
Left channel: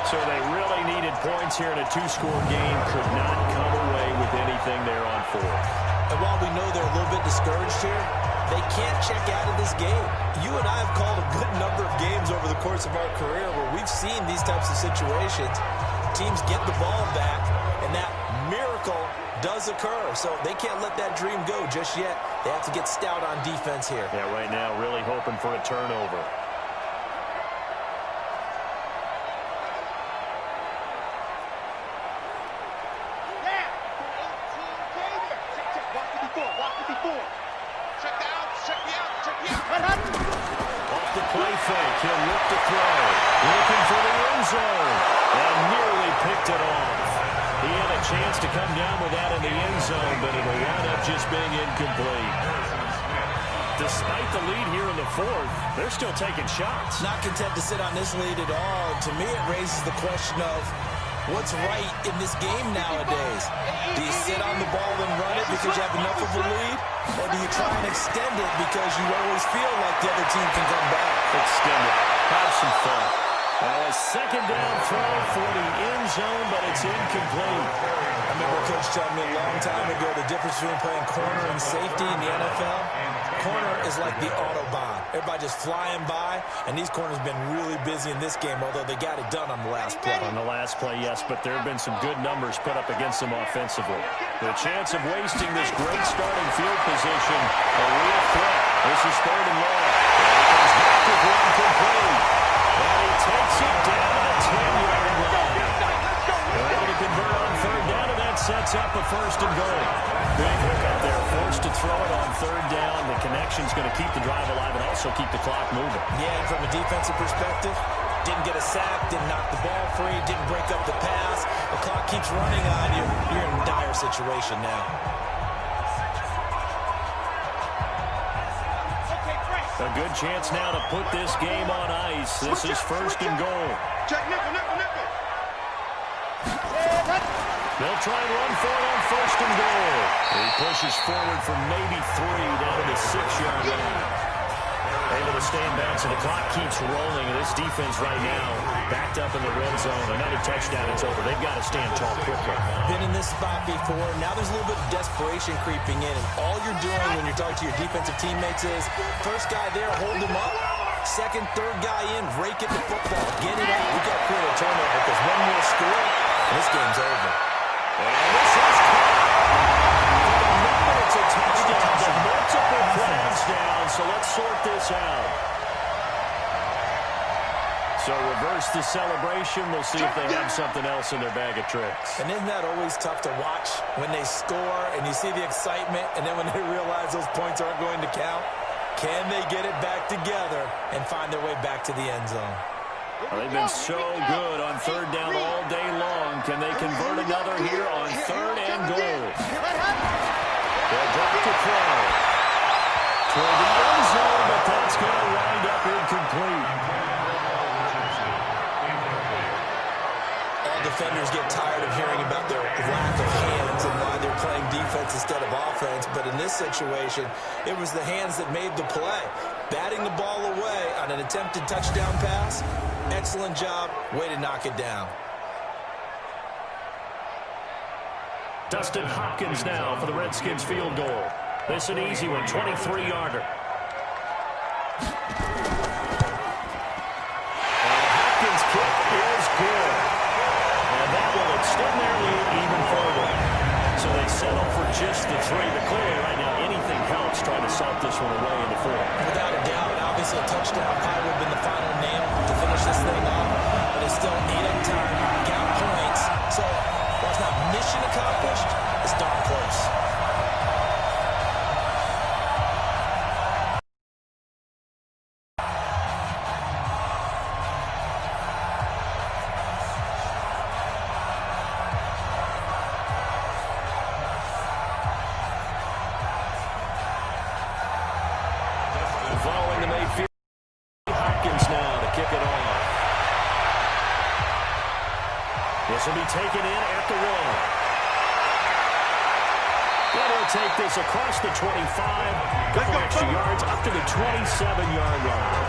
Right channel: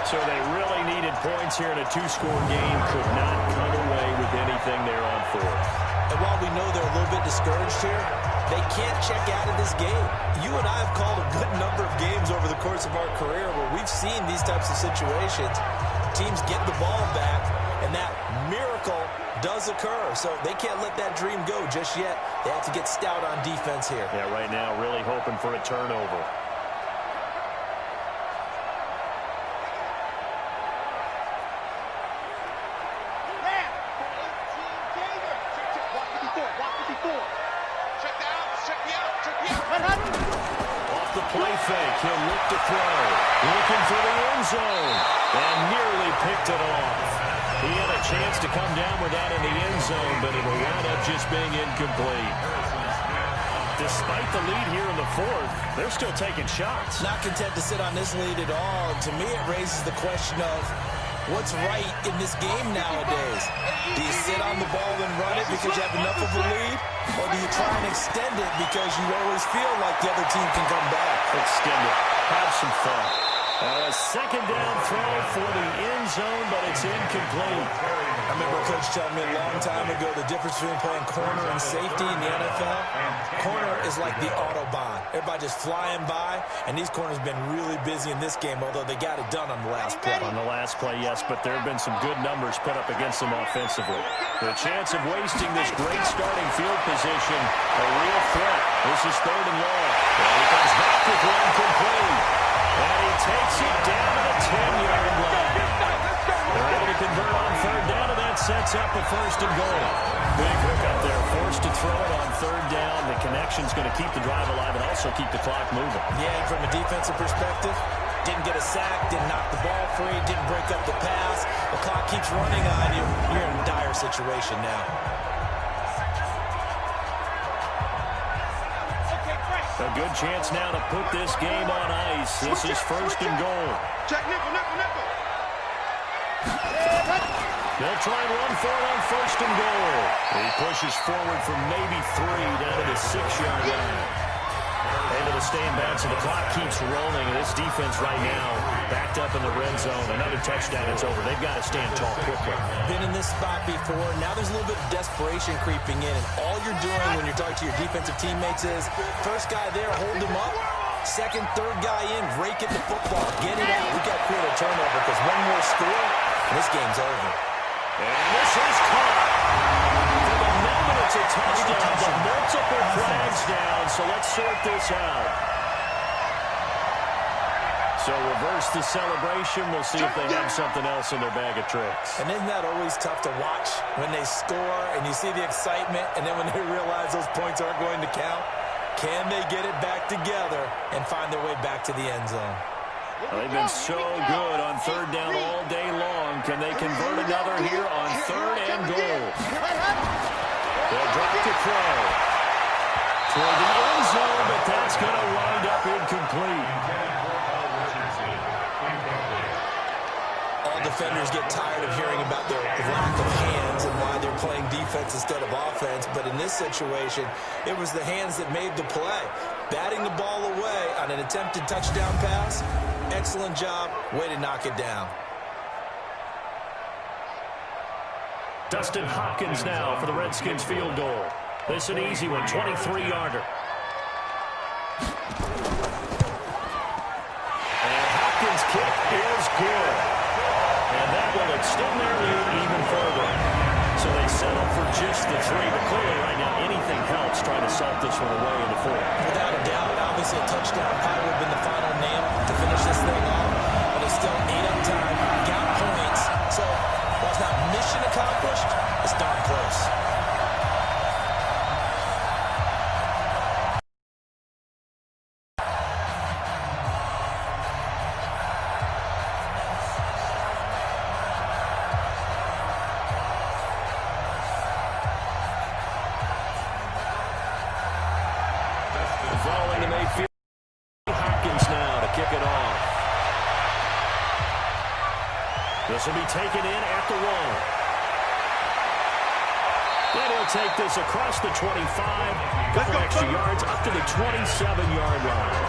So they really needed points here in a 2-score game. Could not come away with anything there on 4th. And while we know they're a little bit discouraged here, they can't check out of this game. You and I have called a good number of games over the course of our career where we've seen these types of situations. Teams get the ball back, and that miracle does occur. So they can't let that dream go just yet. They have to get stout on defense here. Yeah, right now really hoping for a turnover. Check the outs, check the outs, check the outs. Off the play fake, he'll look to throw. Looking for the end zone. And nearly picked it off. He had a chance to come down with that in the end zone, but it will wind up just being incomplete. Despite the lead here in the 4th, they're still taking shots. Not content to sit on this lead at all. To me, it raises the question of what's right in this game nowadays. Do you sit on the ball and run it because you have enough of a lead? Or do you try and extend it because you always feel like the other team can come back? Extend it. Have some fun. Now a 2nd down throw for the end zone, but it's incomplete. I remember a coach telling me a long time ago the difference between playing corner and safety in the NFL. Corner is like the Autobahn. Everybody just flying by, and these corners have been really busy in this game, although they got it done on the last play. On the last play, yes, but there have been some good numbers put up against them offensively. The chance of wasting this great starting field position, a real threat. This is 3rd and long. And he comes back with one complete. And he takes it down to the 10-yard line. They're able to convert on 3rd down, and that sets up a 1st and goal. Big hook up there, forced to throw it on 3rd down. The connection's going to keep the drive alive and also keep the clock moving. Yeah, and from a defensive perspective, didn't get a sack, didn't knock the ball free, didn't break up the pass. The clock keeps running on you. You're in a dire situation now. A good chance now to put this game on ice. This is 1st and goal. Check nickel. They'll try and run for it on 1st and goal. He pushes forward from maybe 3 down to the 6-yard line. Able to stay in bounds, and the clock keeps rolling. And this defense right now backed up in the red zone. Another touchdown, it's over. They've got to stand tall quickly. Been in this spot before. Now there's a little bit of desperation creeping in, and all you're doing when you're talking to your defensive teammates is first guy there, hold him up. Second, third guy in, rake at the football. Get it out. We got to create a turnover because one more score, and this game's over. And this is caught. For the moment, it's a touchdown. The multiple flags down, so let's sort this out. So reverse the celebration. We'll see if they have something else in their bag of tricks. And isn't that always tough to watch when they score and you see the excitement, and then when they realize those points aren't going to count? Can they get it back together and find their way back to the end zone? Well, they've been so good on 3rd down all day long. Can they convert another here on 3rd and goal? They'll drop to throw. Toward the end zone, but that's going to wind up incomplete. All defenders get tired of hearing about their lack of hands and why they're playing defense instead of offense. But in this situation, it was the hands that made the play. Batting the ball away on an attempted touchdown pass. Excellent job. Way to knock it down. Dustin Hopkins now for the Redskins field goal. This an easy one, 23-yarder. And Hopkins' kick is good. And that will extend their lead even further. So they settle for just the 3. But clearly right now anything helps trying to salt this one away in the 4th. Without a doubt, obviously a touchdown probably would have been the final nail to finish this thing off. But it's still ate up time, got points. So while it's not mission accomplished, it's darn close. following the Mayfield. Hopkins now to kick it off. This will be taken in at the 1. And he'll take this across the 25. Couple extra yards up to the 27-yard line.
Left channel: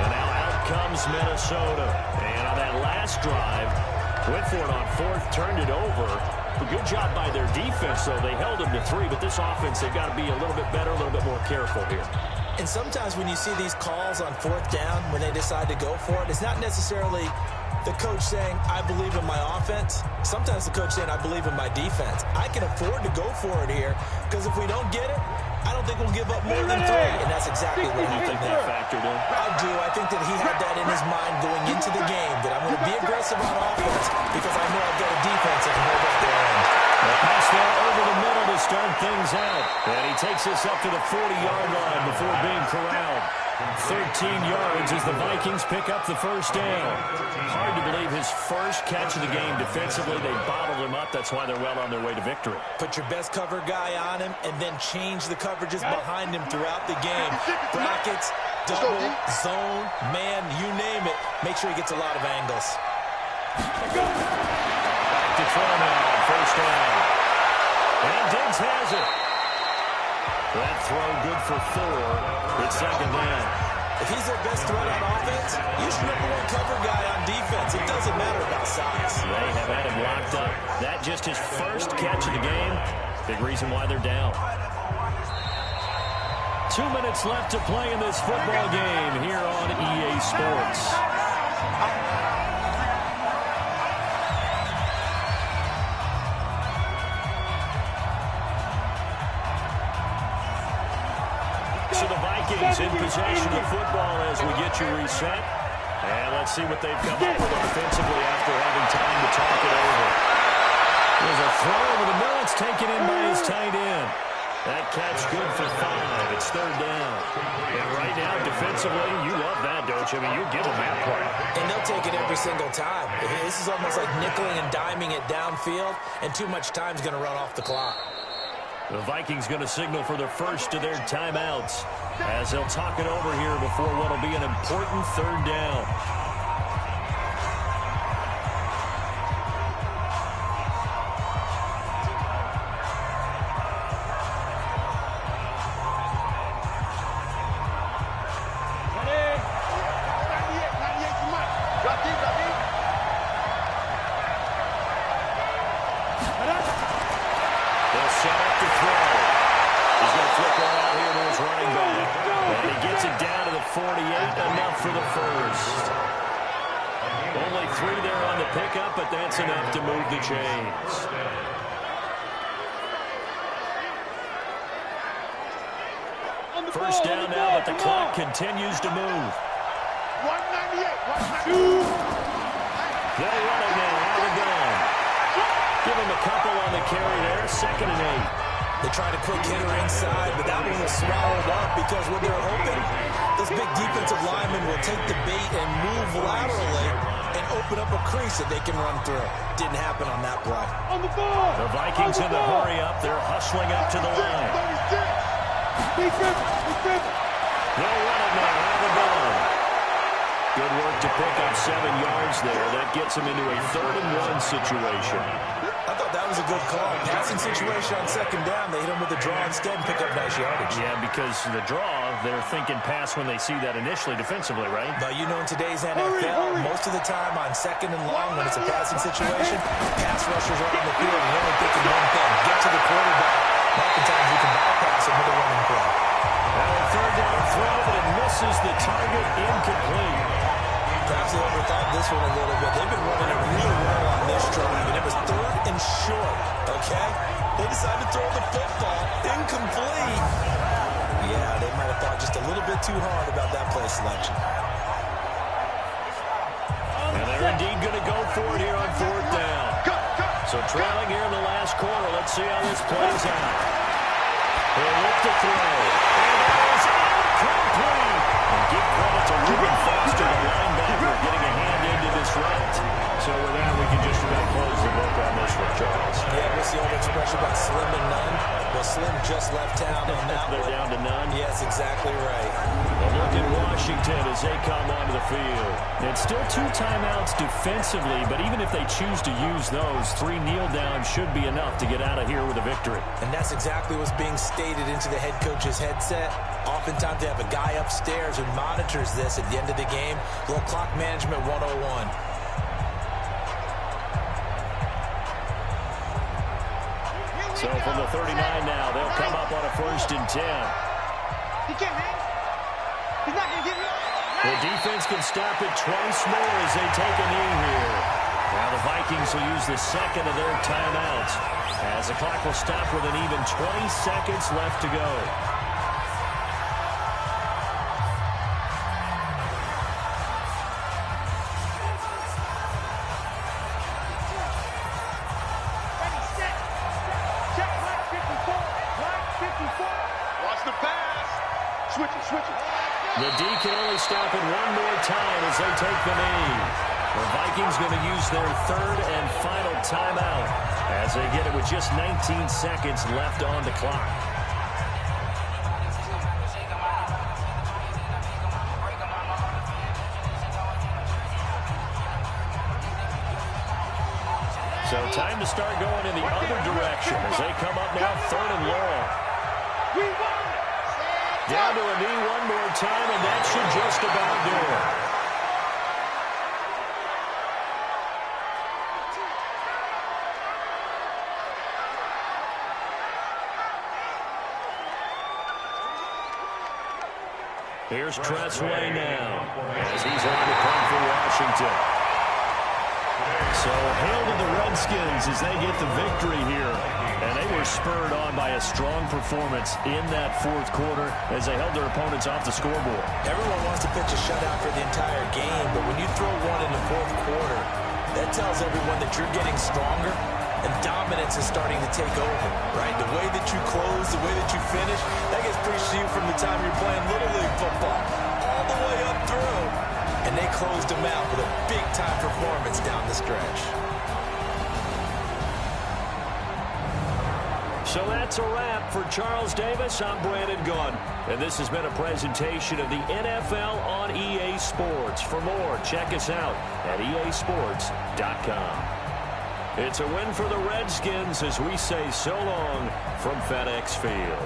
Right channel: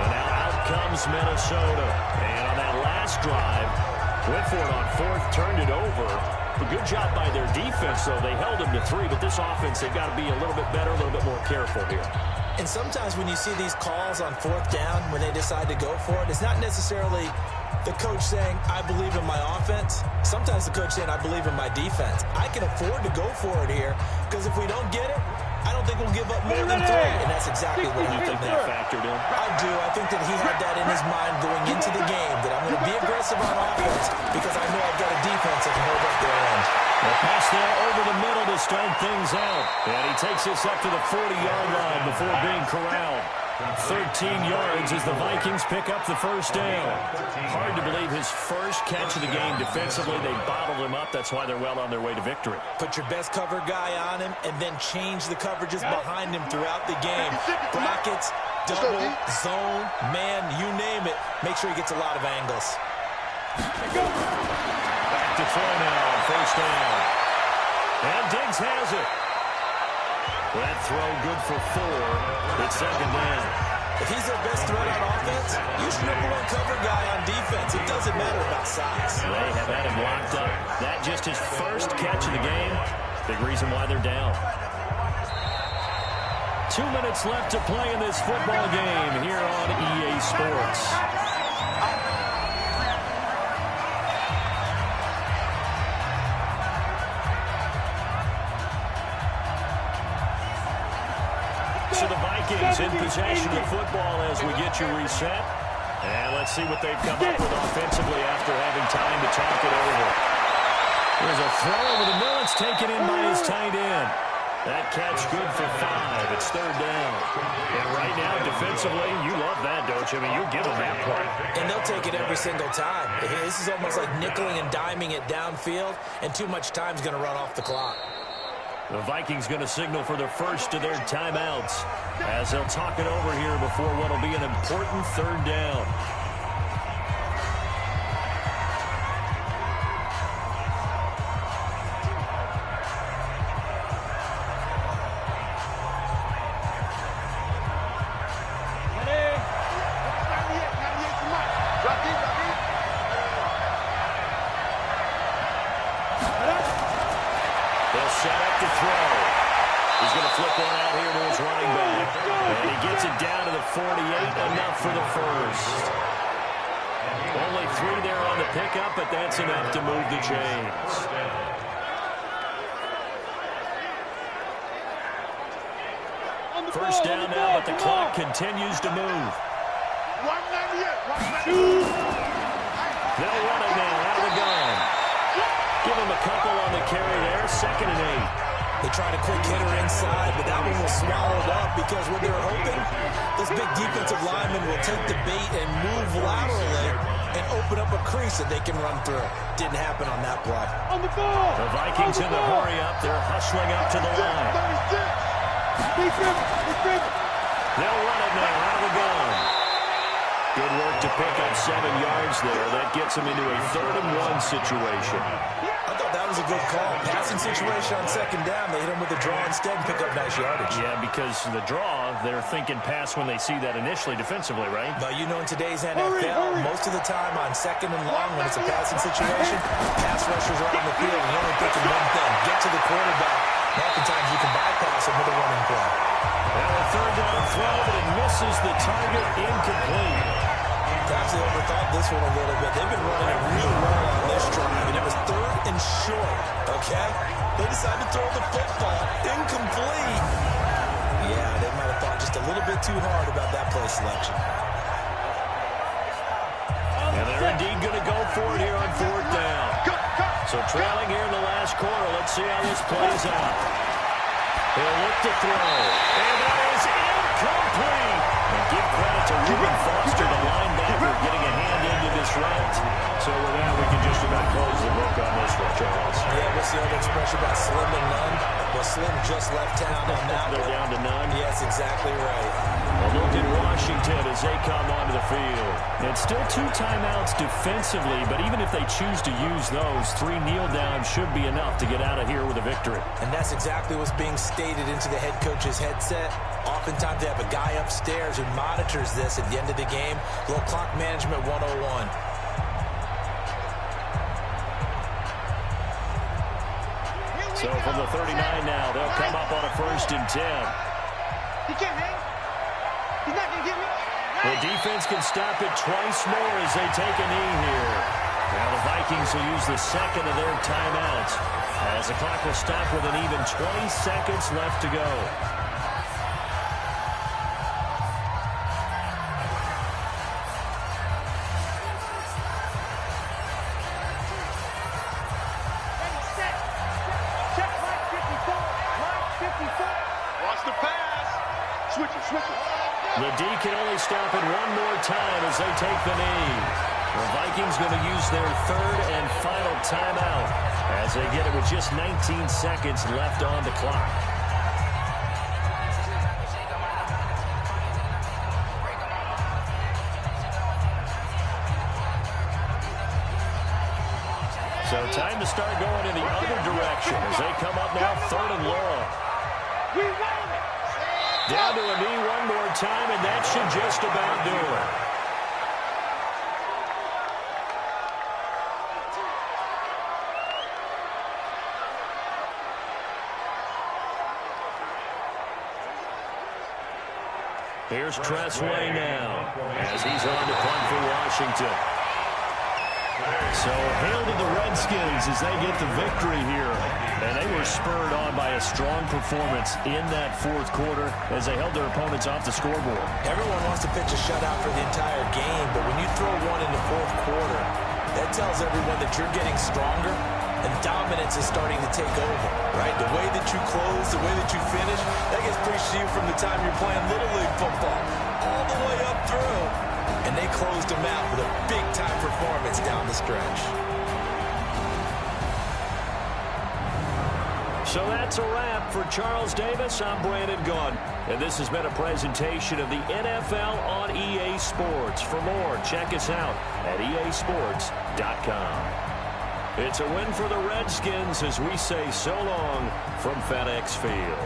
And now out comes Minnesota. And on that last drive, went for it on 4th, turned it over. A good job by their defense, though. They held them to 3, but this offense, they've got to be a little bit better, a little bit more careful here. And sometimes when you see these calls on 4th down, when they decide to go for it, it's not necessarily the coach saying, I believe in my offense. Sometimes the coach saying, I believe in my defense. I can afford to go for it here, because if we don't get it, I don't think we'll give up more than 3. And that's exactly what happened there. Factored in? I do. I think that he had that in his mind going into the game, that I'm going to be aggressive on offense because I know I've got a defense that can hold up their end. The pass there over the middle to start things out. And he takes this up to the 40-yard line before being corralled. 13 yards as the Vikings pick up the first down. Hard to believe his first catch of the game defensively. They bottled him up. That's why they're well on their way to victory. Put your best cover guy on him and then change the coverages behind him throughout the game. Brackets, double, zone, man, you name it. Make sure he gets a lot of angles. Back to throw now on first down. And Diggs has it. That throw good for 4. It's second down. If he's their best threat on offense, use your #1 cover guy on defense. It doesn't matter about size. They have had him locked up. That just his first catch of the game. Big reason why they're down. 2 minutes left to play in this football game here on EA Sports. So the Vikings in possession of the football as we get you reset. And let's see what they've come up with offensively after having time to talk it over. There's a throw over the middle. It's taken in by his tight end. That catch good for 5. It's third down. And right now, defensively, you love that, don't you? I mean, you give them that play. And they'll take it every single time. This is almost like nickeling and diming it downfield, and too much time's going to run off the clock. The Vikings going to signal for their first of their timeouts as they'll talk it over here before what will be an important third down. They'll set up to throw. He's going to flip one out here to his running back. And he gets it down to the 48, enough for the first. Only 3 there on the pickup, but that's enough to move the chains. First down now, but the clock continues to move. 198. They'll run it now out of the gun. Give him a couple on the carry there, 2nd and 8. They tried a quick hitter inside, but that one was swallowed up because when they're hoping, those big defensive linemen will take the bait and move laterally and open up a crease that they can run through. Didn't happen on that play. On the ball. The Vikings in the hurry up. They're hustling up to the line. 36. They'll run it now out of the gun. Good work to pick up 7 yards there. That gets them into a 3rd and 1 situation. I thought that was a good call. Passing situation on 2nd down. They hit him with a draw instead and pick up nice yardage. Yeah, because the draw, they're thinking pass when they see that initially defensively, right? But you know in today's NFL, most of the time on 2nd and long when it's a passing situation, pass rushers are on the field and you're only thinking one thing, get to the quarterback. Oftentimes you can bypass him with a running play. Well, a 3rd down throw, but it misses the target, incomplete. Perhaps they overthought this one a little bit. They've been running it real well on this drive, and it was 3rd and short, okay? They decided to throw the football incomplete. Yeah, they might have thought just a little bit too hard about that play selection. And they're indeed going to go for it here on 4th down. So trailing here in the last quarter, let's see how this plays out. He'll look to throw. And that is incomplete. And give credit to Reuben Foster, the linebacker, getting a hand into this route. So with that, we can just about close the book on this one, Charles. Yeah, what's the old expression about slim to none? Well, Slim just left town on that They're one. down to none? Yes, exactly right. A look at Washington as they come onto the field. It's still 2 timeouts defensively, but even if they choose to use those, 3 kneel downs should be enough to get out of here with a victory. And that's exactly what's being stated into the head coach's headset. Oftentimes they have a guy upstairs who monitors this at the end of the game. Little clock management 101. So from the 39 now, they'll come up on a 1st and 10. He can't hang. He's not going to get me. The defense can stop it twice more as they take a knee here. Now the Vikings will use the second of their timeouts as the clock will stop with an even 20 seconds left to go. Ready, set. Check line 54. Line 54. Watch the pass. Switch it, switch it. The D can only stop it one more time as they take the knee. The Vikings going to use their 3rd and final timeout as they get it with just 19 seconds left on the clock. So time to start going in the other direction as they come up now 3rd and long. We won it. Down to a knee one more time, and that should just about do it. Here's Tressway now as he's on to punt for Washington. So hail to the Redskins as they get the victory here. And they were spurred on by a strong performance in that 4th quarter as they held their opponents off the scoreboard. Everyone wants to pitch a shutout for the entire game, but when you throw one in the 4th quarter, that tells everyone that you're getting stronger and dominance is starting to take over, right? The way that you close, the way that you finish, that gets preached to you from the time you're playing Little League football all the way up through. And they closed them out with a big-time performance down the stretch. So that's a wrap. For Charles Davis, I'm Brandon Gunn. And this has been a presentation of the NFL on EA Sports. For more, check us out at easports.com. It's a win for the Redskins as we say so long from FedEx Field.